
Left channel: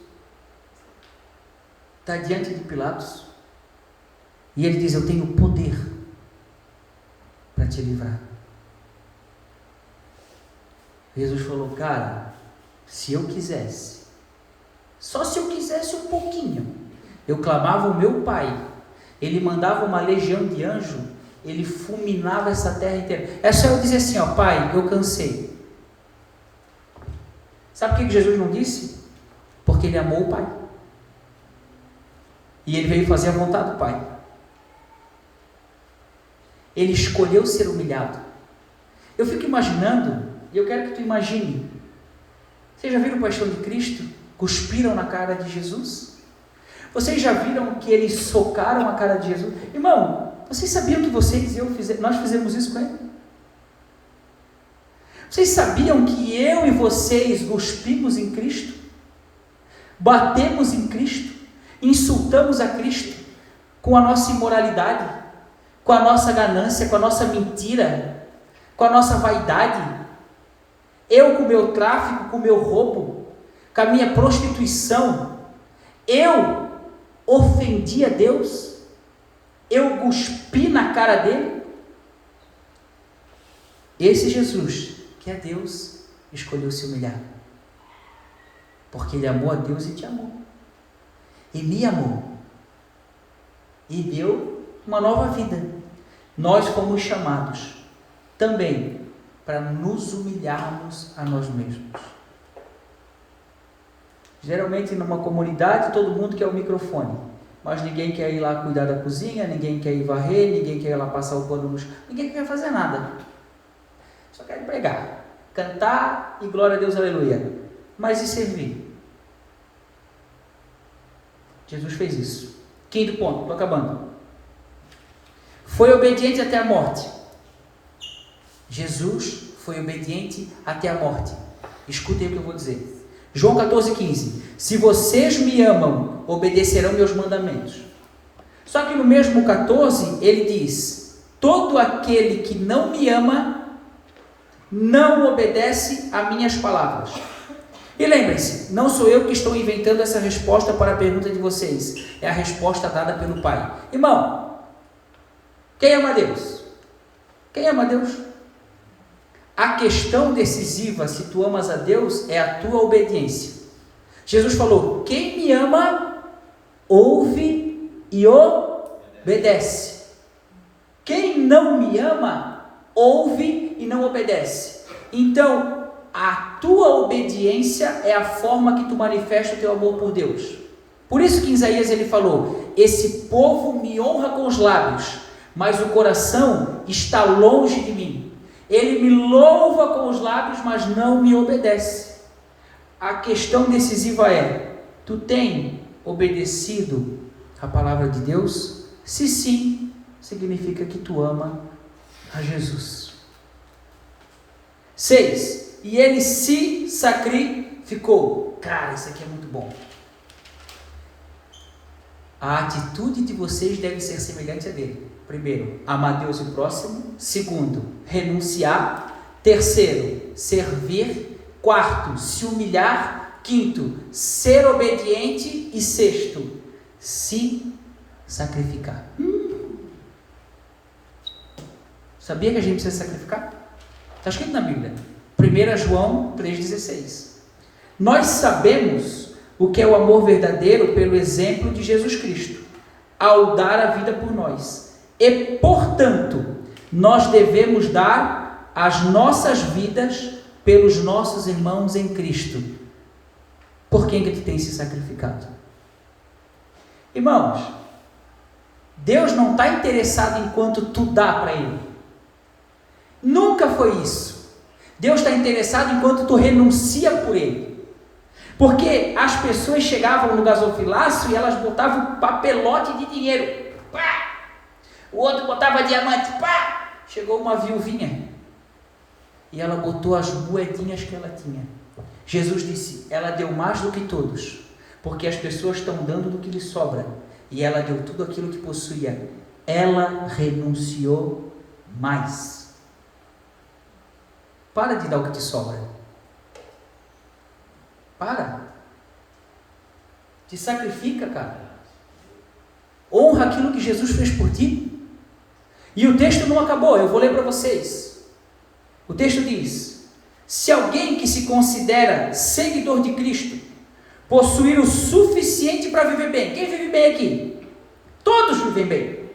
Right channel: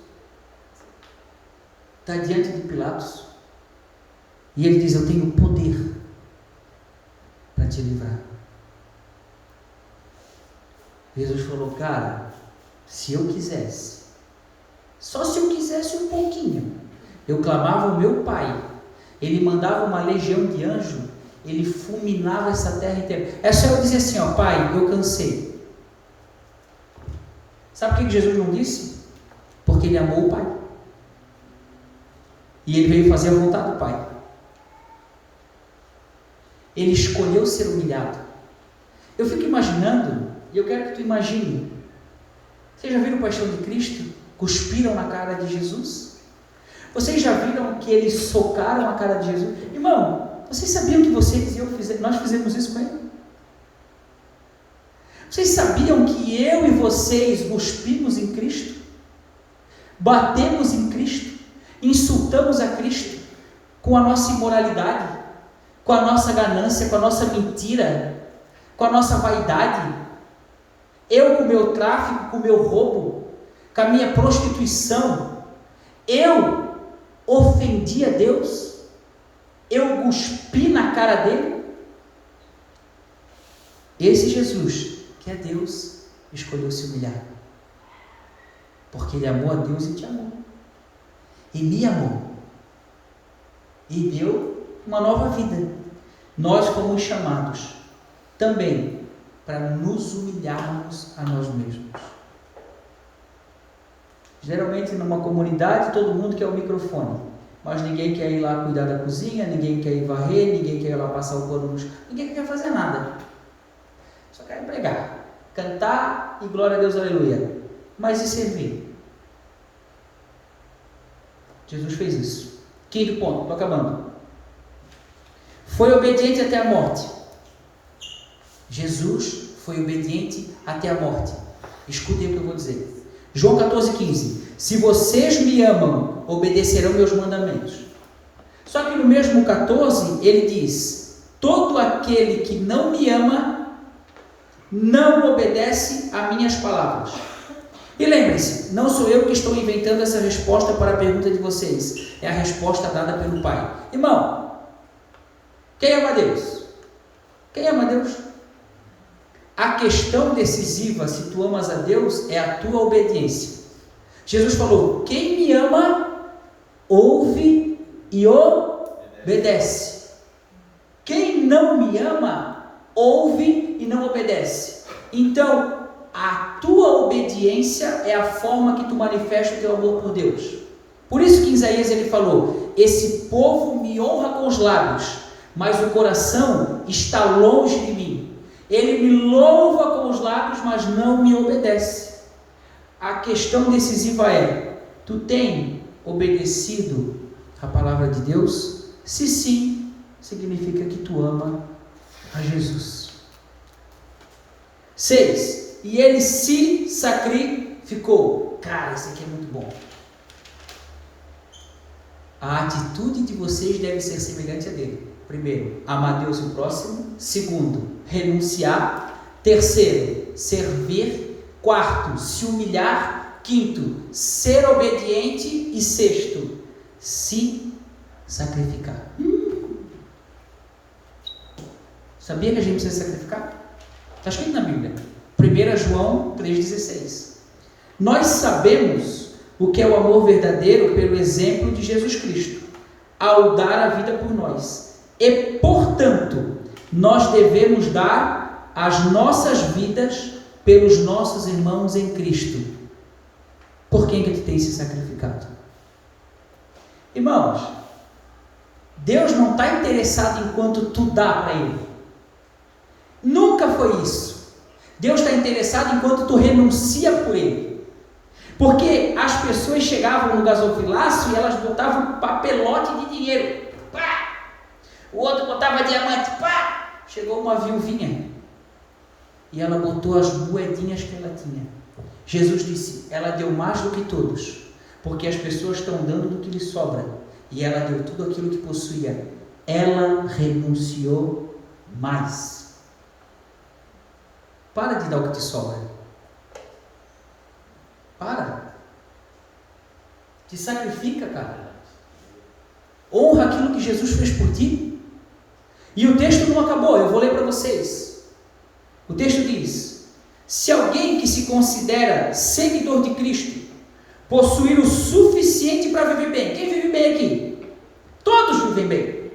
está diante de Pilatos, e ele diz: eu tenho poder para te livrar. Jesus falou: cara, se eu quisesse, só se eu quisesse um pouquinho, eu clamava o meu Pai, ele mandava uma legião de anjos, ele fulminava essa terra inteira. É só eu dizer assim: ó, Pai, eu cansei. Sabe por que Jesus não disse? Porque ele amou o Pai, e ele veio fazer a vontade do Pai. Ele escolheu ser humilhado. Eu fico imaginando, e eu quero que tu imagine. Vocês já viram Paixão de Cristo? Cuspiram na cara de Jesus? Vocês já viram que eles socaram a cara de Jesus? Irmão, vocês sabiam que vocês e eu nós fizemos isso com ele? Vocês sabiam que eu e vocês cuspimos em Cristo? Batemos em Cristo? Insultamos a Cristo com a nossa imoralidade, com a nossa ganância, com a nossa mentira, com a nossa vaidade? Eu com o meu tráfico, com o meu roubo, com a minha prostituição, eu ofendi a Deus? Eu cuspi na cara dele? Esse Jesus, que é Deus, escolheu se humilhar, porque ele amou a Deus e te amou, e me amou, e deu uma nova vida. Nós fomos chamados também para nos humilharmos a nós mesmos. Geralmente numa comunidade todo mundo quer o microfone, mas ninguém quer ir lá cuidar da cozinha, ninguém quer ir varrer, ninguém quer ir lá passar o pano no chão, ninguém quer fazer nada, só quer pregar, cantar e glória a Deus, aleluia. Mas e servir? Jesus fez isso. Quinto ponto, estou acabando. Foi obediente até a morte. Jesus foi obediente até a morte. Escutem o que eu vou dizer. João 14,15. Se vocês me amam, obedecerão meus mandamentos. Só que no mesmo 14, ele diz: todo aquele que não me ama, não obedece a minhas palavras. E lembrem-se, não sou eu que estou inventando essa resposta para a pergunta de vocês. É a resposta dada pelo Pai. Irmão, quem ama a Deus? Quem ama a Deus? A questão decisiva, se tu amas a Deus, é a tua obediência. Jesus falou: quem me ama, ouve e obedece. Quem não me ama, ouve e não obedece. Então, a tua obediência é a forma que tu manifesta o teu amor por Deus. Por isso que em Isaías ele falou: esse povo me honra com os lábios, mas o coração está longe de mim. Ele me louva com os lábios, mas não me obedece. A questão decisiva é: tu tem obedecido a palavra de Deus? Se sim, significa que tu ama a Jesus. 6. E ele se sacrificou. Cara, isso aqui é muito bom. A atitude de vocês deve ser semelhante a dele. Primeiro, amar Deus e o próximo. Segundo, renunciar. Terceiro, servir. Quarto, se humilhar. Quinto, ser obediente. E sexto, se sacrificar. Sabia que a gente precisa sacrificar? Está escrito na Bíblia. 1 João 3,16. Nós sabemos o que é o amor verdadeiro pelo exemplo de Jesus Cristo, ao dar a vida por nós. E, portanto, nós devemos dar as nossas vidas pelos nossos irmãos em Cristo. Por quem que tu tem se sacrificado? Irmãos, Deus não está interessado em quanto tu dá para Ele. Nunca foi isso. Deus está interessado em quanto tu renuncia por Ele. Porque as pessoas chegavam no gasofilácio e elas botavam um papelote de dinheiro. Pá! O outro botava diamante. Pá! Chegou uma viuvinha e ela botou as moedinhas que ela tinha. Jesus disse, ela deu mais do que todos, porque as pessoas estão dando do que lhe sobra, e ela deu tudo aquilo que possuía. Ela renunciou mais. Para de dar o que te sobra. Para. Te sacrifica, cara. Honra aquilo que Jesus fez por ti. E o texto não acabou, eu vou ler para vocês. O texto diz, se alguém que se considera seguidor de Cristo possuir o suficiente para viver bem, quem vive bem aqui? Todos vivem bem.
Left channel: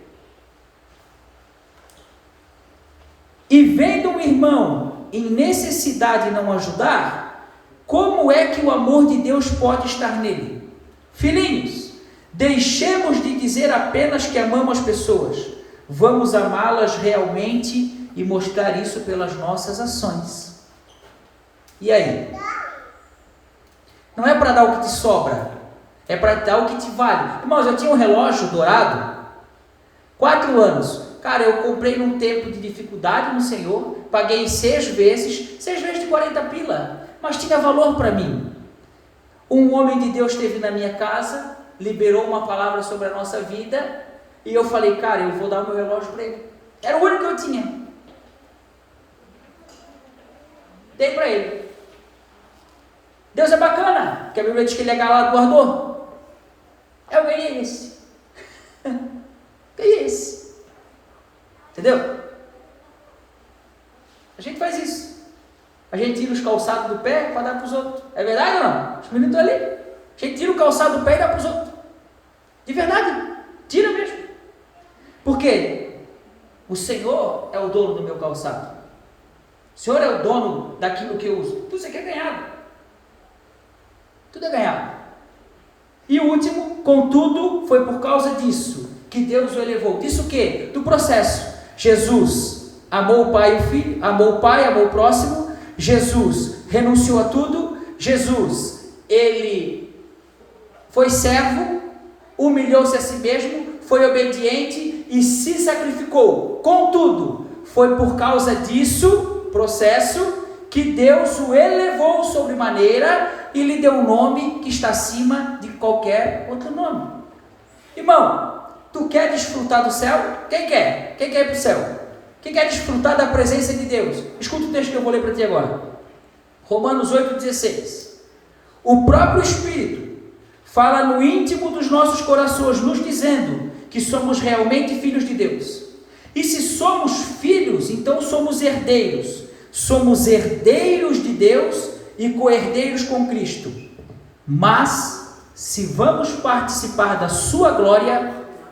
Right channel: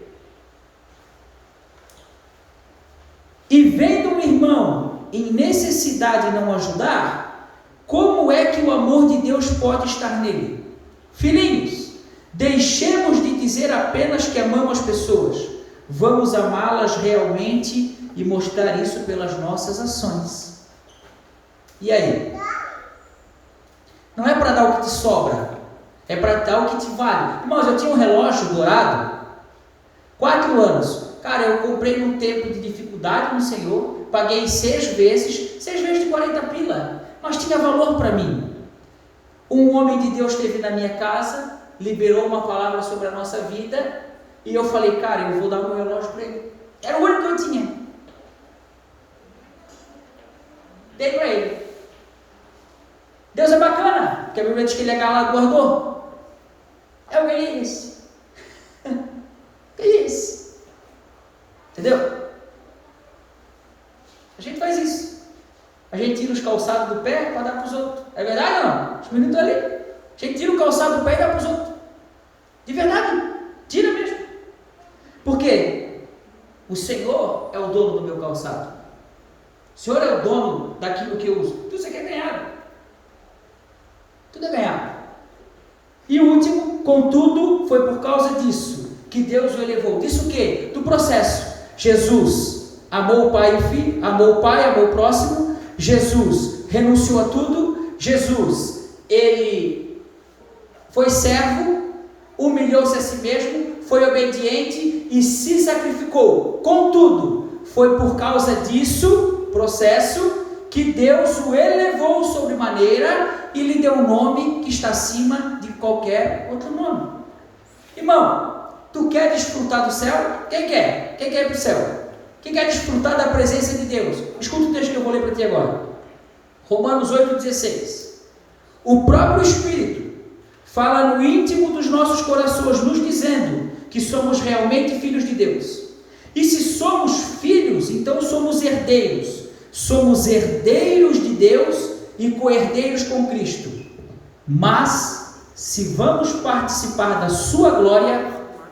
E vendo um irmão em necessidade não ajudar, como é que o amor de Deus pode estar nele? Filhinhos, deixemos de dizer apenas que amamos as pessoas, vamos amá-las realmente e mostrar isso pelas nossas ações. E aí? Não é para dar o que te sobra, é para dar o que te vale. Irmãos, eu tinha um relógio dourado, 4 anos. Cara, eu comprei num tempo de dificuldade no Senhor, paguei 6 vezes de 40 pila, mas tinha valor para mim. Um homem de Deus esteve na minha casa, liberou uma palavra sobre a nossa vida, e eu falei, cara, eu vou dar o meu relógio para ele. Era o único que eu tinha. Dei para ele. Deus é bacana, porque a Bíblia diz que ele é galardoador. Eu ganhei esse. Ganhei esse. Entendeu? A gente faz isso. A gente tira os calçados do pé para dar para os outros. É verdade ou não? Os meninos estão ali. A gente tira o calçado do pé e dá para os outros. De verdade. Tira mesmo. Por quê? O Senhor é o dono do meu calçado. O Senhor é o dono daquilo que eu uso. Tudo isso aqui é ganhado. Tudo é ganhado. E o último, contudo, foi por causa disso que Deus o elevou. Disso o quê? Do processo. Jesus amou o Pai e o Filho, amou o Pai, amou o próximo. Jesus renunciou a tudo. Jesus, ele foi servo, humilhou-se a si mesmo, foi obediente e se sacrificou. Contudo, foi por causa disso, processo, que Deus o elevou sobremaneira e lhe deu um nome que está acima de qualquer outro nome. Irmão, tu quer desfrutar do céu? Quem quer? Quem quer ir para o céu? Quem quer desfrutar da presença de Deus? Escuta o texto que eu vou ler para ti agora. Romanos 8,16. O próprio Espírito fala no íntimo dos nossos corações, nos dizendo que somos realmente filhos de Deus. E se somos filhos, então somos herdeiros. Somos herdeiros de Deus e co-herdeiros com Cristo. Mas, se vamos participar da sua glória,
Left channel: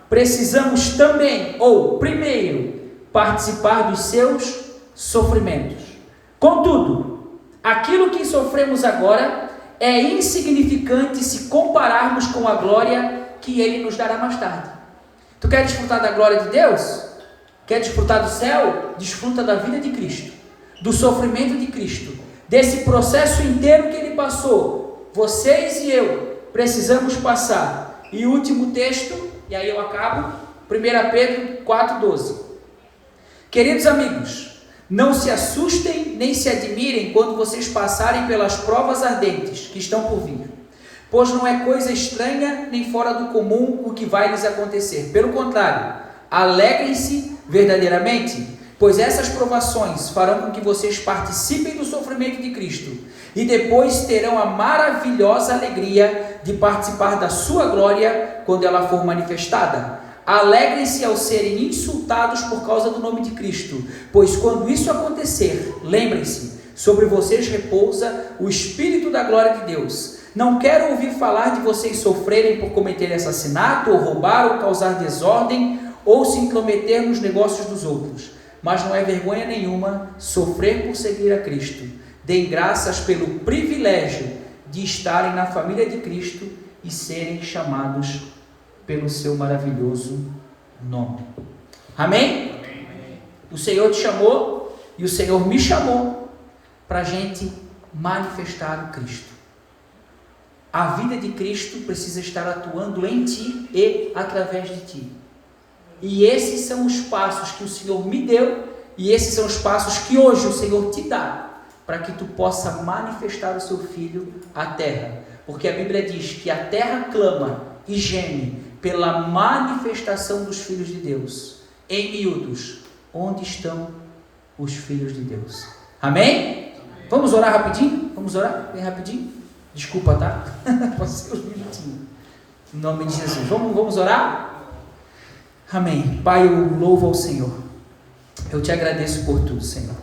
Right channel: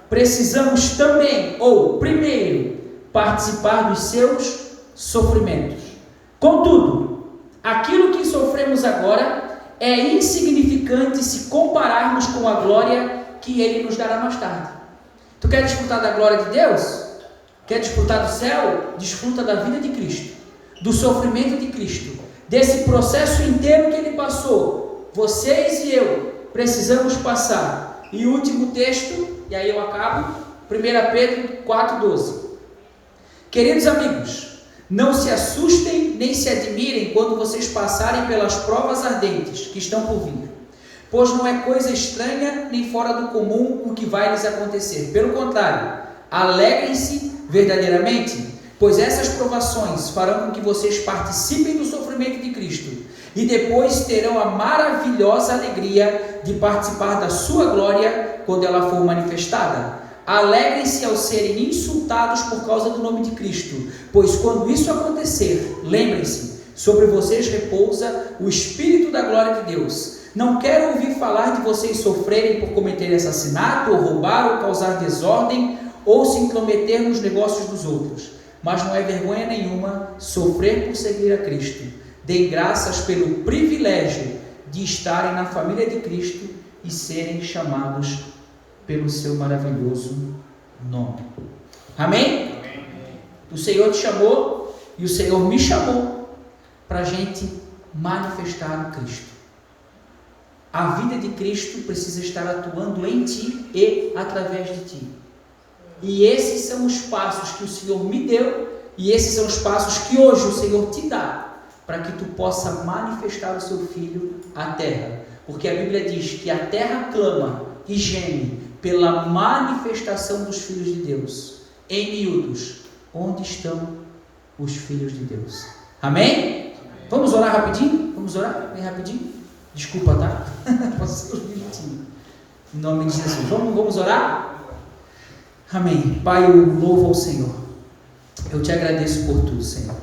precisamos também, ou primeiro, participar dos seus sofrimentos. Contudo, aquilo que sofremos agora é insignificante se compararmos com a glória que Ele nos dará mais tarde. Tu quer desfrutar da glória de Deus? Quer desfrutar do céu? Desfruta da vida de Cristo, do sofrimento de Cristo, desse processo inteiro que Ele passou. Vocês e eu precisamos passar. E o último texto, e aí eu acabo, 1 Pedro 4,12. Queridos amigos, não se assustem nem se admirem quando vocês passarem pelas provas ardentes que estão por vir, pois não é coisa estranha nem fora do comum o que vai lhes acontecer. Pelo contrário, alegrem-se verdadeiramente, pois essas provações farão com que vocês participem do sofrimento de Cristo e depois terão a maravilhosa alegria de participar da sua glória quando ela for manifestada. Alegrem-se ao serem insultados por causa do nome de Cristo, pois quando isso acontecer, lembrem-se, sobre vocês repousa o Espírito da glória de Deus. Não quero ouvir falar de vocês sofrerem por cometerem assassinato, ou roubar, ou causar desordem, ou se intrometer nos negócios dos outros. Mas não é vergonha nenhuma sofrer por seguir a Cristo. Deem graças pelo privilégio de estarem na família de Cristo e serem chamados pelo seu maravilhoso nome. Amém? O Senhor te chamou e o Senhor me chamou para a gente manifestar o Cristo. A vida de Cristo precisa estar atuando em ti e através de ti. E esses são os passos que o Senhor me deu, e esses são os passos que hoje o Senhor te dá, para que tu possa manifestar o seu Filho à terra. Porque a Bíblia diz que a terra clama e geme pela manifestação dos filhos de Deus. Em miúdos, onde estão os filhos de Deus? Amém? Vamos orar rapidinho? Vamos orar bem rapidinho? Desculpa, tá? Pode ser uns minutinhos. Em nome de Jesus. Vamos orar? Amém. Pai, eu louvo ao Senhor. Eu te agradeço por tudo, Senhor.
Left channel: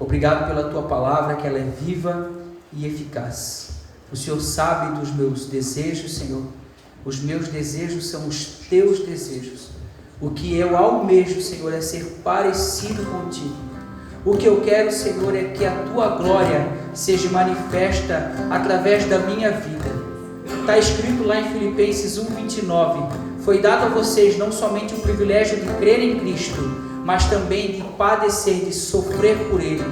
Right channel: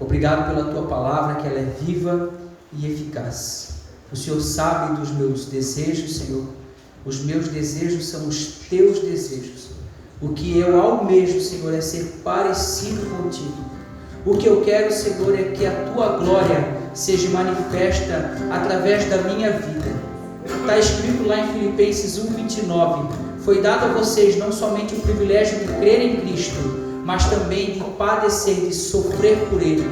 Obrigado pela tua palavra, que ela é viva e eficaz. O Senhor sabe dos meus desejos, Senhor. Os meus desejos são os teus desejos. O que eu almejo, Senhor, é ser parecido contigo. O que eu quero, Senhor, é que a tua glória seja manifesta através da minha vida. Está escrito lá em Filipenses 1:29, foi dado a vocês não somente o privilégio de crer em Cristo, mas também de padecer, de sofrer por Ele.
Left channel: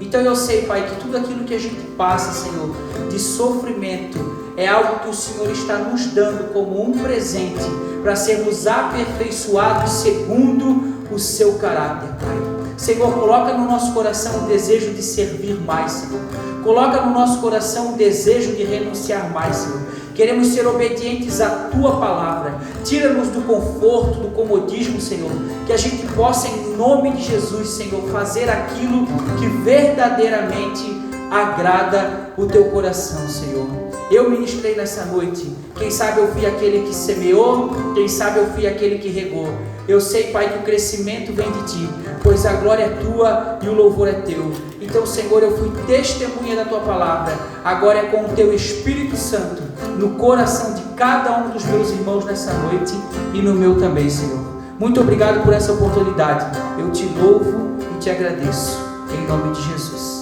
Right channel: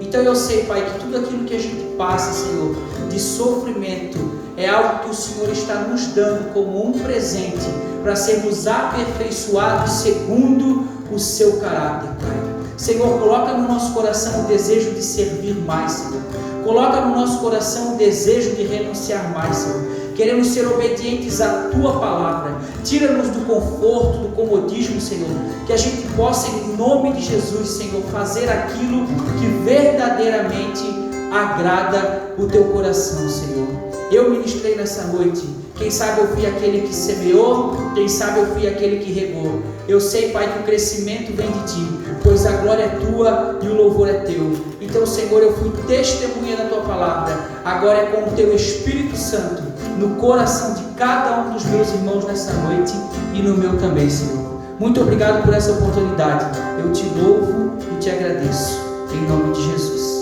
Então eu sei, Pai, que tudo aquilo que a gente passa, Senhor, de sofrimento, é algo que o Senhor está nos dando como um presente, para sermos aperfeiçoados segundo o seu caráter, Pai. Senhor, coloca no nosso coração o desejo de servir mais, Senhor. Coloca no nosso coração o desejo de renunciar mais, Senhor. Queremos ser obedientes à Tua palavra. Tira-nos do conforto, do comodismo, Senhor. Que a gente possa, em nome de Jesus, Senhor, fazer aquilo que verdadeiramente agrada o Teu coração, Senhor. Eu ministrei nessa noite. Quem sabe eu fui aquele que semeou, quem sabe eu fui aquele que regou. Eu sei, Pai, que o crescimento vem de Ti, pois a glória é Tua e o louvor é Teu. Então, Senhor, eu fui testemunha da Tua palavra. Agora é com o Teu Espírito Santo no coração de cada um dos meus irmãos nessa noite e no meu também, Senhor. Muito obrigado por essa oportunidade. Eu Te louvo e Te agradeço. Em nome de Jesus.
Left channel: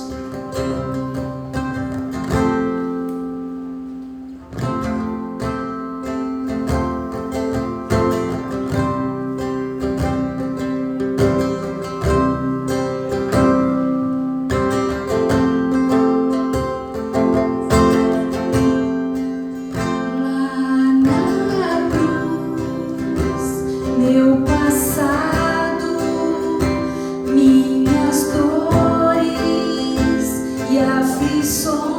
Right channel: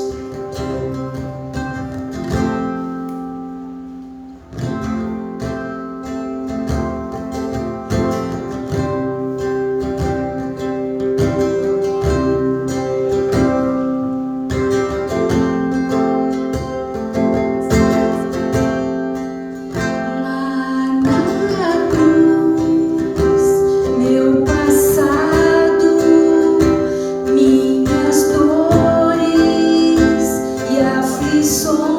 Oh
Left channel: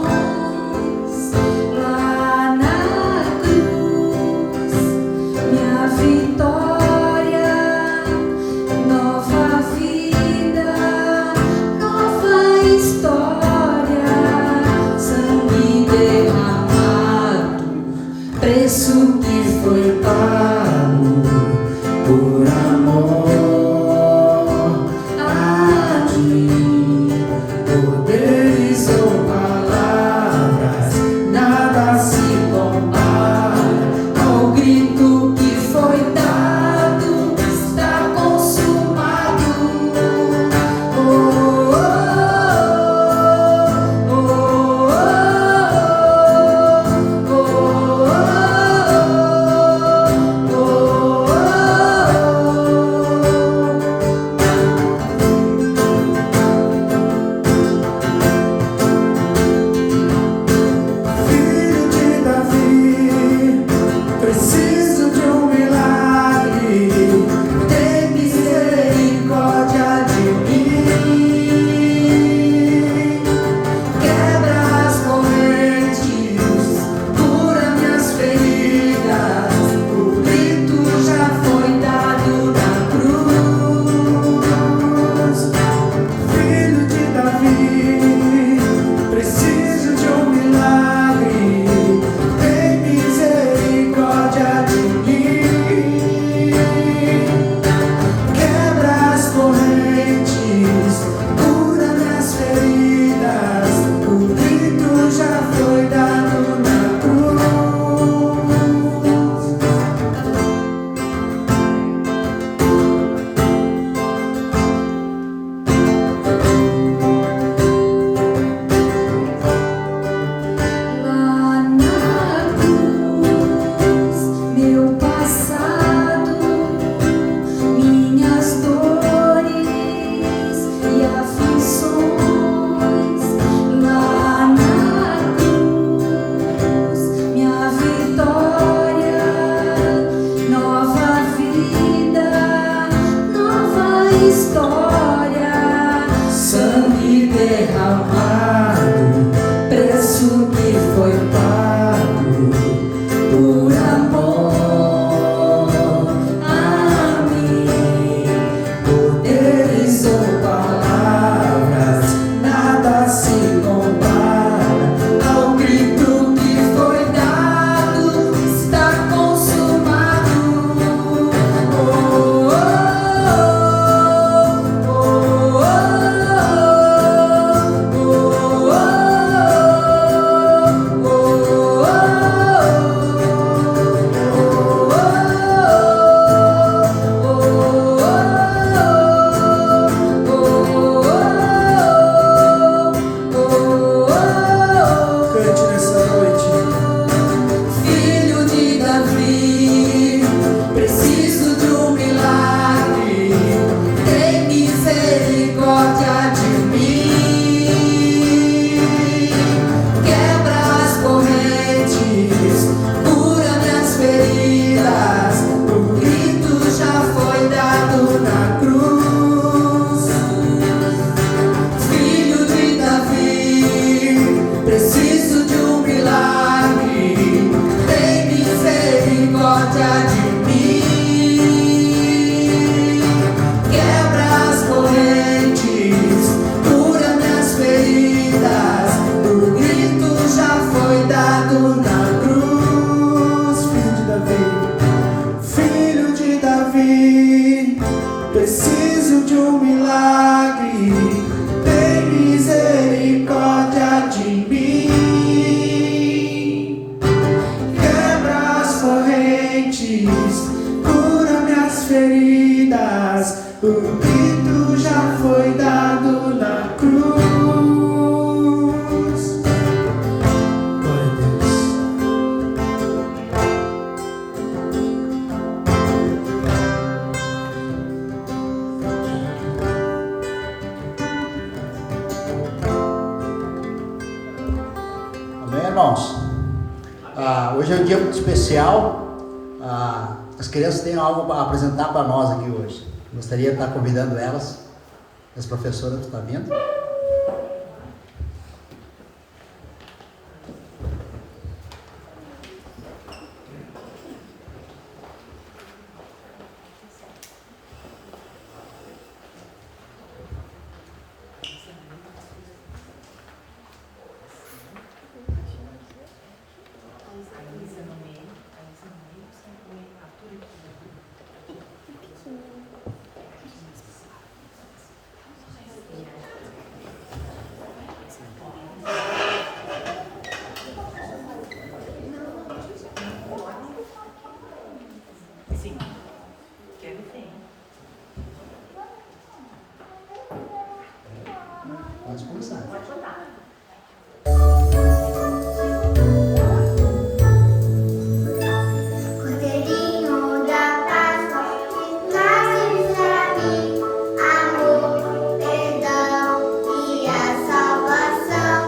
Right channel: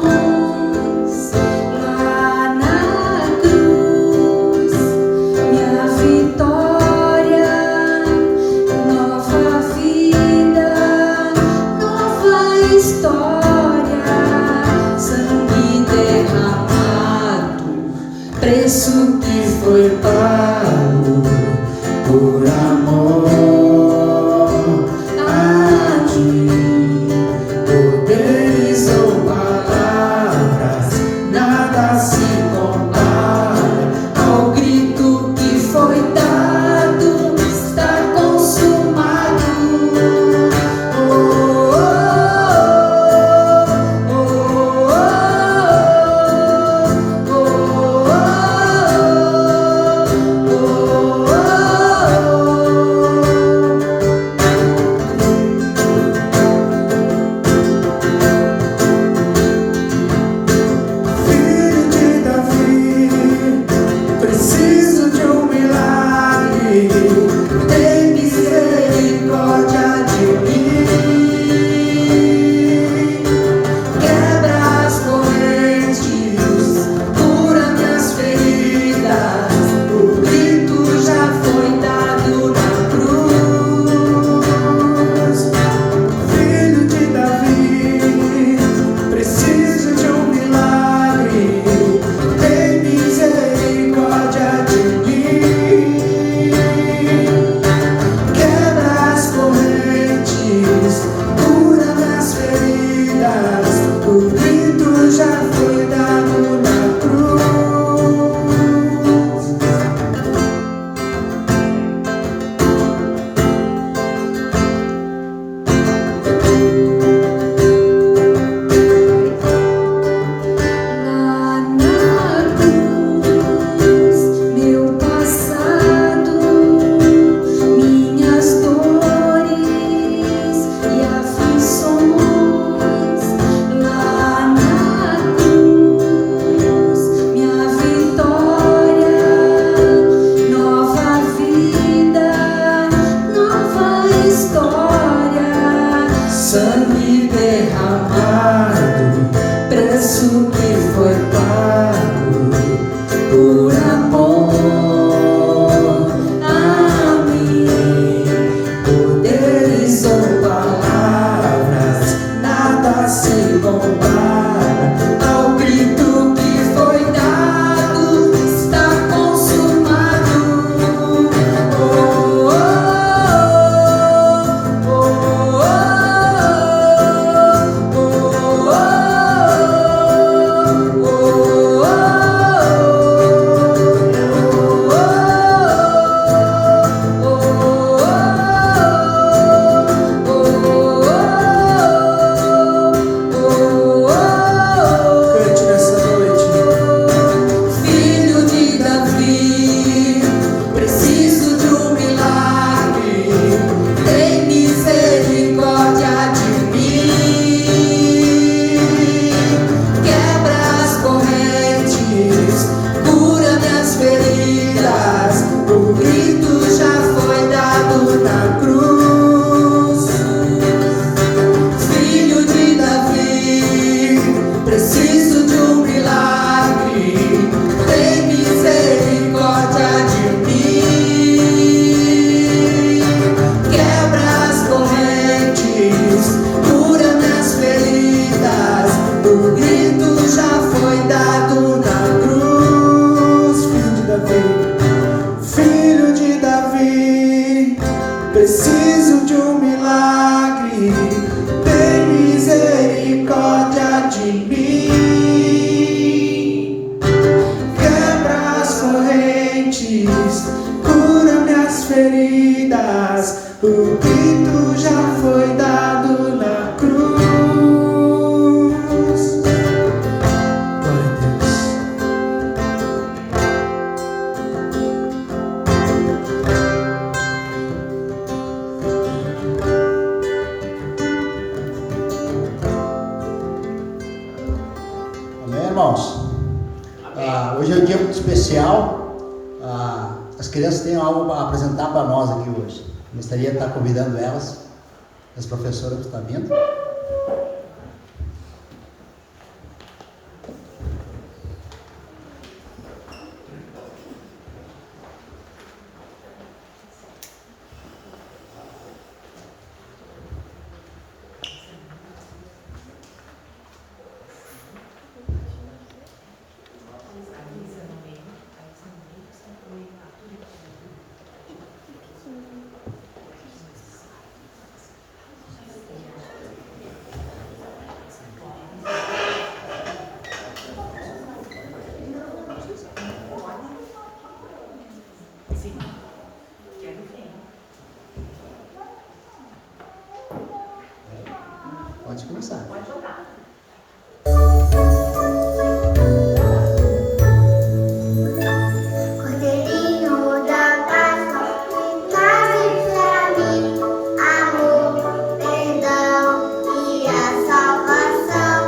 dentes, cura minhas feridas. O grito já foi dado na cruz. Glória a Deus. Amém, irmãos? Hoje é um dia muito especial. As crianças têm algo para apresentar para nós aqui hoje. Gostaria de estar convidando elas, as professoras que estão vindo. Pode começar. Pode botar. Cordeirinho da Páscoa, que trazes pra mim amor, perdão e a salvação.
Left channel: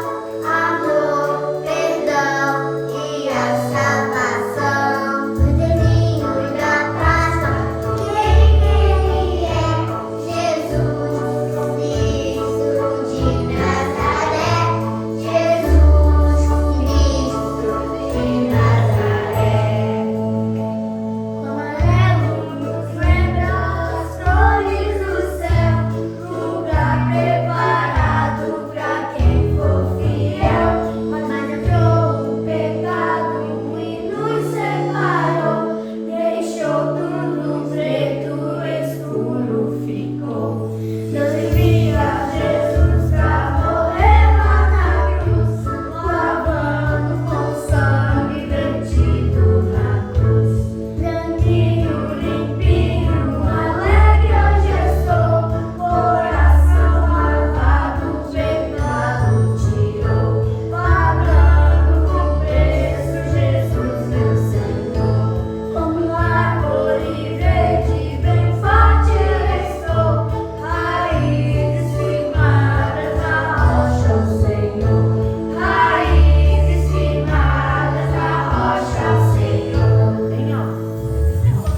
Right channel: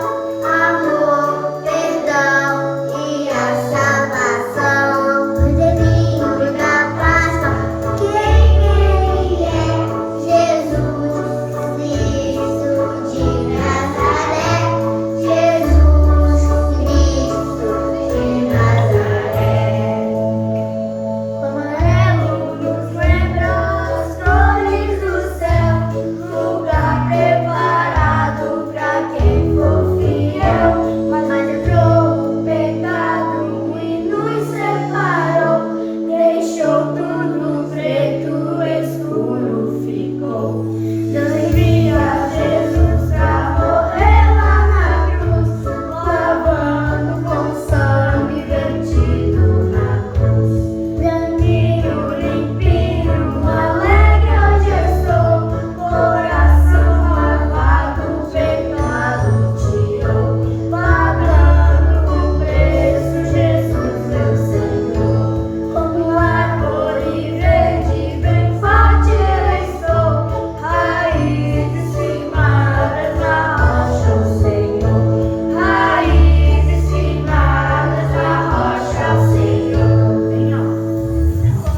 Amor, perdão e a salvação. Cordeirinho da Páscoa, quem ele é? Jesus Cristo de Nazaré. Jesus Cristo de Nazaré. O amarelo nos lembra as cores do céu, lugar preparado pra quem for fiel. Mas entrou o pecado e nos separou, deixou tudo preto, escuro ficou. Deus envia Jesus pra morrer lá na cruz, lavando com sangue vertido na cruz. Branquinho, limpinho, alegre hoje estou, coração lavado, pecado tirou, pagando com preço, Jesus meu Senhor. Como árvore verde, bem forte eu estou, raízes firmadas na rocha, o Senhor. Raízes firmadas na rocha, Senhor. Bem alto.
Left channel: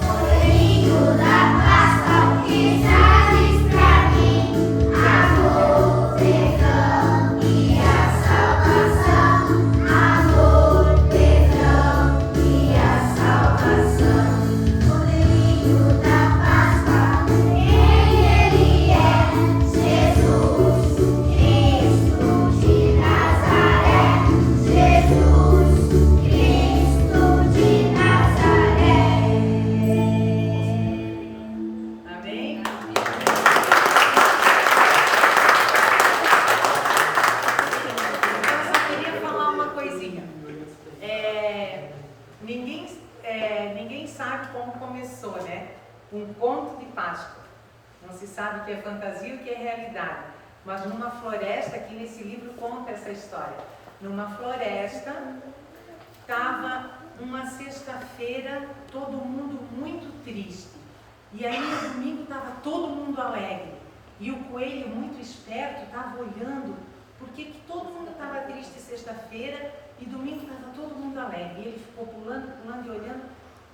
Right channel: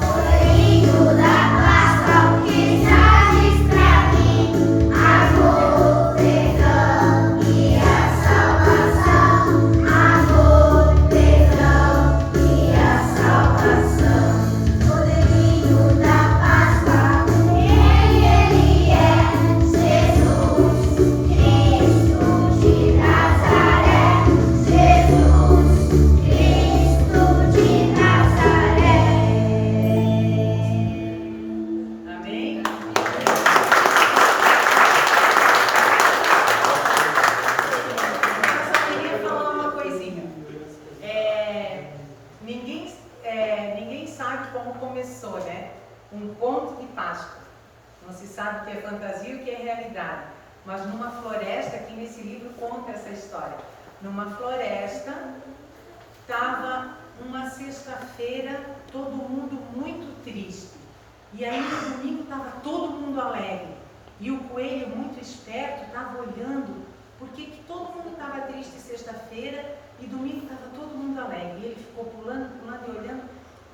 Cordeirinho da Páscoa, que trazes pra mim amor, perdão e a salvação. Amor, perdão e a salvação. Cordeirinho da Páscoa, quem ele é? Jesus Cristo de Nazaré. Jesus Cristo de Nazaré. Amém? Eu só queria falar uma coisinha. Ninguém sabe como começou, né? Um conto de Páscoa. Não se sabe o que é fantasia e o que é realidade. Mas numa floresta, aqui nesse livro conta essa história. Numa floresta, estava uma sexta-feira, todo mundo muito triste. E aí no domingo estava todo mundo alegre. E o coelho, muito esperto, estava olhando porque que todo mundo estava triste sexta-feira e domingo estava todo mundo alegre. E ele ficou pulando, pulando e olhando.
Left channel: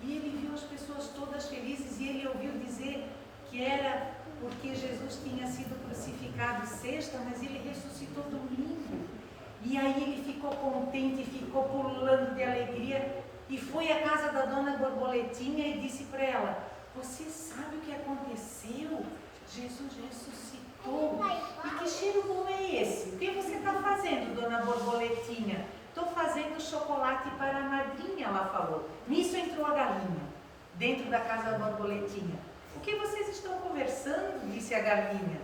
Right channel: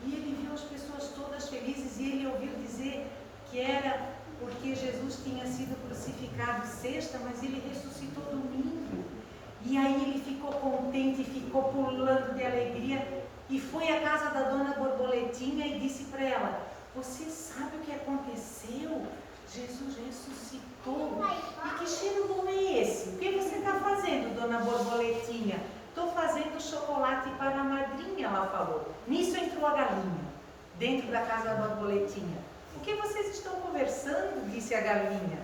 E ele viu as pessoas todas felizes e ele ouviu dizer que era porque Jesus tinha sido crucificado sexta, mas ele ressuscitou domingo. E aí ele ficou contente, ficou pulando de alegria e foi à casa da dona Borboletinha e disse para ela: você sabe o que aconteceu? Jesus ressuscitou. E que cheiro bom é esse? O que você está fazendo, dona Borboletinha? Estou fazendo chocolate para a madrinha, ela falou. Nisso entrou a galinha, dentro da casa da Borboletinha. O que vocês estão conversando? Disse a galinha.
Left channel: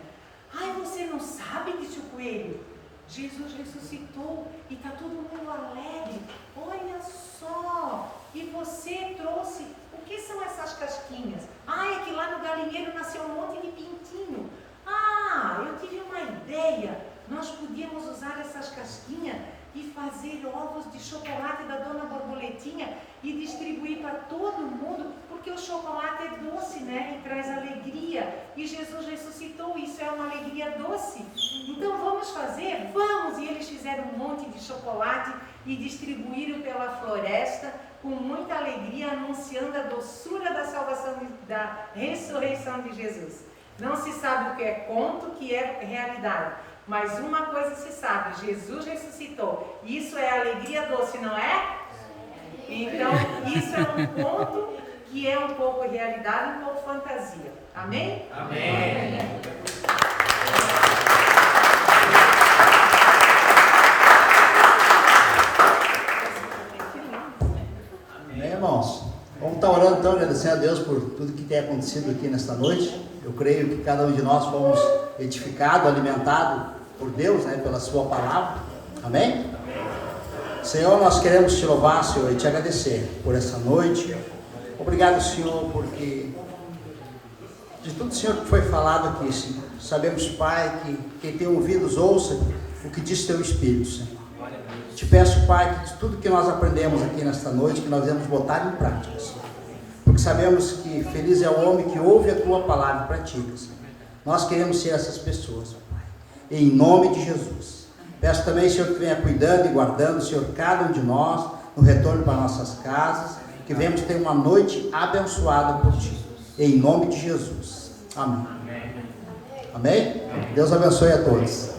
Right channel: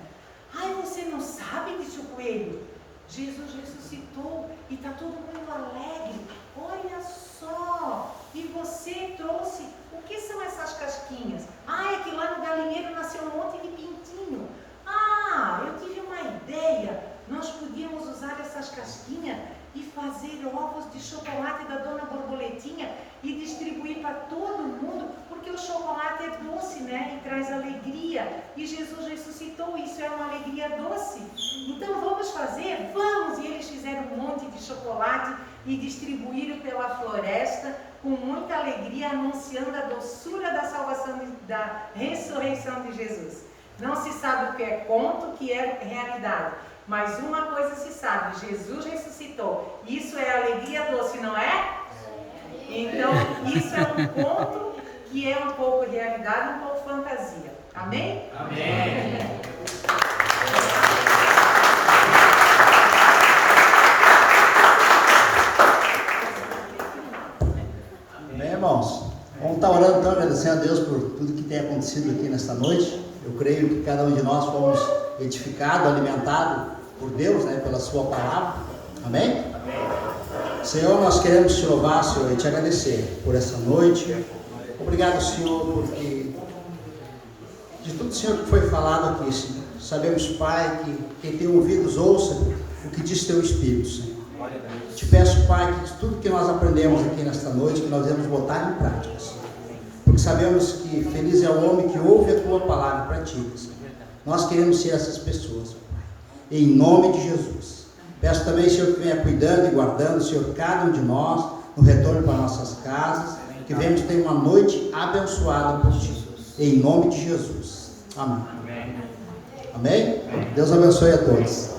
Ai, você não sabe? Disse o coelho. Jesus ressuscitou e está todo mundo alegre. Olha só! E você trouxe, o que são casquinhas. Ah, é que lá no galinheiro nasceu um monte de pintinho. Ah, eu tive uma ideia. Nós podíamos usar essas casquinhas e fazer ovos de chocolate da Dona Borboletinha e distribuir para todo mundo, porque o chocolate é doce, né? E traz alegria. E Jesus ressuscitou, isso é uma alegria doce. Então vamos fazer? Vamos! E eles fizeram um monte de chocolate e distribuíram pela floresta com muita alegria, anunciando a doçura da salvação, da ressurreição de Jesus. Não se sabe o que é conto, o que é realidade. Mas uma coisa se sabe, Jesus ressuscitou. Isso é alegria doce, não é? Então, isso é um conto que é um pouco realidade, um pouco fantasia. Amém? Amém. Amém, irmãos? Vamos estar orando então, agradecendo a Deus por tudo que tem acontecido aqui nesta noite. Eu creio que cada um de nós fomos edificados, alimentados por Deus, né, pela sua palavra. Amém? Amém? Senhor, nós queremos te louvar, Senhor, e te agradecer por essa noite. Obrigado, Senhor, porque de tudo, Senhor, que foi falado aqui, Senhor, sabemos, Pai, que quem tem ouvidos ouça o que diz teu Espírito, Senhor. Te peço, Pai, que de tudo que nós aprendemos aqui nesta noite, que nós devemos botar em prática, Senhor. Porque sabemos que feliz é o homem que ouve a tua palavra e pratica, Senhor. Nós queremos ser essas pessoas, Pai. Em nome de Jesus. Peço também, Senhor, que venha cuidando e guardando, Senhor, cada um de nós, no retorno para nossas casas, que venhamos ter uma noite abençoada por Ti. Em nome de Jesus. Amém. Amém? Deus abençoe a todos.